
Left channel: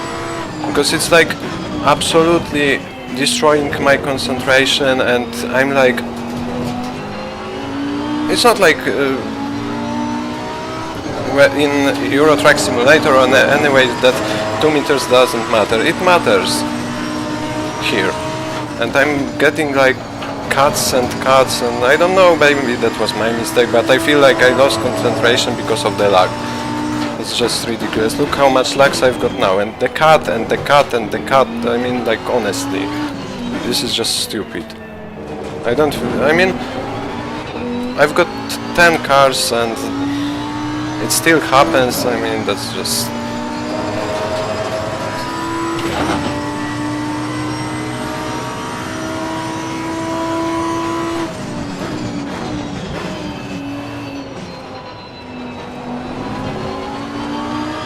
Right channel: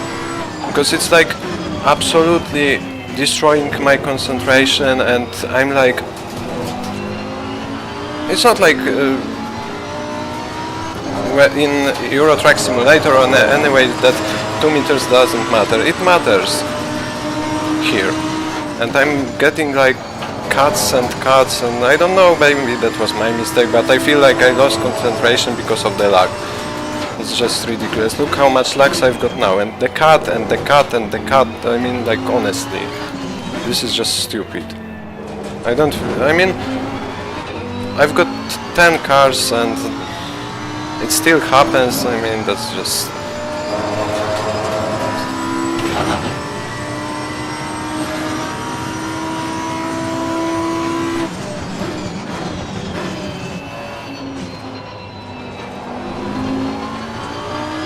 Because it's like absolutely destroying my concentration, and I'm like... It's not like in Euro Truck Simulator or anyway that 2 meters doesn't matter. It matters here. And I'm getting like cuts, and I don't know, maybe that was my mistake, but I feel like I lost concentration because of the lag. It's just ridiculous. Look how much lags I've got now, and the cut and the cut and the cut. I mean, like, honestly, this is just stupid. I don't feel, I mean, I've got 10 cars and it still happens. I mean, that's just...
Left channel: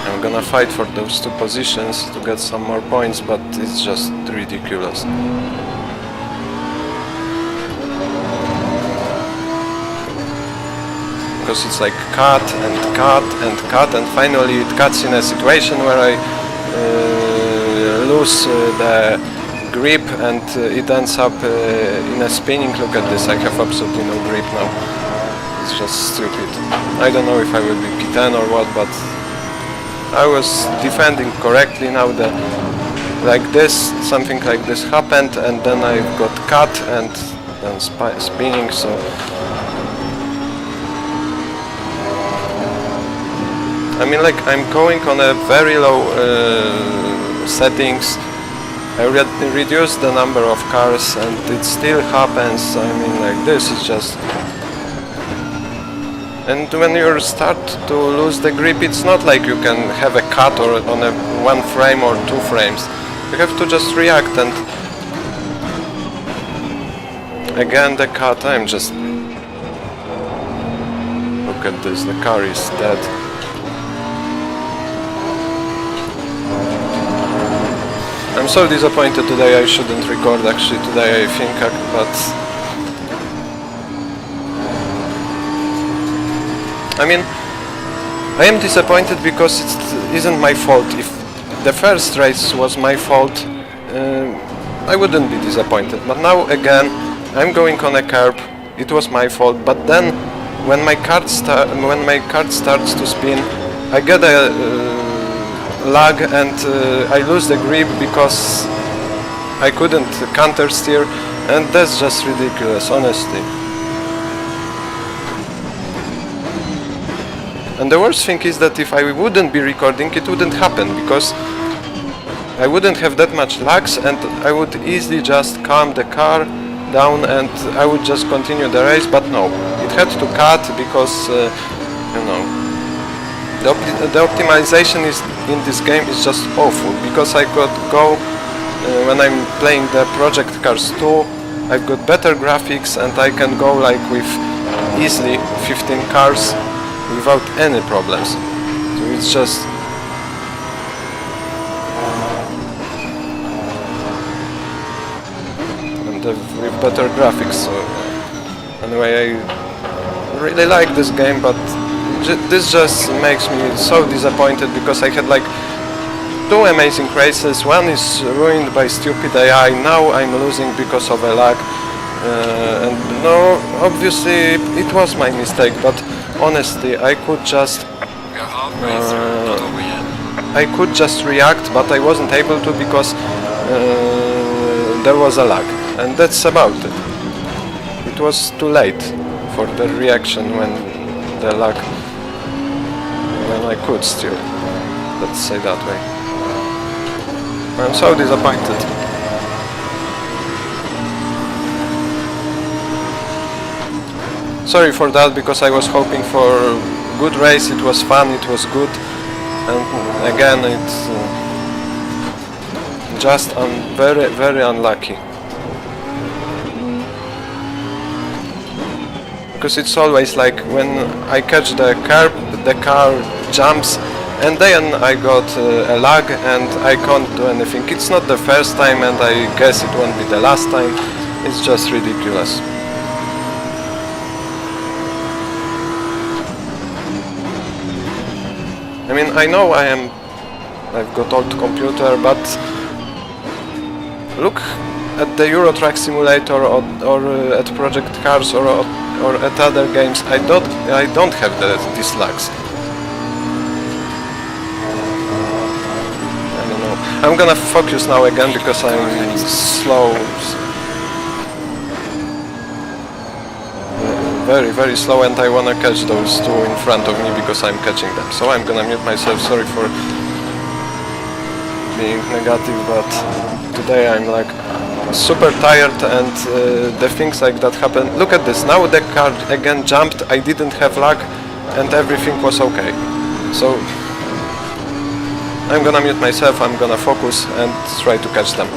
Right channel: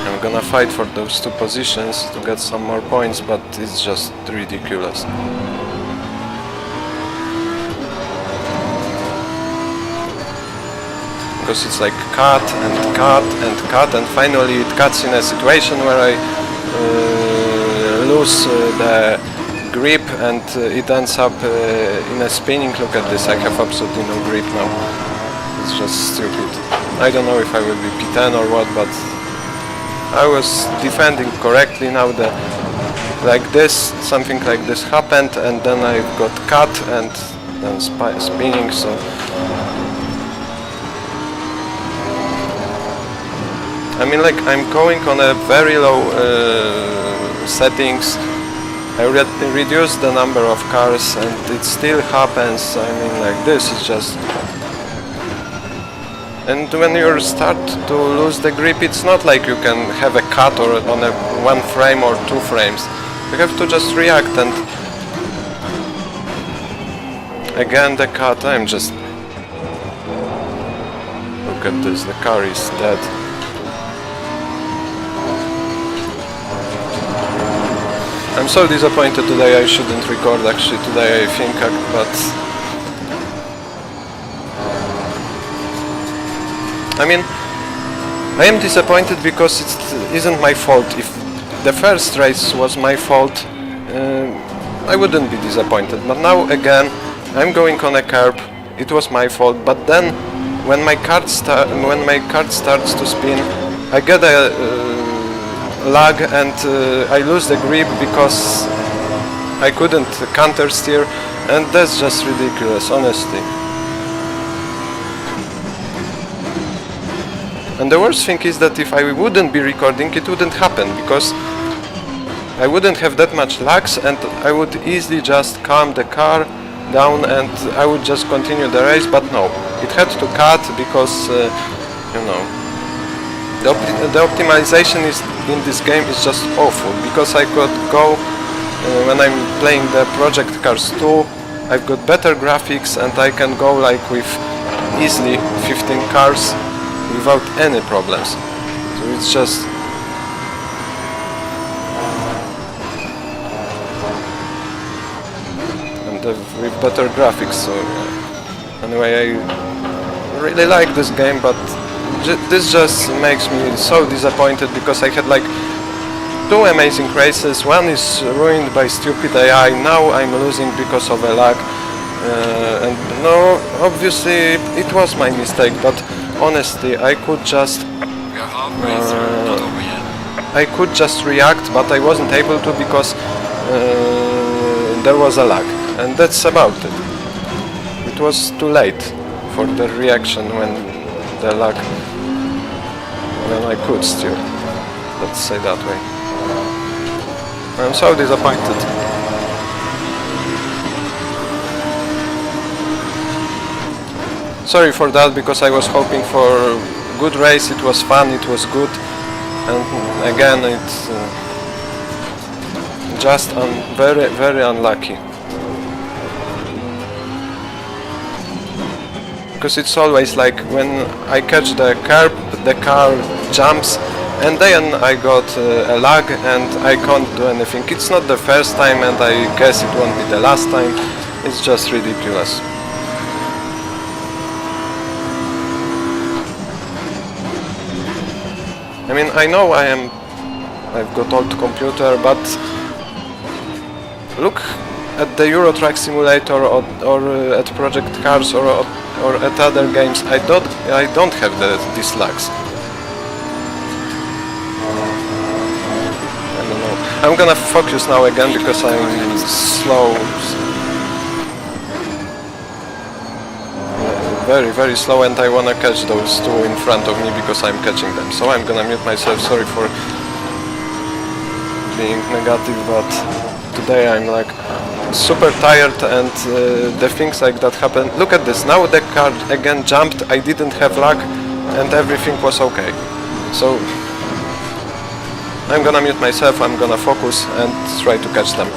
I'm gonna fight for those 2 positions to get some more points, but it's just ridiculous. Because it's like cut and cut and cut, and finally it cuts in a situation where I lose the grip, and it ends up in a spinning. Look at this, I have absolutely no grip now. It's just stupid. I don't know if I will be P10 or what, but I was defending correctly. Now something like this happened, and then I got cut and then spinning, so I mean, like, I'm going on a very low settings. I reduced the number of cars and it still happens. I mean, like, this is just... And when you start to lose the grip, it's not like you can have a cut or on a 1 frame or 2 frames. You have to just react, and again the cut. I'm just... Look at this, the car is dead. I'm so disappointed today. I shouldn't record actually today, I think, but I mean, I am disappointed because it isn't my fault. If the first race was my fault, I wouldn't be disappointed. But now again, I'm going on a curb. It was my fault. But then, when my cart starts to spin, I get a lag, and I lose the grip because I couldn't counter steer, and that's just ridiculous, honestly. And the worst thing is that if I wouldn't be recording, it wouldn't happen, because I wouldn't have that much lags, and I would easily just calm the car down and I would just continue the race. But no, it had to cut because you know, the optimization in this game is just awful, because I could go when I'm playing the Project Cars 2, I've got better graphics and I can go like with easily 15 cars without any problems. So it's just... and with better graphics, so yeah. Anyway, I really like this game, but this just makes me so disappointed, because I had like 2 amazing races. One is ruined by stupid AI, now I'm losing because of a lag. And no, obviously it was my mistake, but honestly I could just... We are halfway through, not over yet. I could just react, but I wasn't able to because there was a lag, and that's about it. It was too late for the reaction when the lag... when I could steer, let's say that way. I'm so disappointed. Sorry for that, because I was hoping for a good race, it was fun, it was good, and again it's just very, very unlucky. Because it's always like when I catch the curb, the car jumps, and then I got a lag and I can't do anything. It's not the first time, and I guess it won't be the last time. It's just ridiculous. I mean, I know I've got old computer, but look at the Euro Truck Simulator or at Project Cars or at other games. I don't have these lags. I don't know. I'm gonna focus now again because I'm slow. Very, very slow, and I wanna catch those 2 in front of me because I'm catching them. So I'm gonna mute myself. Sorry for being negative, but today I'm like super tired, and the things like that happen. Look at this, now the car again jumped, I didn't have lag, and everything was okay. So I'm gonna mute myself, I'm gonna focus and try to catch them.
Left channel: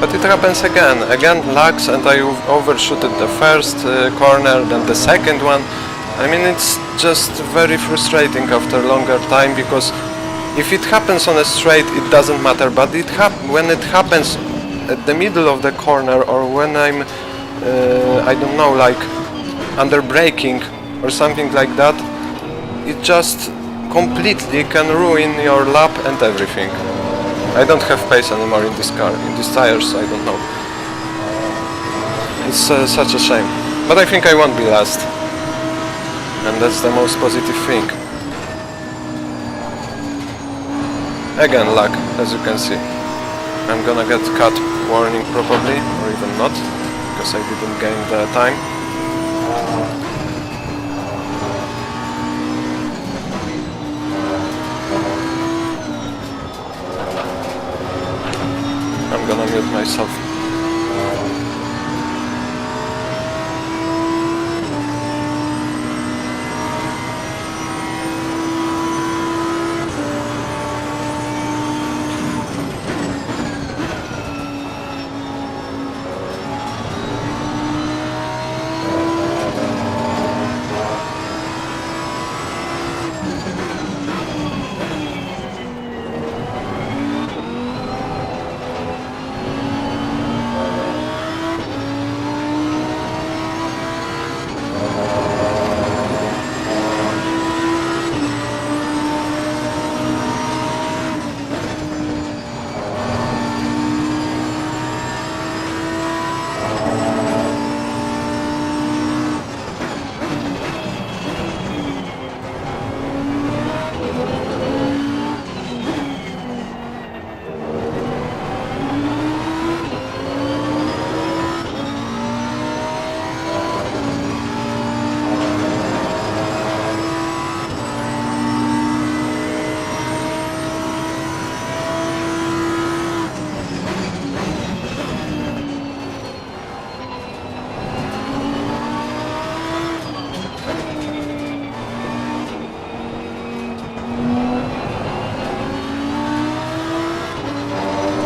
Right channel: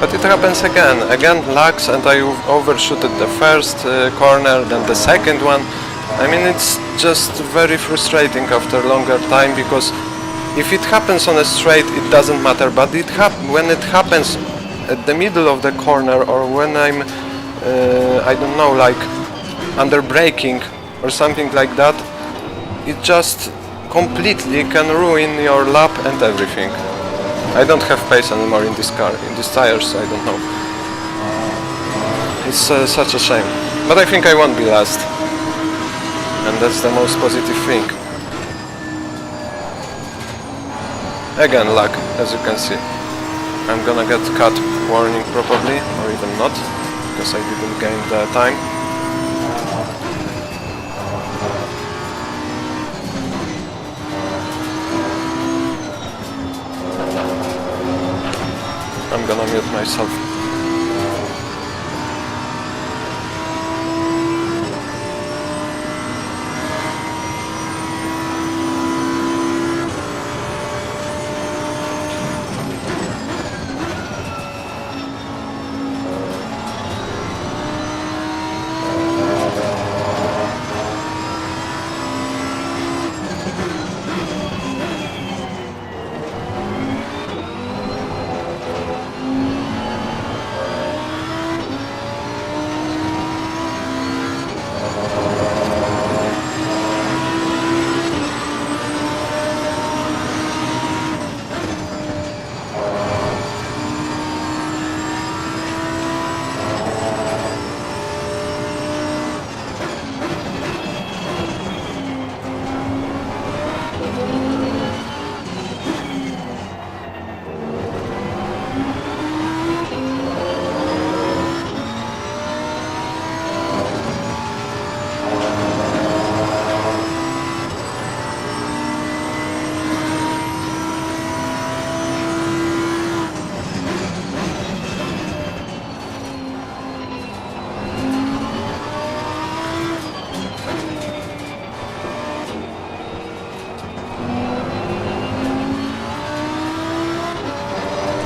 But it happens again. Again lags, and I overshooted the first corner, then the second one. I mean, it's just very frustrating after longer time, because if it happens on a straight, it doesn't matter. But when it happens at the middle of the corner, or when I'm, I don't know, like under braking or something like that, it just completely can ruin your lap and everything. I don't have pace anymore in this car, in these tires, I don't know. It's such a shame. But I think I won't be last. And that's the most positive thing. Again, luck, as you can see. I'm gonna get cut warning probably, or even not, because I didn't gain the time. I'm gonna mute myself.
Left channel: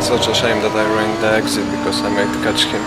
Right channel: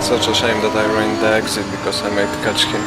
Such a shame that I ruined the exit because I might catch him.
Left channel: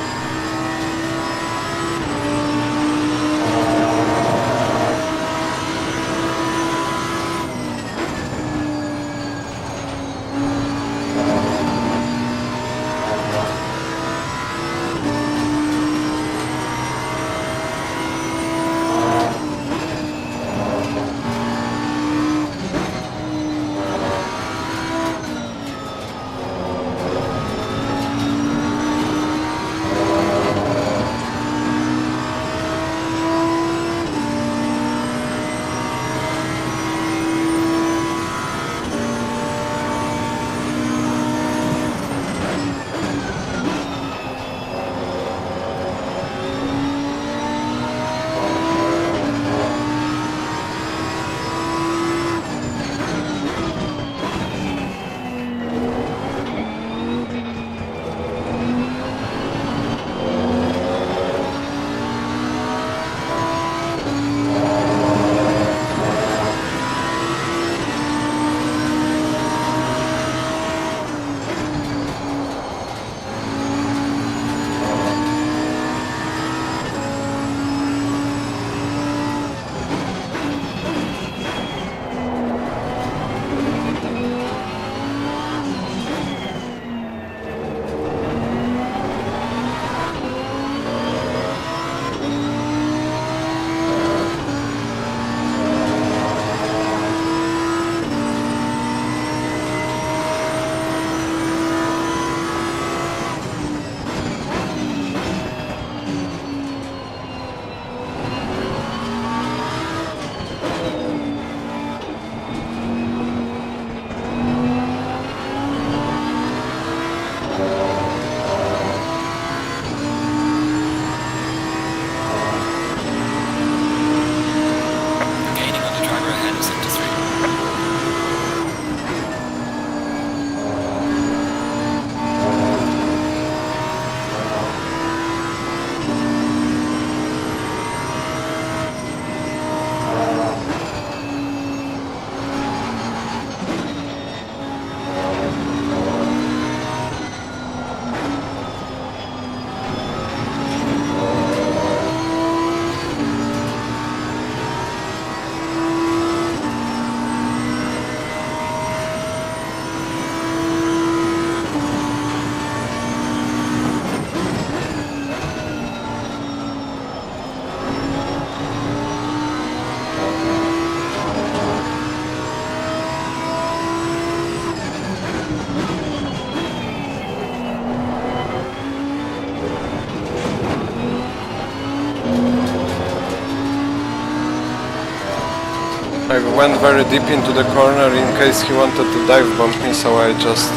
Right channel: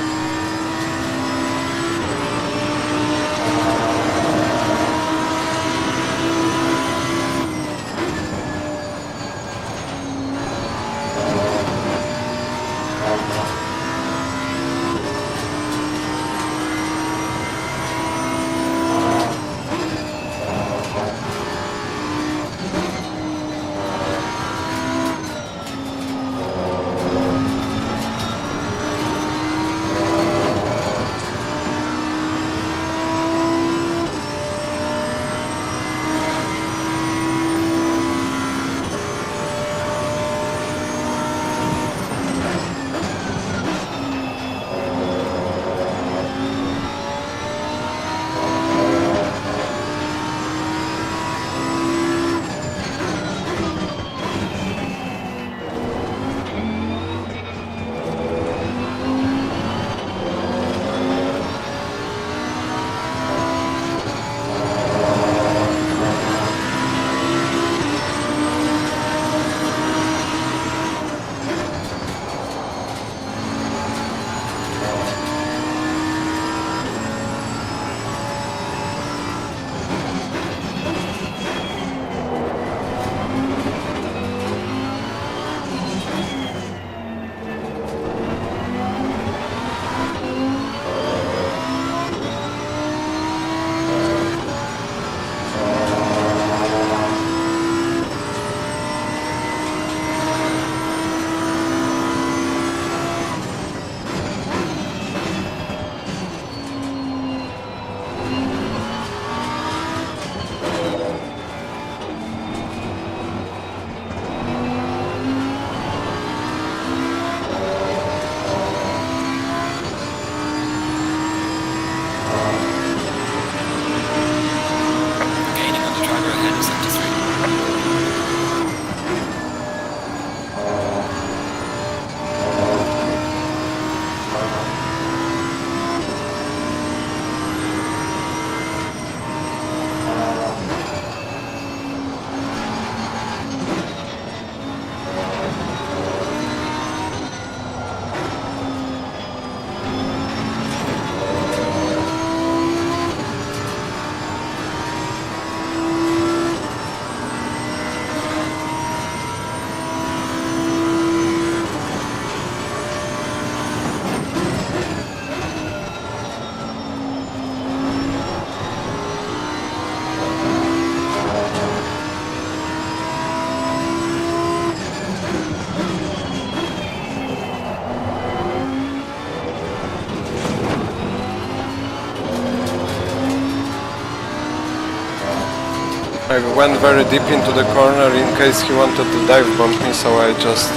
I went very deep into the corner in case he wanted to dive bomb me, so I just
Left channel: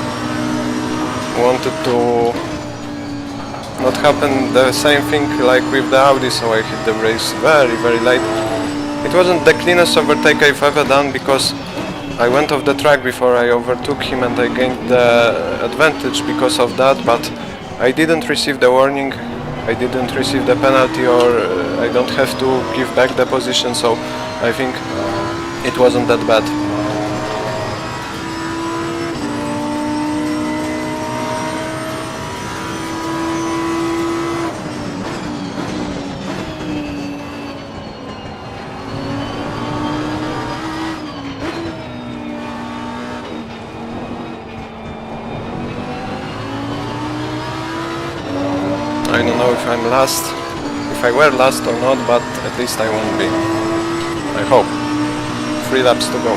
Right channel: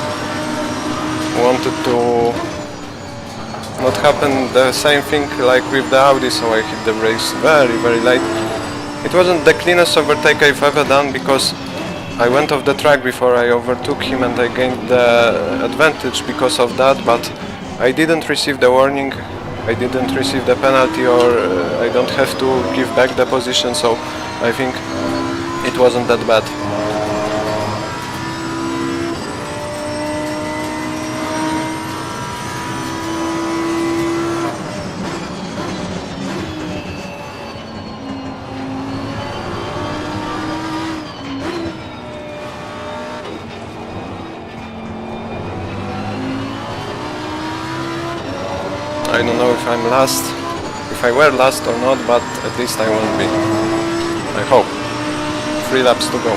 wanted to not happen the same thing like with the Audi, so I hit the brakes very late. It wasn't the cleanest overtake I've ever done because I went off the track before I overtook him and I gained the advantage because of that, but I didn't receive the warning, I didn't receive the penalty, or I don't have to give back the position, so I think it wasn't that bad. I don't know if I'm last, if I were last or not, but at least I won't be. I hope. 3 laps to go.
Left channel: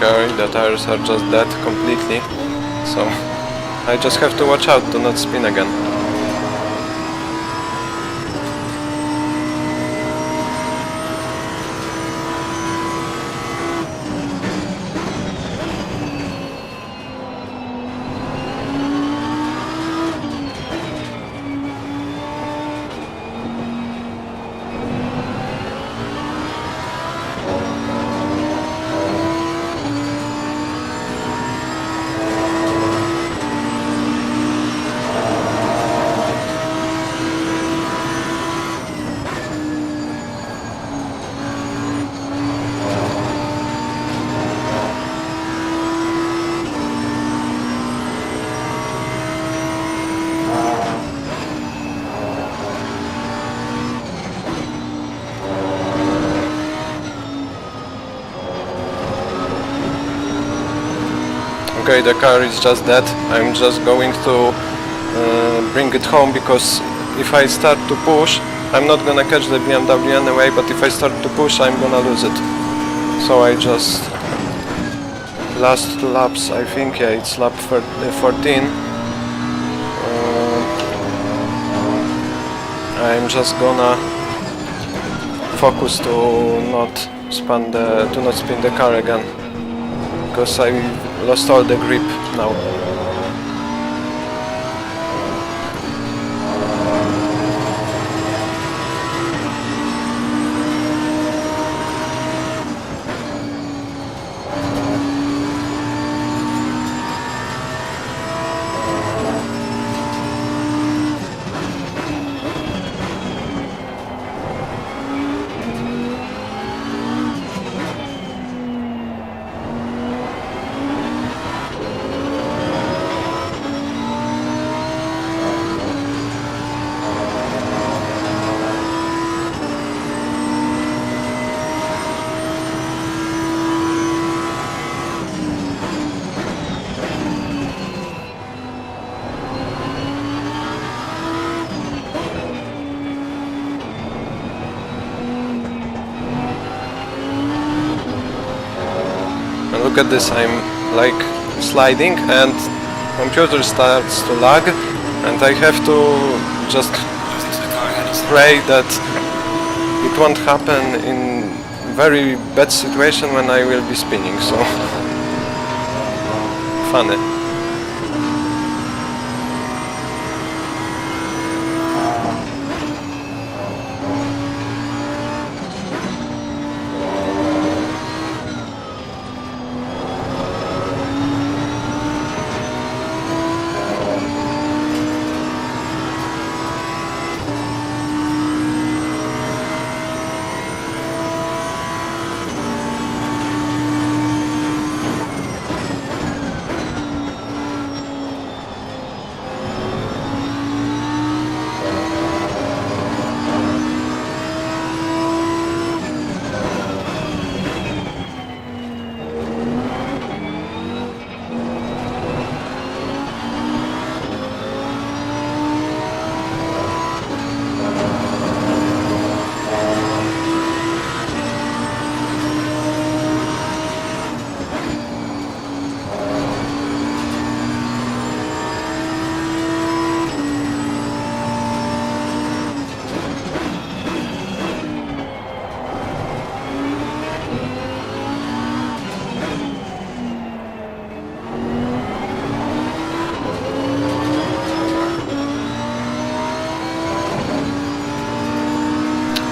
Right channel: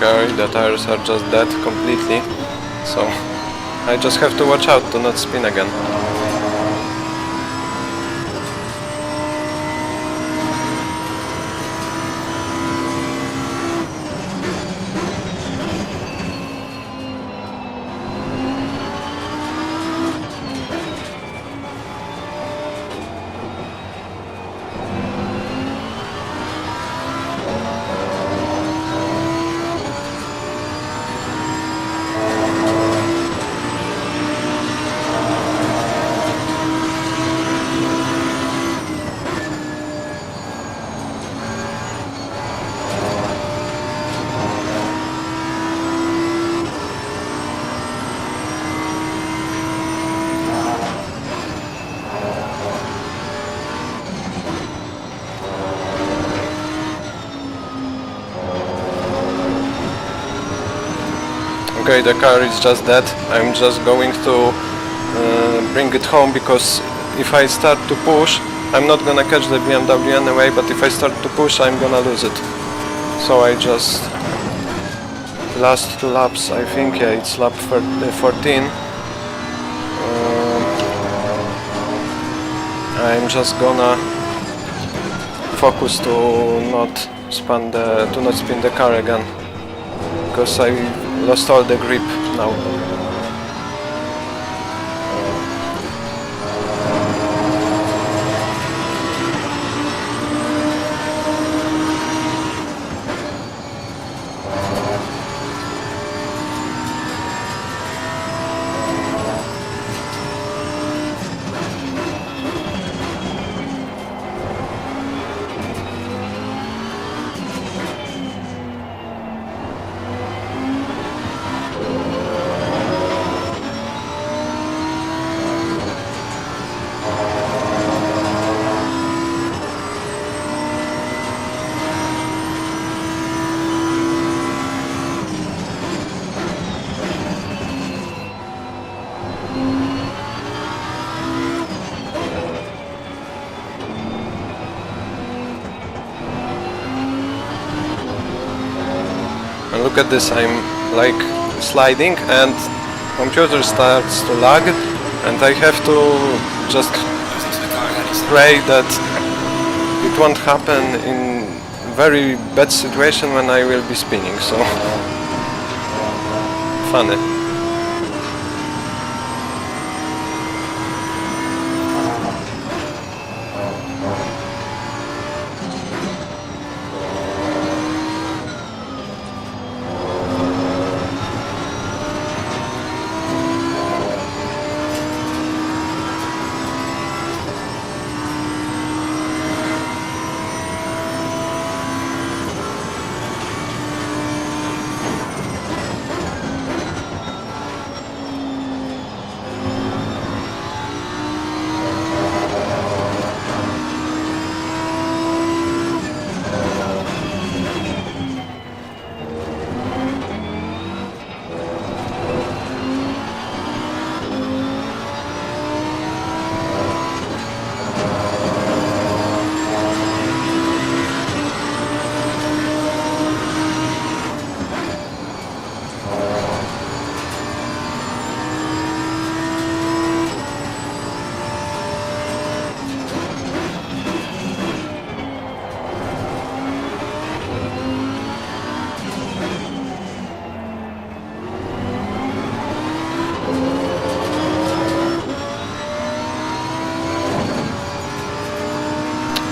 Okay, the tires are just dead completely, so I just have to watch out to not spin again. Okay, the car is just dead. I'm just going to bring it home, because if I start to push, I'm not gonna catch the BMW anyway, but if I start to push, I'm gonna lose it. So I just... last 2 laps, I think, yeah, it's lap 14. I'm just gonna focus to not spin the car again, because I lost all the grip now. And look at this, I'm like sliding, and computer starts to lag, and I have to just Losing to the car ahead, he said. pray that it won't happen in very bad situation when I will be spinning, so funny.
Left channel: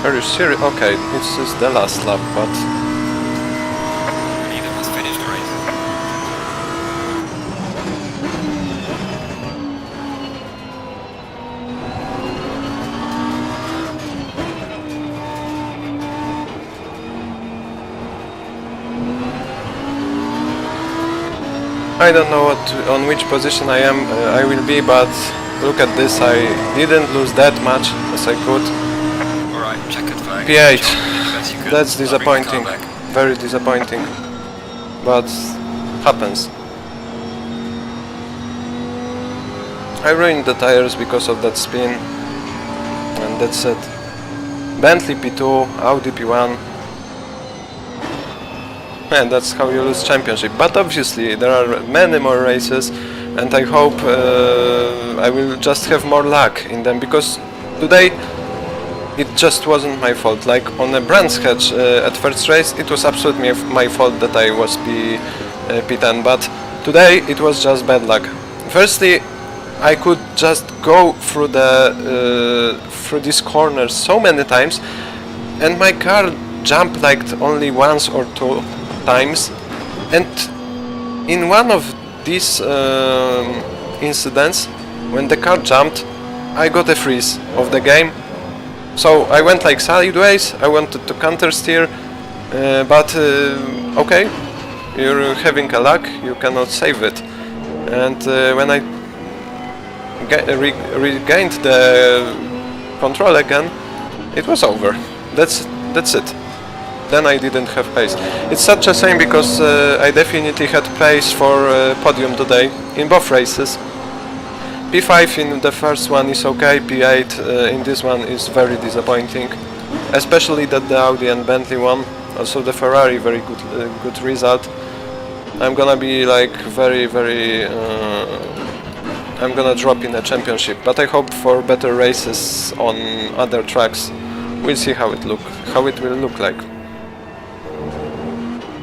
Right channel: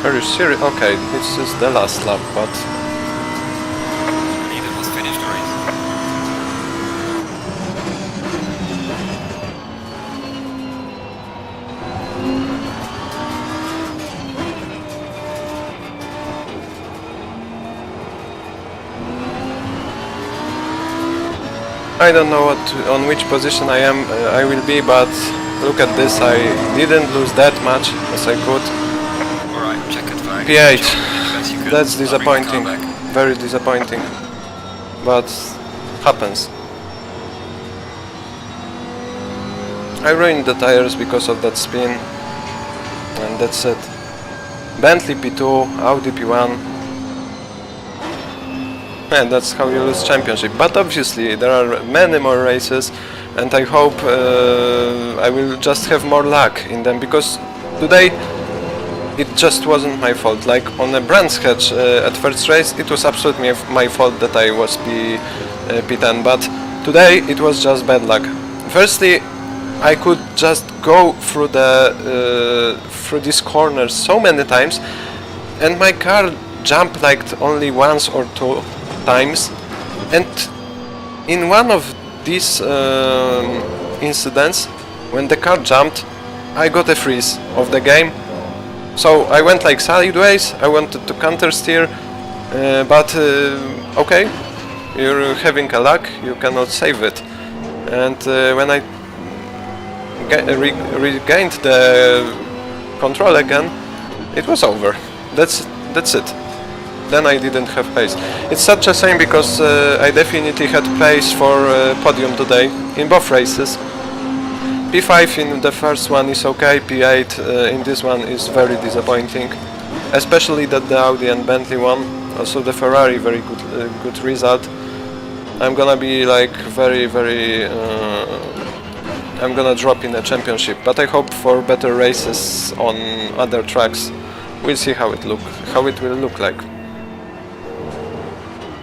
Are you serious? Okay, this is the last lap, but Neither has finished the race. I don't know on which position I will be, but look at this, I didn't lose that much as I could. Alright, checkered flag. P8, Best you could. that's I'll bring the car disappointing, back. very disappointing, but happens. I ruined the tires because of that spin, and that's it. Bentley P2, Audi P1, and that's how you lose championship. But obviously there are many more races, and I hope I will just have more luck in them, because today it just wasn't my fault. Like on a Brands Hatch at first race, it was absolutely my fault that I was P10, but today it was just bad luck. Firstly, I could just go through through these corners so many times, and my car jumped like only once or two times, and in one of these incidents, when the car jumped, I got a freeze of the game. So I went like sideways, I wanted to counter steer, but okay, you're having a luck, you cannot save it. And when I regained the control again, it was over. That's it. Then I didn't have pace. It's such a shame, because I definitely had pace for podium today in both races. P5 in the first one is okay, P8 in this one is very disappointing, especially that the Audi and Bentley won. Also the Ferrari, very good result. I'm gonna be like very I'm gonna drop in the championship, but I hope for better races on other tracks. We'll see how it will look like.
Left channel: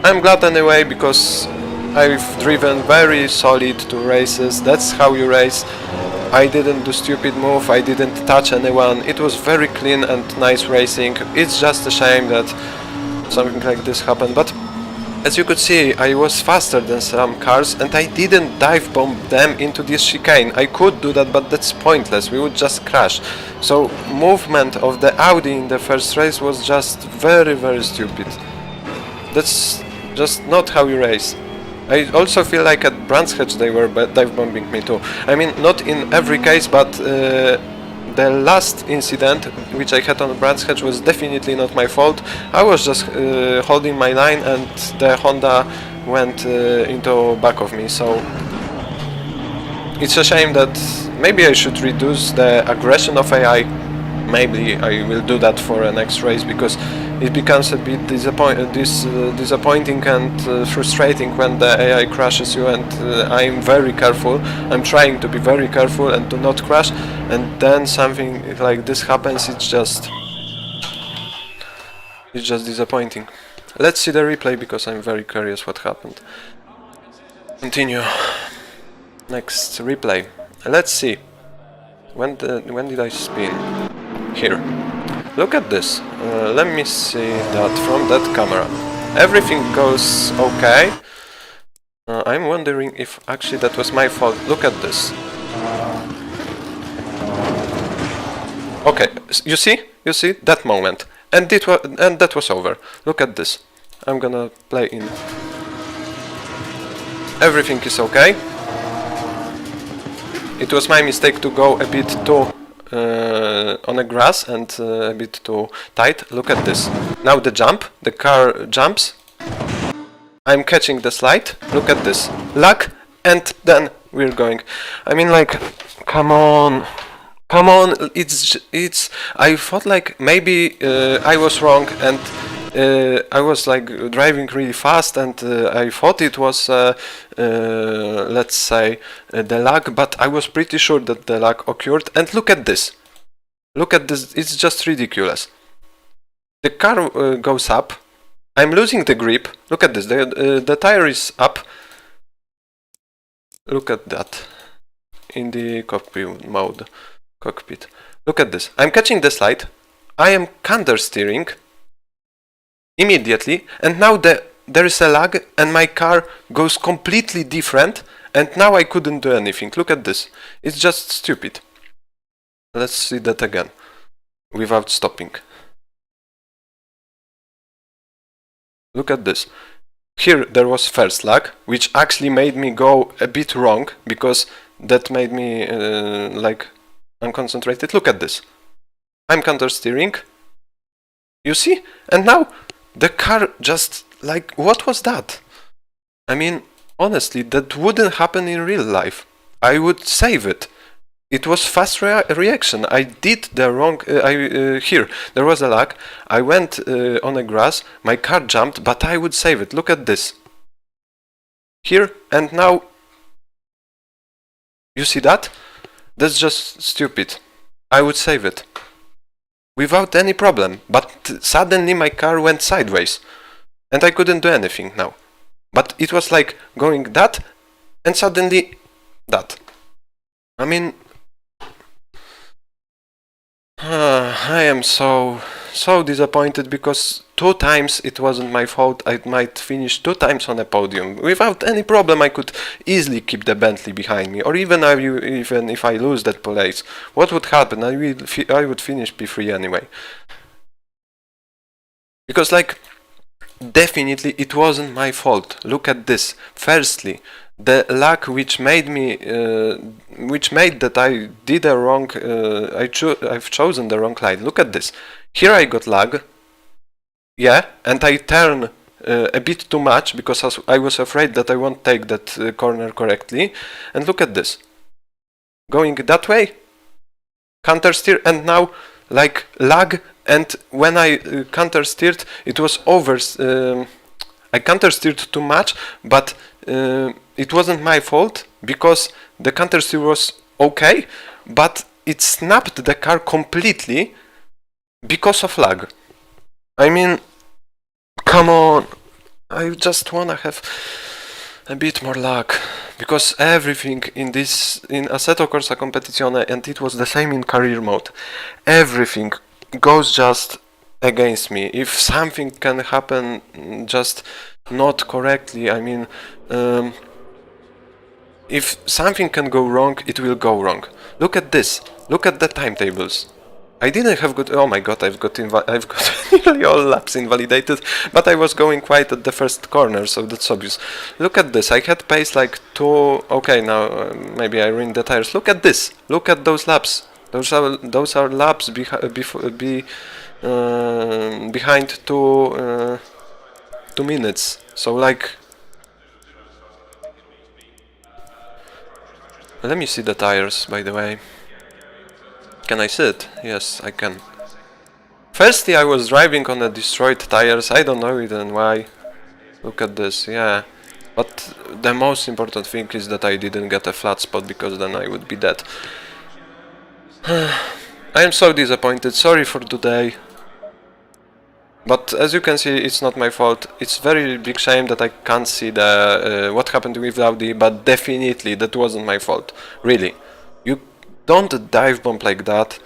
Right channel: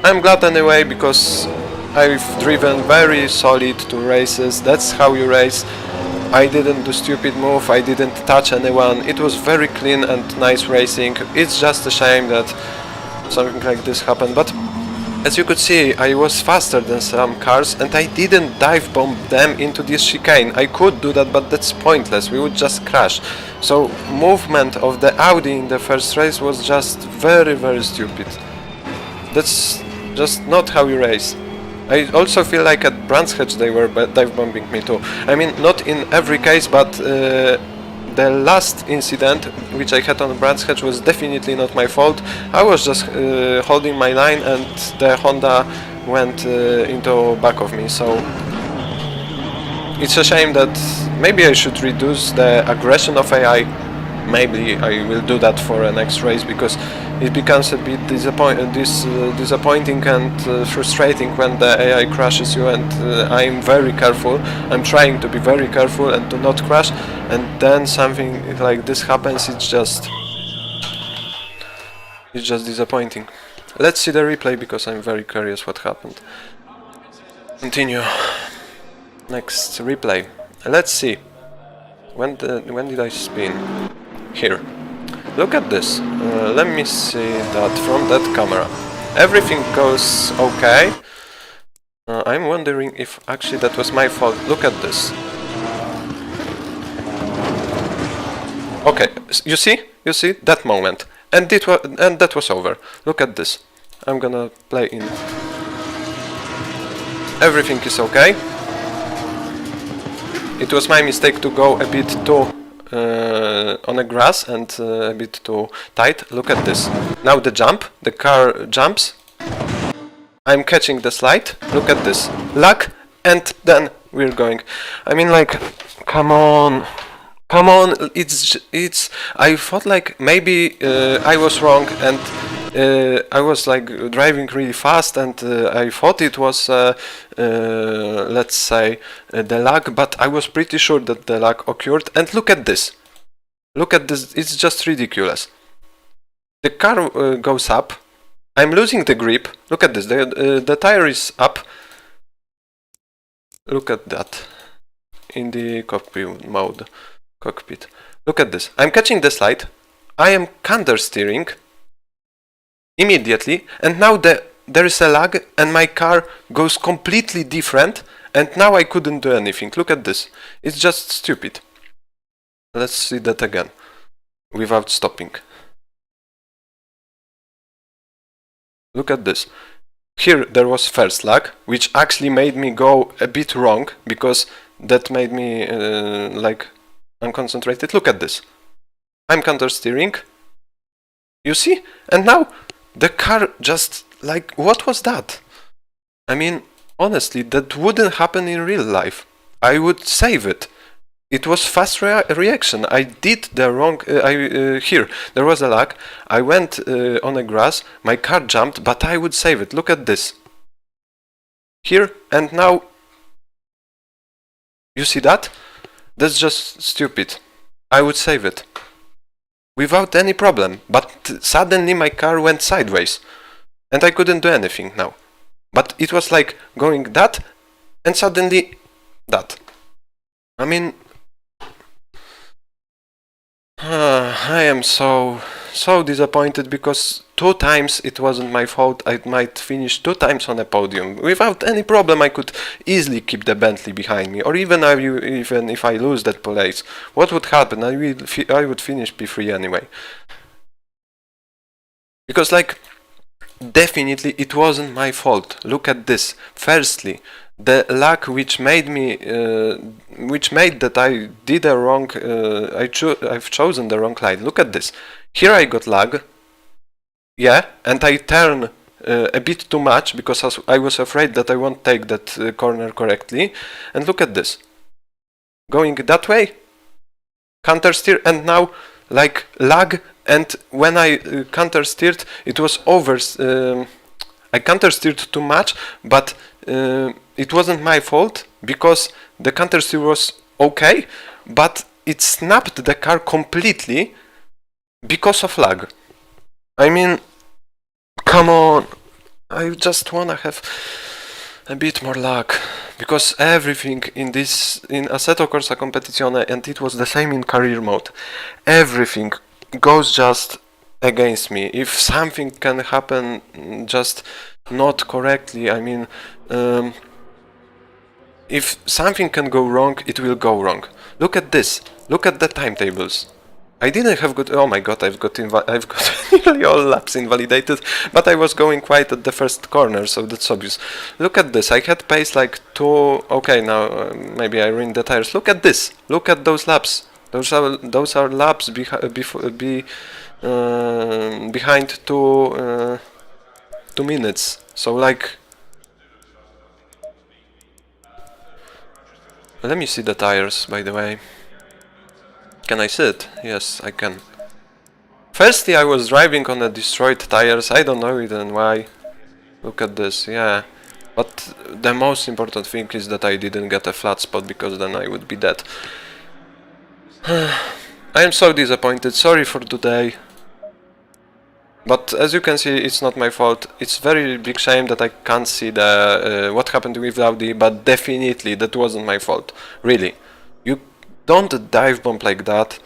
I'm glad anyway, because I've driven very solid 2 races. That's how you race. I didn't do stupid move, I didn't touch anyone. It was very clean and nice racing. It's just a shame that something like this happened, but as you could see, I was faster than some cars, and I didn't dive bomb them into this chicane. I could do that, but that's pointless, we would just crash. So movement of the Audi in the first race was just very stupid. That's just not how you race. I also feel like at Brands Hatch they were dive bombing me too. I mean, not in every case, but the last incident which I had on Brands Hatch was definitely not my fault. I was just holding my line, and the Honda went into back of me, so it's a shame that maybe I should reduce the aggression of AI. maybe I will do that for a next race, because it becomes a bit disappointing and frustrating when the AI crashes you, and I'm very careful. I'm trying to be very careful and to not crash, and then something like this happens. It's just disappointing. Let's see the replay, because I'm very curious what happened. Continue. Next replay. Let's see. When did I spin? Here. Look at this. Let me see that from that camera. Everything goes okay. I'm wondering if actually that was my fault. Look at this. Okay, you see that moment, and that was over. Look at this. I'm gonna play in. Everything is okay. It was my mistake to go a bit too on the grass and a bit too tight. Look at this. Now the car jumps. I'm catching the slide. Look at this. Luck, and then we're going. I mean, like, come on. It's. I thought like maybe I was wrong, and I was like driving really fast, and I thought it was let's say the lag, but I was pretty sure that the lag occurred. And look at this. It's just ridiculous. The car goes up. I'm losing the grip. Look at this. The tire is up. Look at that in the cockpit mode. Look at this. I'm catching the slide. I am counter steering immediately, and now there is a lag, and my car goes completely different, and now I couldn't do anything. Look at this. It's just stupid. Let's see that again without stopping. Look at this. Here there was first lag, which actually made me go a bit wrong, because that made me like unconcentrated. Look at this. I'm counter steering. You see? And now the car just like, what was that? I mean, honestly, that wouldn't happen in real life. I would save it. It was fast reaction. I did the wrong. Here there was a lag. I went on the grass. My car jumped, but I would save it. Look at this. Here and now. You see that? That's just stupid. I would save it without any problem, but suddenly my car went sideways and I couldn't do anything now. But it was like going that and suddenly that. I mean, I am so disappointed, because 2 times it wasn't my fault. I might finish 2 times on a podium without any problem. I could easily keep the Bentley behind me, or even if I lose that place, what would happen? I would finish P3 anyway. Because like, definitely it wasn't my fault. Look at this. Firstly, the lag which made that I did a wrong. I've chosen the wrong line. Look at this. Here I got lag. Yeah, and I turn a bit too much, because I was afraid that I won't take that corner correctly. And look at this. Going that way, counter steer, and now like lag. And when I counter steered, it was over. I counter steered too much, but it wasn't my fault, because the counter steer was okay, but it snapped the car completely because of lag. I mean, come on. I just wanna have a bit more luck, because everything in Assetto Corsa Competizione, and it was the same in career mode, everything goes just against me. If something can happen just not correctly, I mean, if something can go wrong, it will go wrong. Look at this. Look at the timetables. I didn't have good. Oh my god! I've got nearly all laps invalidated, but I was going quite at the first corner, so that's obvious. Look at this. I had pace like 2. Okay, now maybe I ruined the tires. Look at this. Look at those laps. Those are laps behind 2 minutes. So like, let me see the tires, by the way. Can I sit? Yes, I can. Firstly, I was driving on a destroyed tires. I don't know even why. Look at this, yeah. But the most important thing is that I didn't get a flat spot, because then I would be dead. I am so disappointed. Sorry for today. But as you can see, it's not my fault. It's very big shame that I can't see the what happened with Audi, but definitely that wasn't my fault. Really. You don't dive bomb like that.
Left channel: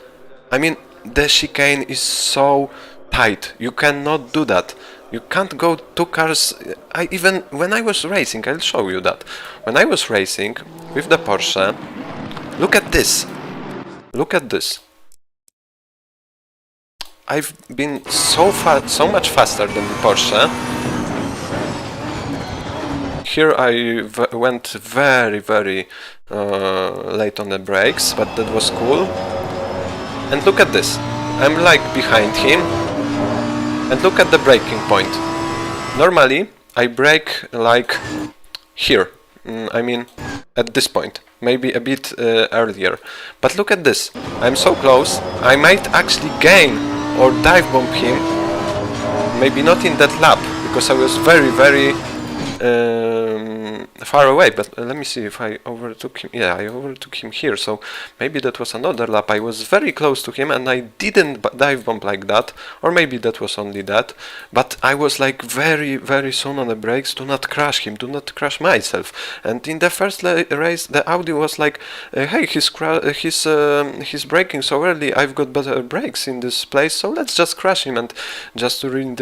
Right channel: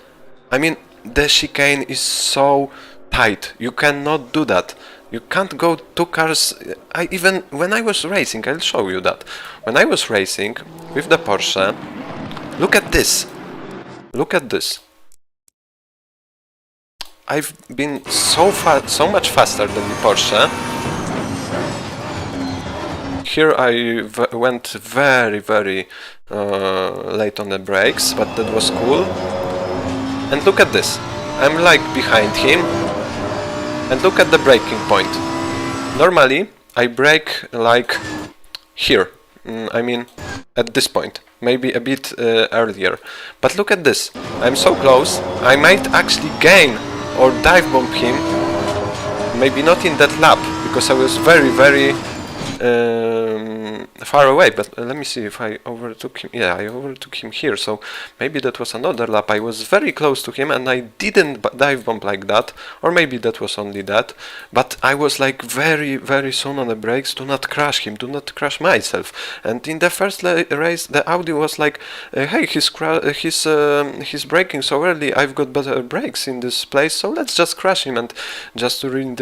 I mean, the chicane is so tight. You cannot do that. You can't go two cars. Even when I was racing, I'll show you that. When I was racing with the Porsche, look at this. Look at this. I've been so much faster than the Porsche. Here I went very late on the brakes, but that was cool. And look at this. I'm like behind him. And look at the braking point. Normally I brake like here. I mean at this point. Maybe a bit earlier. But look at this. I'm so close. I might actually gain or dive bomb him. Maybe not in that lap, because I was very far away, but let me see if I overtook him. Yeah, I overtook him here, so maybe that was another lap. I was very close to him and I didn't dive bomb like that, or maybe that was only that, but I was like very soon on the brakes. Do not crash him, do not crash myself. And in the first race the Audi was like, hey, he's braking so early, I've got better brakes in this place, so let's just crash him and just to ruin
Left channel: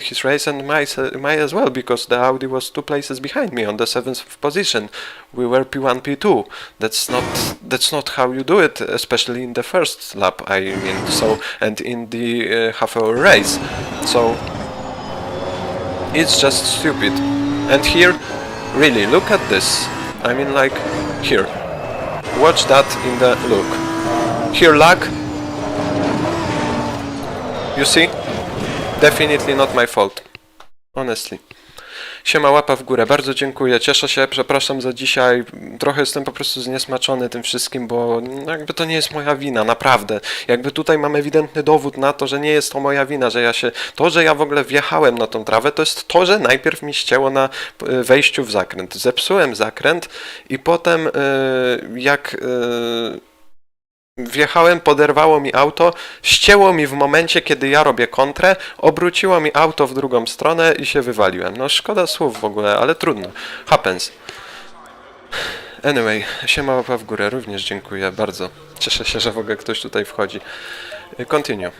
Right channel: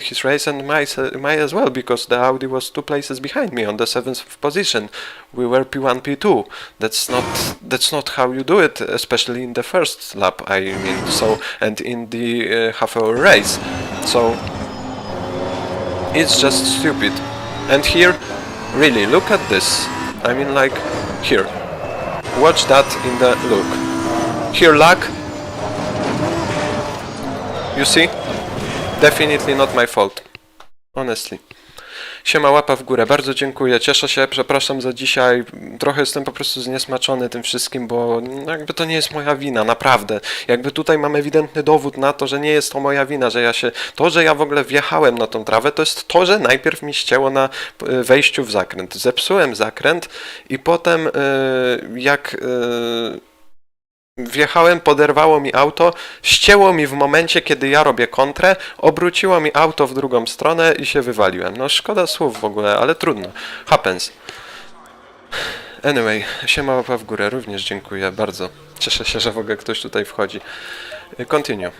his race, and might as well, because the Audi was 2 places behind me on the 7th position. We were P1, P2. That's not how you do it, especially in the first lap, I mean. So, and in the half-hour race. So it's just stupid. And here, really, look at this. I mean, like here. Watch that in the look. Here, lag. You see? Definitely not my fault. Honestly. Siema, łapa w górę, bardzo dziękuję, cieszę się, przepraszam za dzisiaj, trochę jestem po prostu zniesmaczony tym wszystkim, bo jakby to nie jest moja wina, naprawdę. Jakby tutaj mam ewidentny dowód na to, że nie jest to moja wina, że że ja w ogóle wjechałem na tą trawę, to jest to, że najpierw mi ścięło na wejściu w zakręt. Zepsułem zakręt i potem jak wjechałem, poderwało mi auto, ścięło mi w momencie, kiedy ja robię kontrę, obróciło mi auto w drugą stronę i się wywaliłem. No szkoda słów w ogóle, ale trudno. Happens. Anyway, siema, łapa w górę, również dziękuję bardzo. Cieszę się, że w ogóle ktoś tutaj wchodzi. Continue.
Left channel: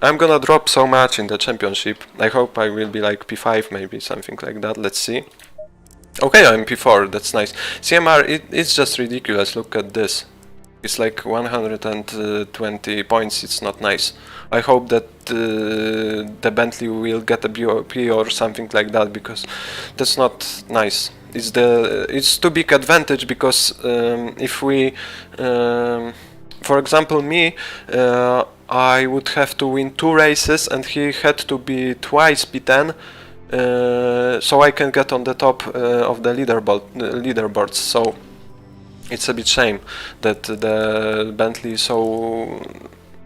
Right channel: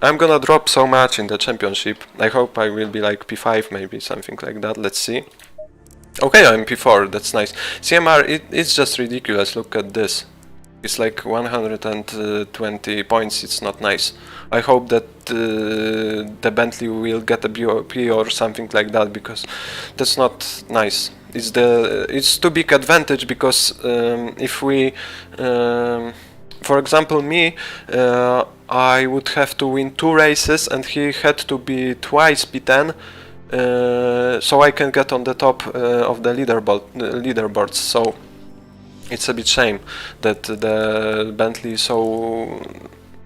I'm gonna drop so much in the championship. I hope I will be like P5, maybe something like that. Let's see. Okay, I'm P4, that's nice. CMR, it's just ridiculous, look at this. It's like 120 points, it's not nice. I hope that the Bentley will get a BOP or something like that, because that's not nice. It's too big advantage, because if we, for example me, I would have to win 2 races and he had to be twice P10, so I can get on the top of the leaderboards. So it's a bit shame that the Bentley is so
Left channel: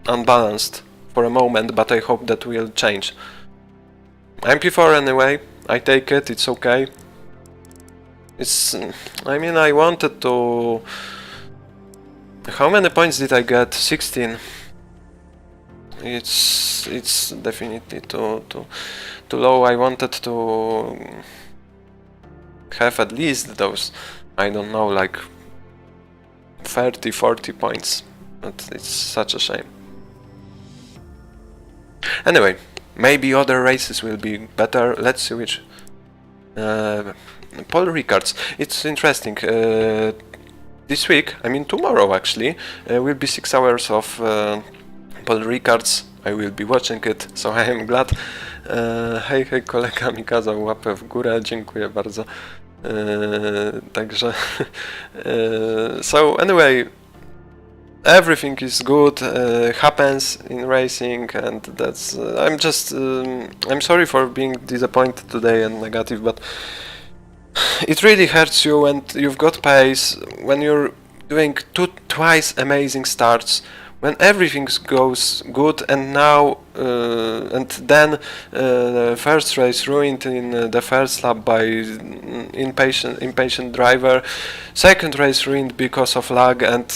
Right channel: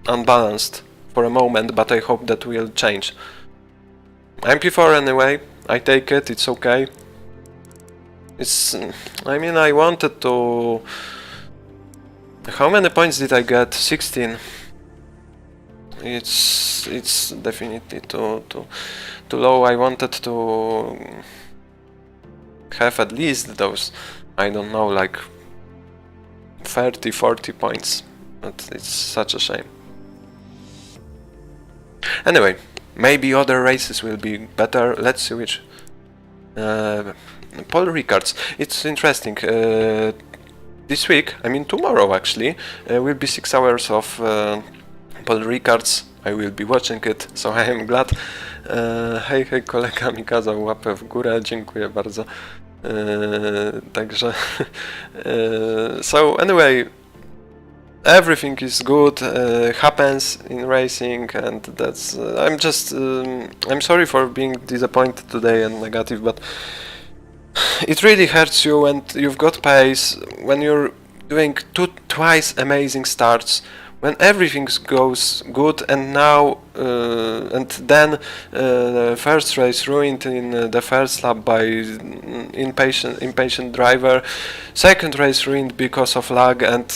unbalanced for a moment, but I hope that will change. I'm P4 anyway, I take it, it's okay. I mean, I wanted to... How many points did I get? 16. It's definitely too low. I wanted to have at least those, I don't know, like 30-40 points, but it's such a shame. Anyway, maybe other races will be better. Let's see which. Paul Rickards. It's interesting. This week, I mean tomorrow actually, will be 6 hours of Paul Rickards. I will be watching it, so I am glad. Hej, kolega mi kazał łapę w górę, dziękuję bardzo. Także so anyway, everything is good, happens in racing, and that's I'm sorry for being disappointed today and negative, but it really hurts you, and you've got pace when you're doing twice amazing starts when everything goes good, and now and then first race ruined in the first lap by impatient driver, second race ruined because of lag, and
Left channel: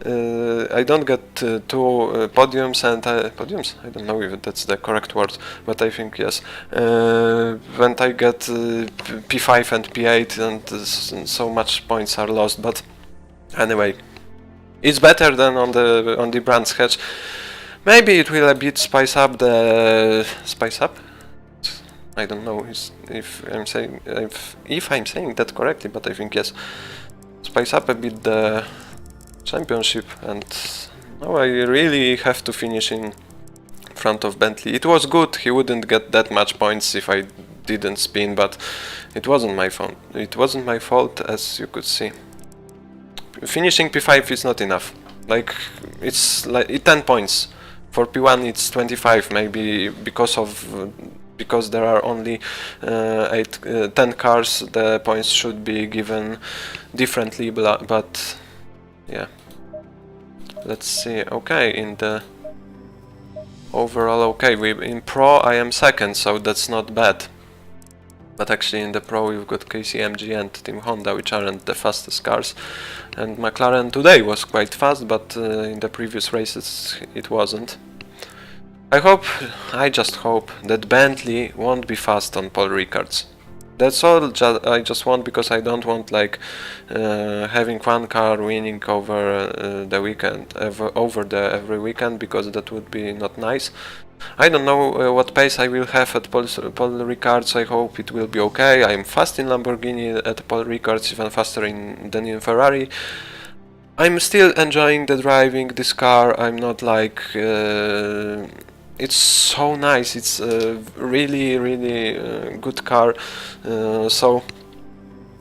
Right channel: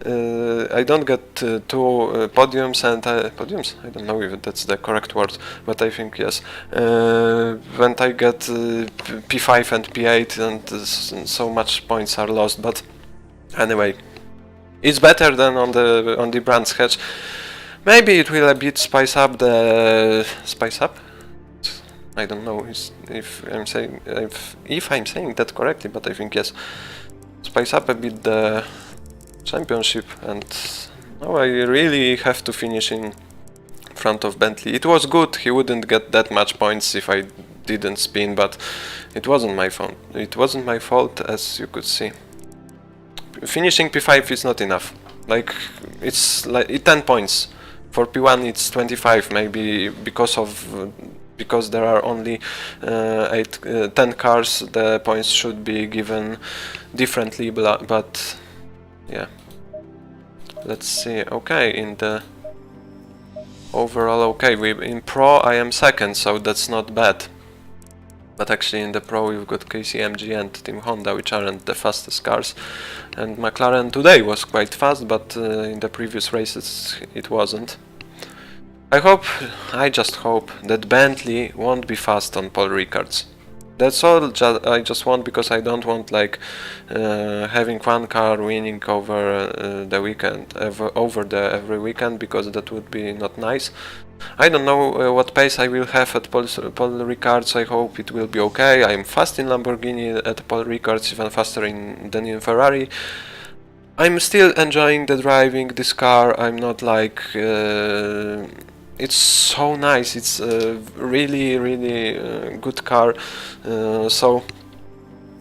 I don't get two podiums and podiums. I don't know if that's the correct word, but I think yes. When I get P5 and P8, and so much points are lost. But anyway, it's better than on the Brands Hatch. Maybe it will a bit spice up the I don't know if I'm saying that correctly, but I think yes. Spice up a bit the championship, and now I really have to finish in front of Bentley. It was good, he wouldn't get that much points if I didn't spin, but it wasn't my fault. It wasn't my fault, as you could see. Finishing P5 is not enough. Like, it's like 10 points. For P1 it's 25, maybe because there are only 10 cars, the points should be given differently, but yeah. Let's see. Okay, in the overall, okay, in Pro I am second, so that's not bad. But actually in the Pro we've got KCMG and Team Honda, which aren't the fastest cars. And McLaren today was quite fast, but in the previous races it wasn't. I just hope that Bentley won't be fast on Paul Ricard's. That's all I just want, because I don't want like having one car winning over the weekend, every weekend, because that would be not nice. I don't know what pace I will have at Paul Ricard's. I hope it will be okay. I'm fast in Lamborghini at Paul Ricard's, even faster than in Ferrari. I'm still enjoying the driving this car. I'm not like it's so nice. It's a really good car. So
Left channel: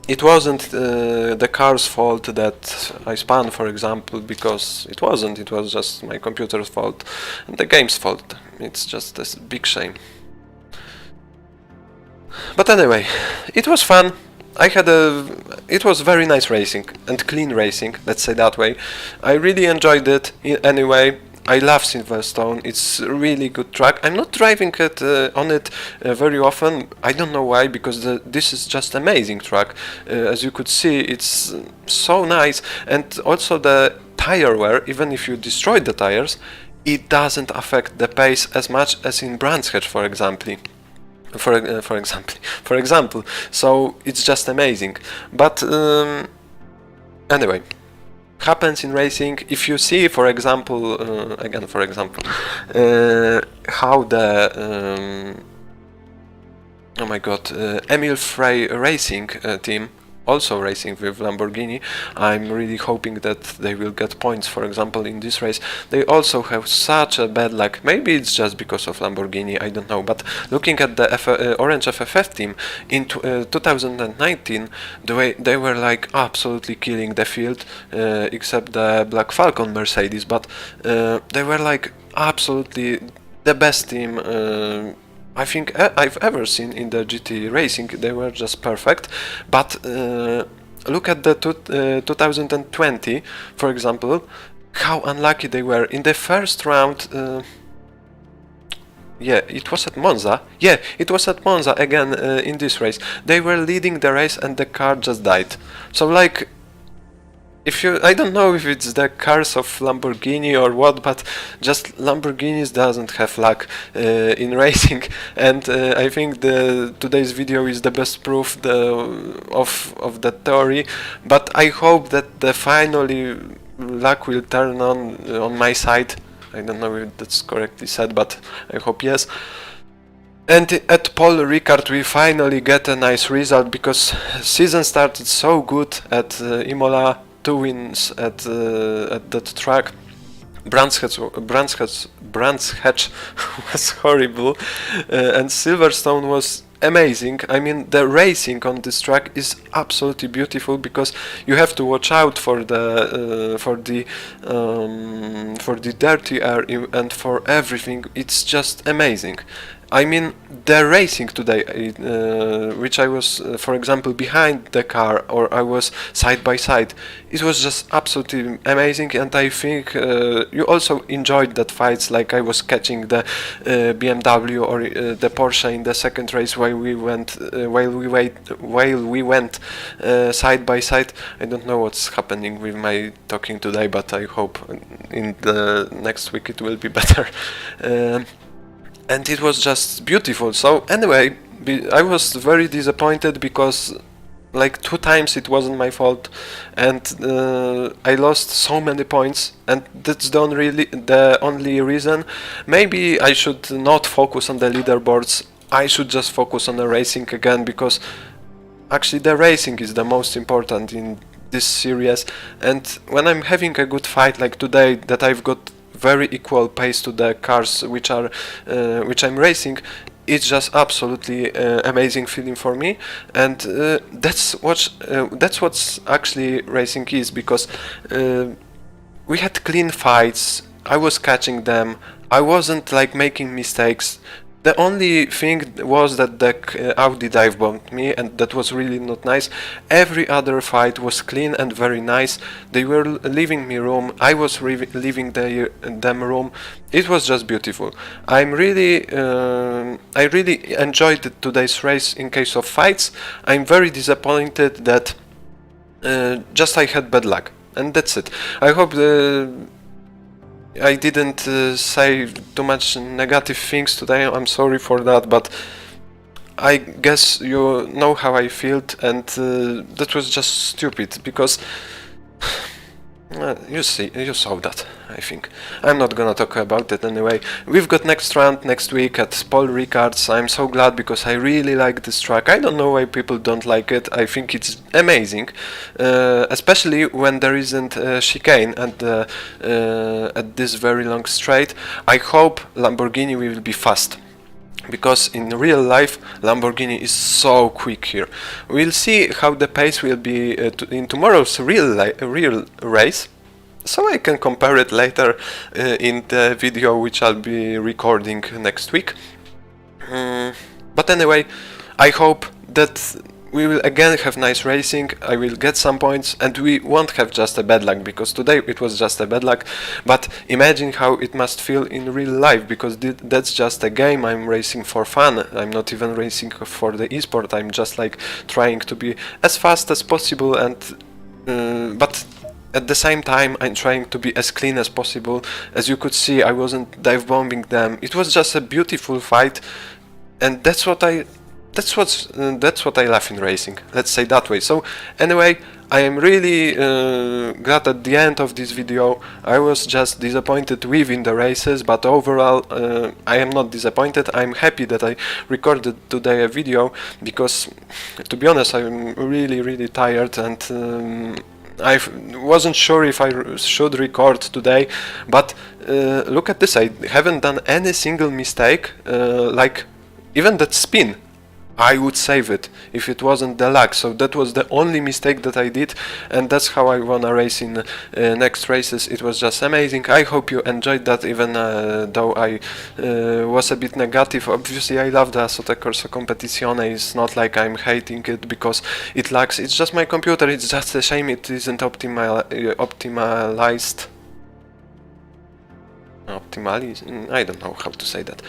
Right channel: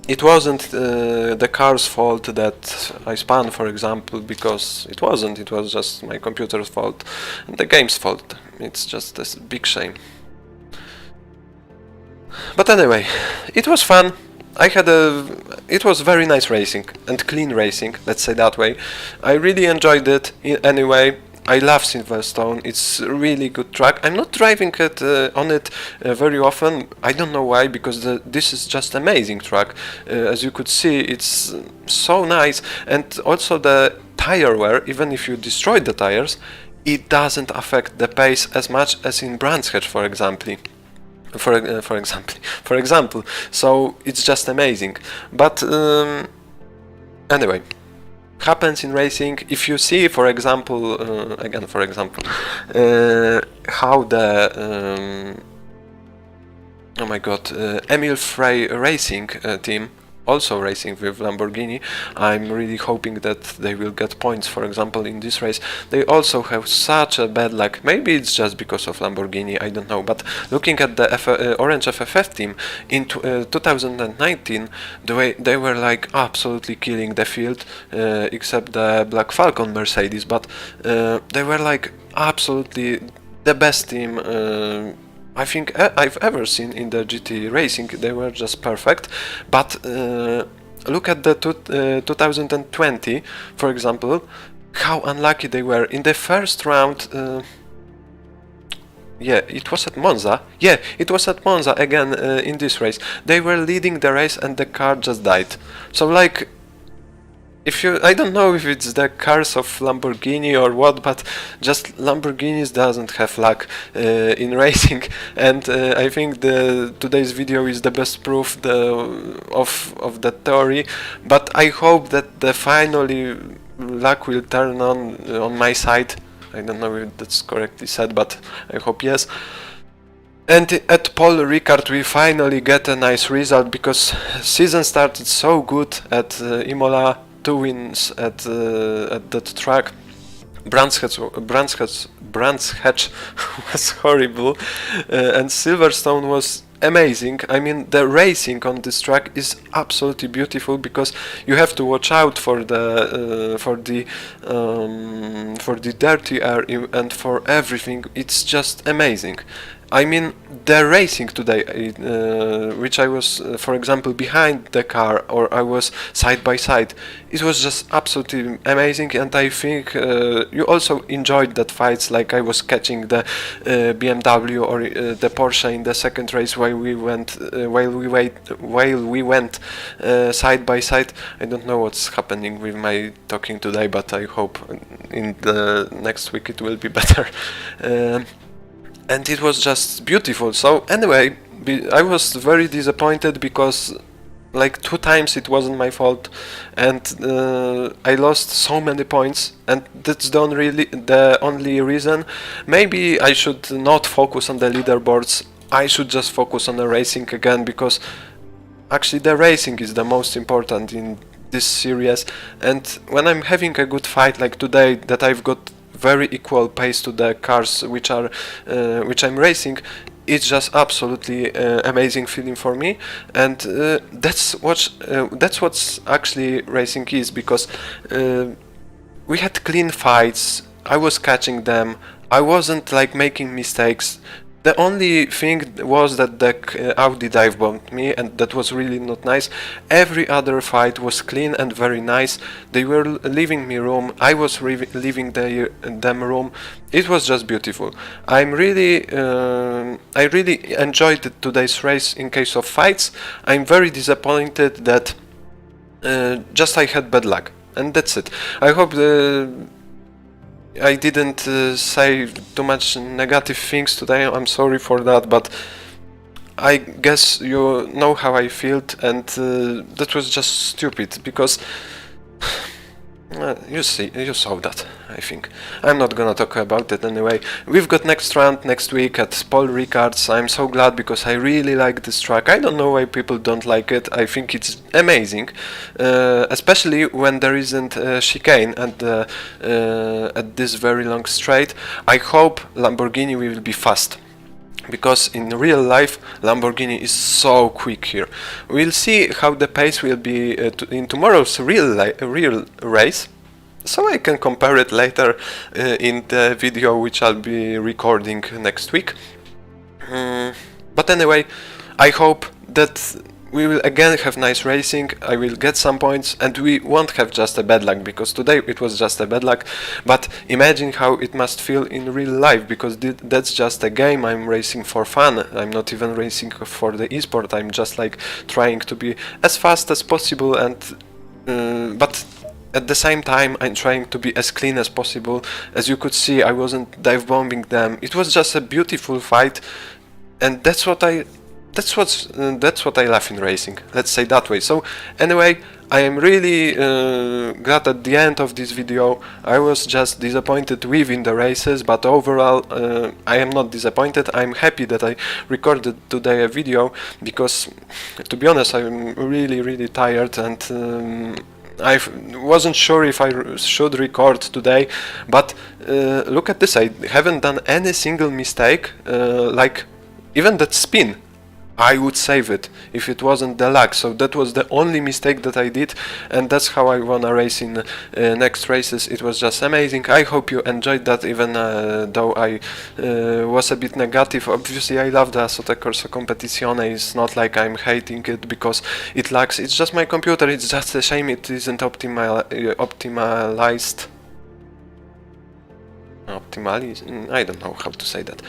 it wasn't the car's fault that I spun, for example, because it wasn't. It was just my computer's fault and the game's fault. It's just a big shame. But anyway, it was fun. It was very nice racing and clean racing, let's say that way. I really enjoyed it anyway. I love Silverstone, it's a really good track. I'm not driving on it very often. I don't know why, because this is just amazing track. As you could see, it's so nice, and also the tire wear, even if you destroyed the tires, it doesn't affect the pace as much as in Brands Hatch, for example. For example, so it's just amazing. But anyway, happens in racing. If you see, for example, how the oh my god, Emil Frey Racing team, also racing with Lamborghini, I'm really hoping that they will get points. For example, in this race, they also have such a bad luck. Maybe it's just because of Lamborghini, I don't know. But looking at the Orange FFF team in 2019, the way they were like absolutely killing the field, except the Black Falcon Mercedes. But they were like absolutely the best team I think I've ever seen in the GT racing. They were just perfect. But look at the 2020, for example, how unlucky they were in the first round. Yeah, it was at Monza. Yeah, it was at Monza again in this race. They were leading the race and the car just died. So like, I don't know if it's the cars of Lamborghini or what, but just Lamborghinis doesn't have luck in racing, and I think today's video is the best proof of that theory. But I hope that finally luck will turn on my side. I don't know if that's correctly said, but I hope yes. And at Paul Ricard we finally get a nice result, because season started so good at Imola. 2 wins at that track. Brands Hatch was horrible, and Silverstone was amazing. I mean, the racing on this track is absolutely beautiful, because you have to watch out for the dirty air and for everything. It's just amazing. I mean the racing today, which I was, for example, behind the car or I was side by side. It was just absolutely amazing, and I think you also enjoyed that fights, like I was catching the BMW or the Porsche in the second race while we went side by side. I don't know what's happening with my talking today, but I hope in the next week it will be better. And it was just beautiful. So anyway, I was very disappointed because like 2 times it wasn't my fault, and I lost so many points, and that's the only reason. Maybe I should not focus on the leaderboards. I should just focus on the racing again, because actually the racing is the most important in this series. And when I'm having a good fight like today, that I've got very equal pace to the cars which I'm racing, it's just absolutely amazing feeling for me. And that's what's actually racing is, because we had clean fights. I was catching them. I wasn't like making mistakes. The only thing was that the Audi dive bombed me, and that was really not nice. Every other fight was clean and very nice. They were leaving me room. I was leaving them room. It was just beautiful. I really enjoyed today's race in case of fights. I'm very disappointed that just I had bad luck, and that's it. I hope I didn't say too much negative things today. I'm sorry for that, but I guess you know how I felt, and that was just stupid, because you saw that, I think. I'm not gonna talk about it anyway. We've got next round next week at Paul Ricard's. I'm so glad, because I really like this track. I don't know why people don't like it. I think it's amazing, especially when there isn't a chicane at this very long straight. I hope Lamborghini will be fast, because in real life Lamborghini is so quick here. We'll see how the pace will be in tomorrow's real race, so I can compare it later in the video which I'll be recording next week. But anyway, I hope that we will again have nice racing. I will get some points, and we won't have just a bad luck, because today it was just a bad luck. But imagine how it must feel in real life, because that's just a game. I'm racing for fun. I'm not even racing for the esport. I'm just like trying to be as fast as possible, and but at the same time I'm trying to be as clean as possible. As you could see, I wasn't dive bombing them. It was just a beautiful fight, and that's what I love in racing, let's say that way. So anyway, I am really glad at the end of this video. I was just disappointed within the races, but overall I am not disappointed. I'm happy that I recorded today a video, because to be honest, I'm really tired, and I wasn't sure if I should record today, but look at this, I haven't done any single mistake, like even that spin. I would save it if it wasn't the lag. So that was the only mistake that I did, and that's how I wanna race in next races. It was just amazing. I hope you enjoyed that, even though I was a bit negative. Obviously I love the Assetto Corsa Competizione. It's not like I'm hating it because it lags. It's just my computer. It's just a shame it isn't optimized. I don't know how to say that.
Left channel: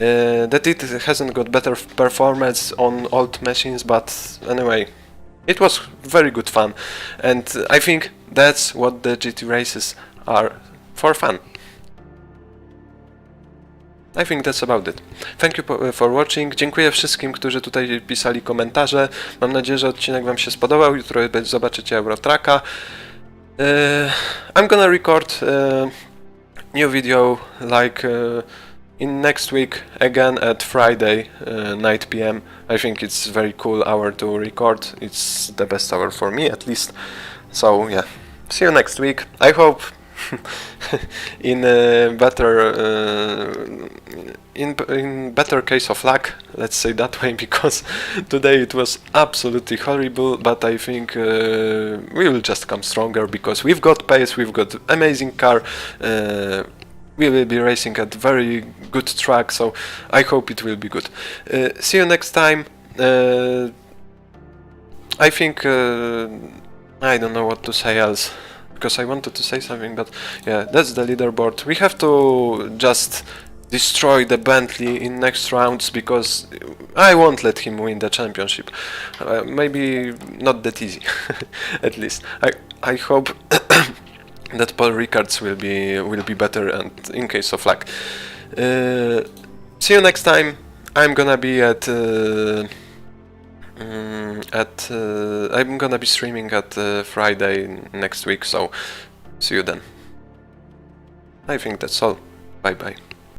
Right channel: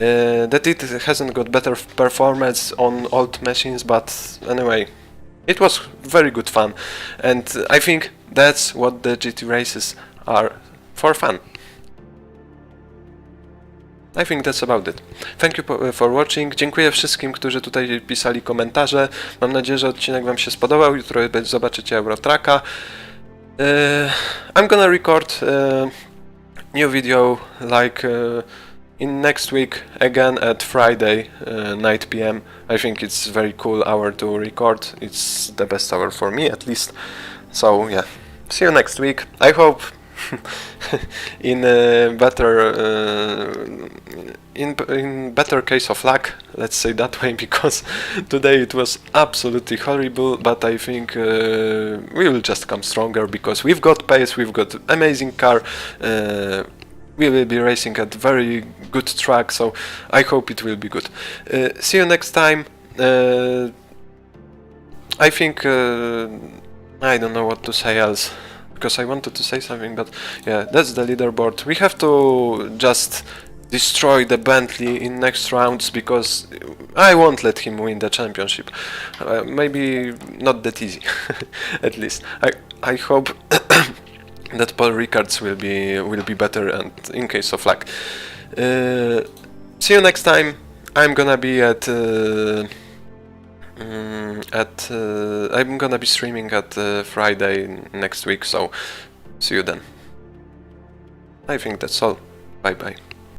That it hasn't got better performance on old machines, but anyway, it was very good fun, and I think that's what the GT races are, for fun. I think that's about it. Thank you for watching. Dziękuję wszystkim, którzy tutaj pisali komentarze. Mam nadzieję, że odcinek wam się spodobał. Jutro zobaczycie Eurotracka. I'm gonna record new video like in next week again at Friday 9 p.m. I think it's a very cool hour to record. It's the best hour for me, at least. So yeah, see you next week. I hope in better case of luck, let's say that way, because today it was absolutely horrible. But I think we will just come stronger, because we've got pace, we've got amazing car. we will be racing at very good track, so I hope it will be good. See you next time. I think I don't know what to say else, because I wanted to say something, but yeah, that's the leaderboard. We have to just destroy the Bentley in next rounds, because I won't let him win the championship. Maybe not that easy, at least. I hope that Paul Ricard's will be better, and in case of luck. See you next time. I'm gonna be I'm gonna be streaming at Friday next week, so see you then. I think that's all. Bye bye.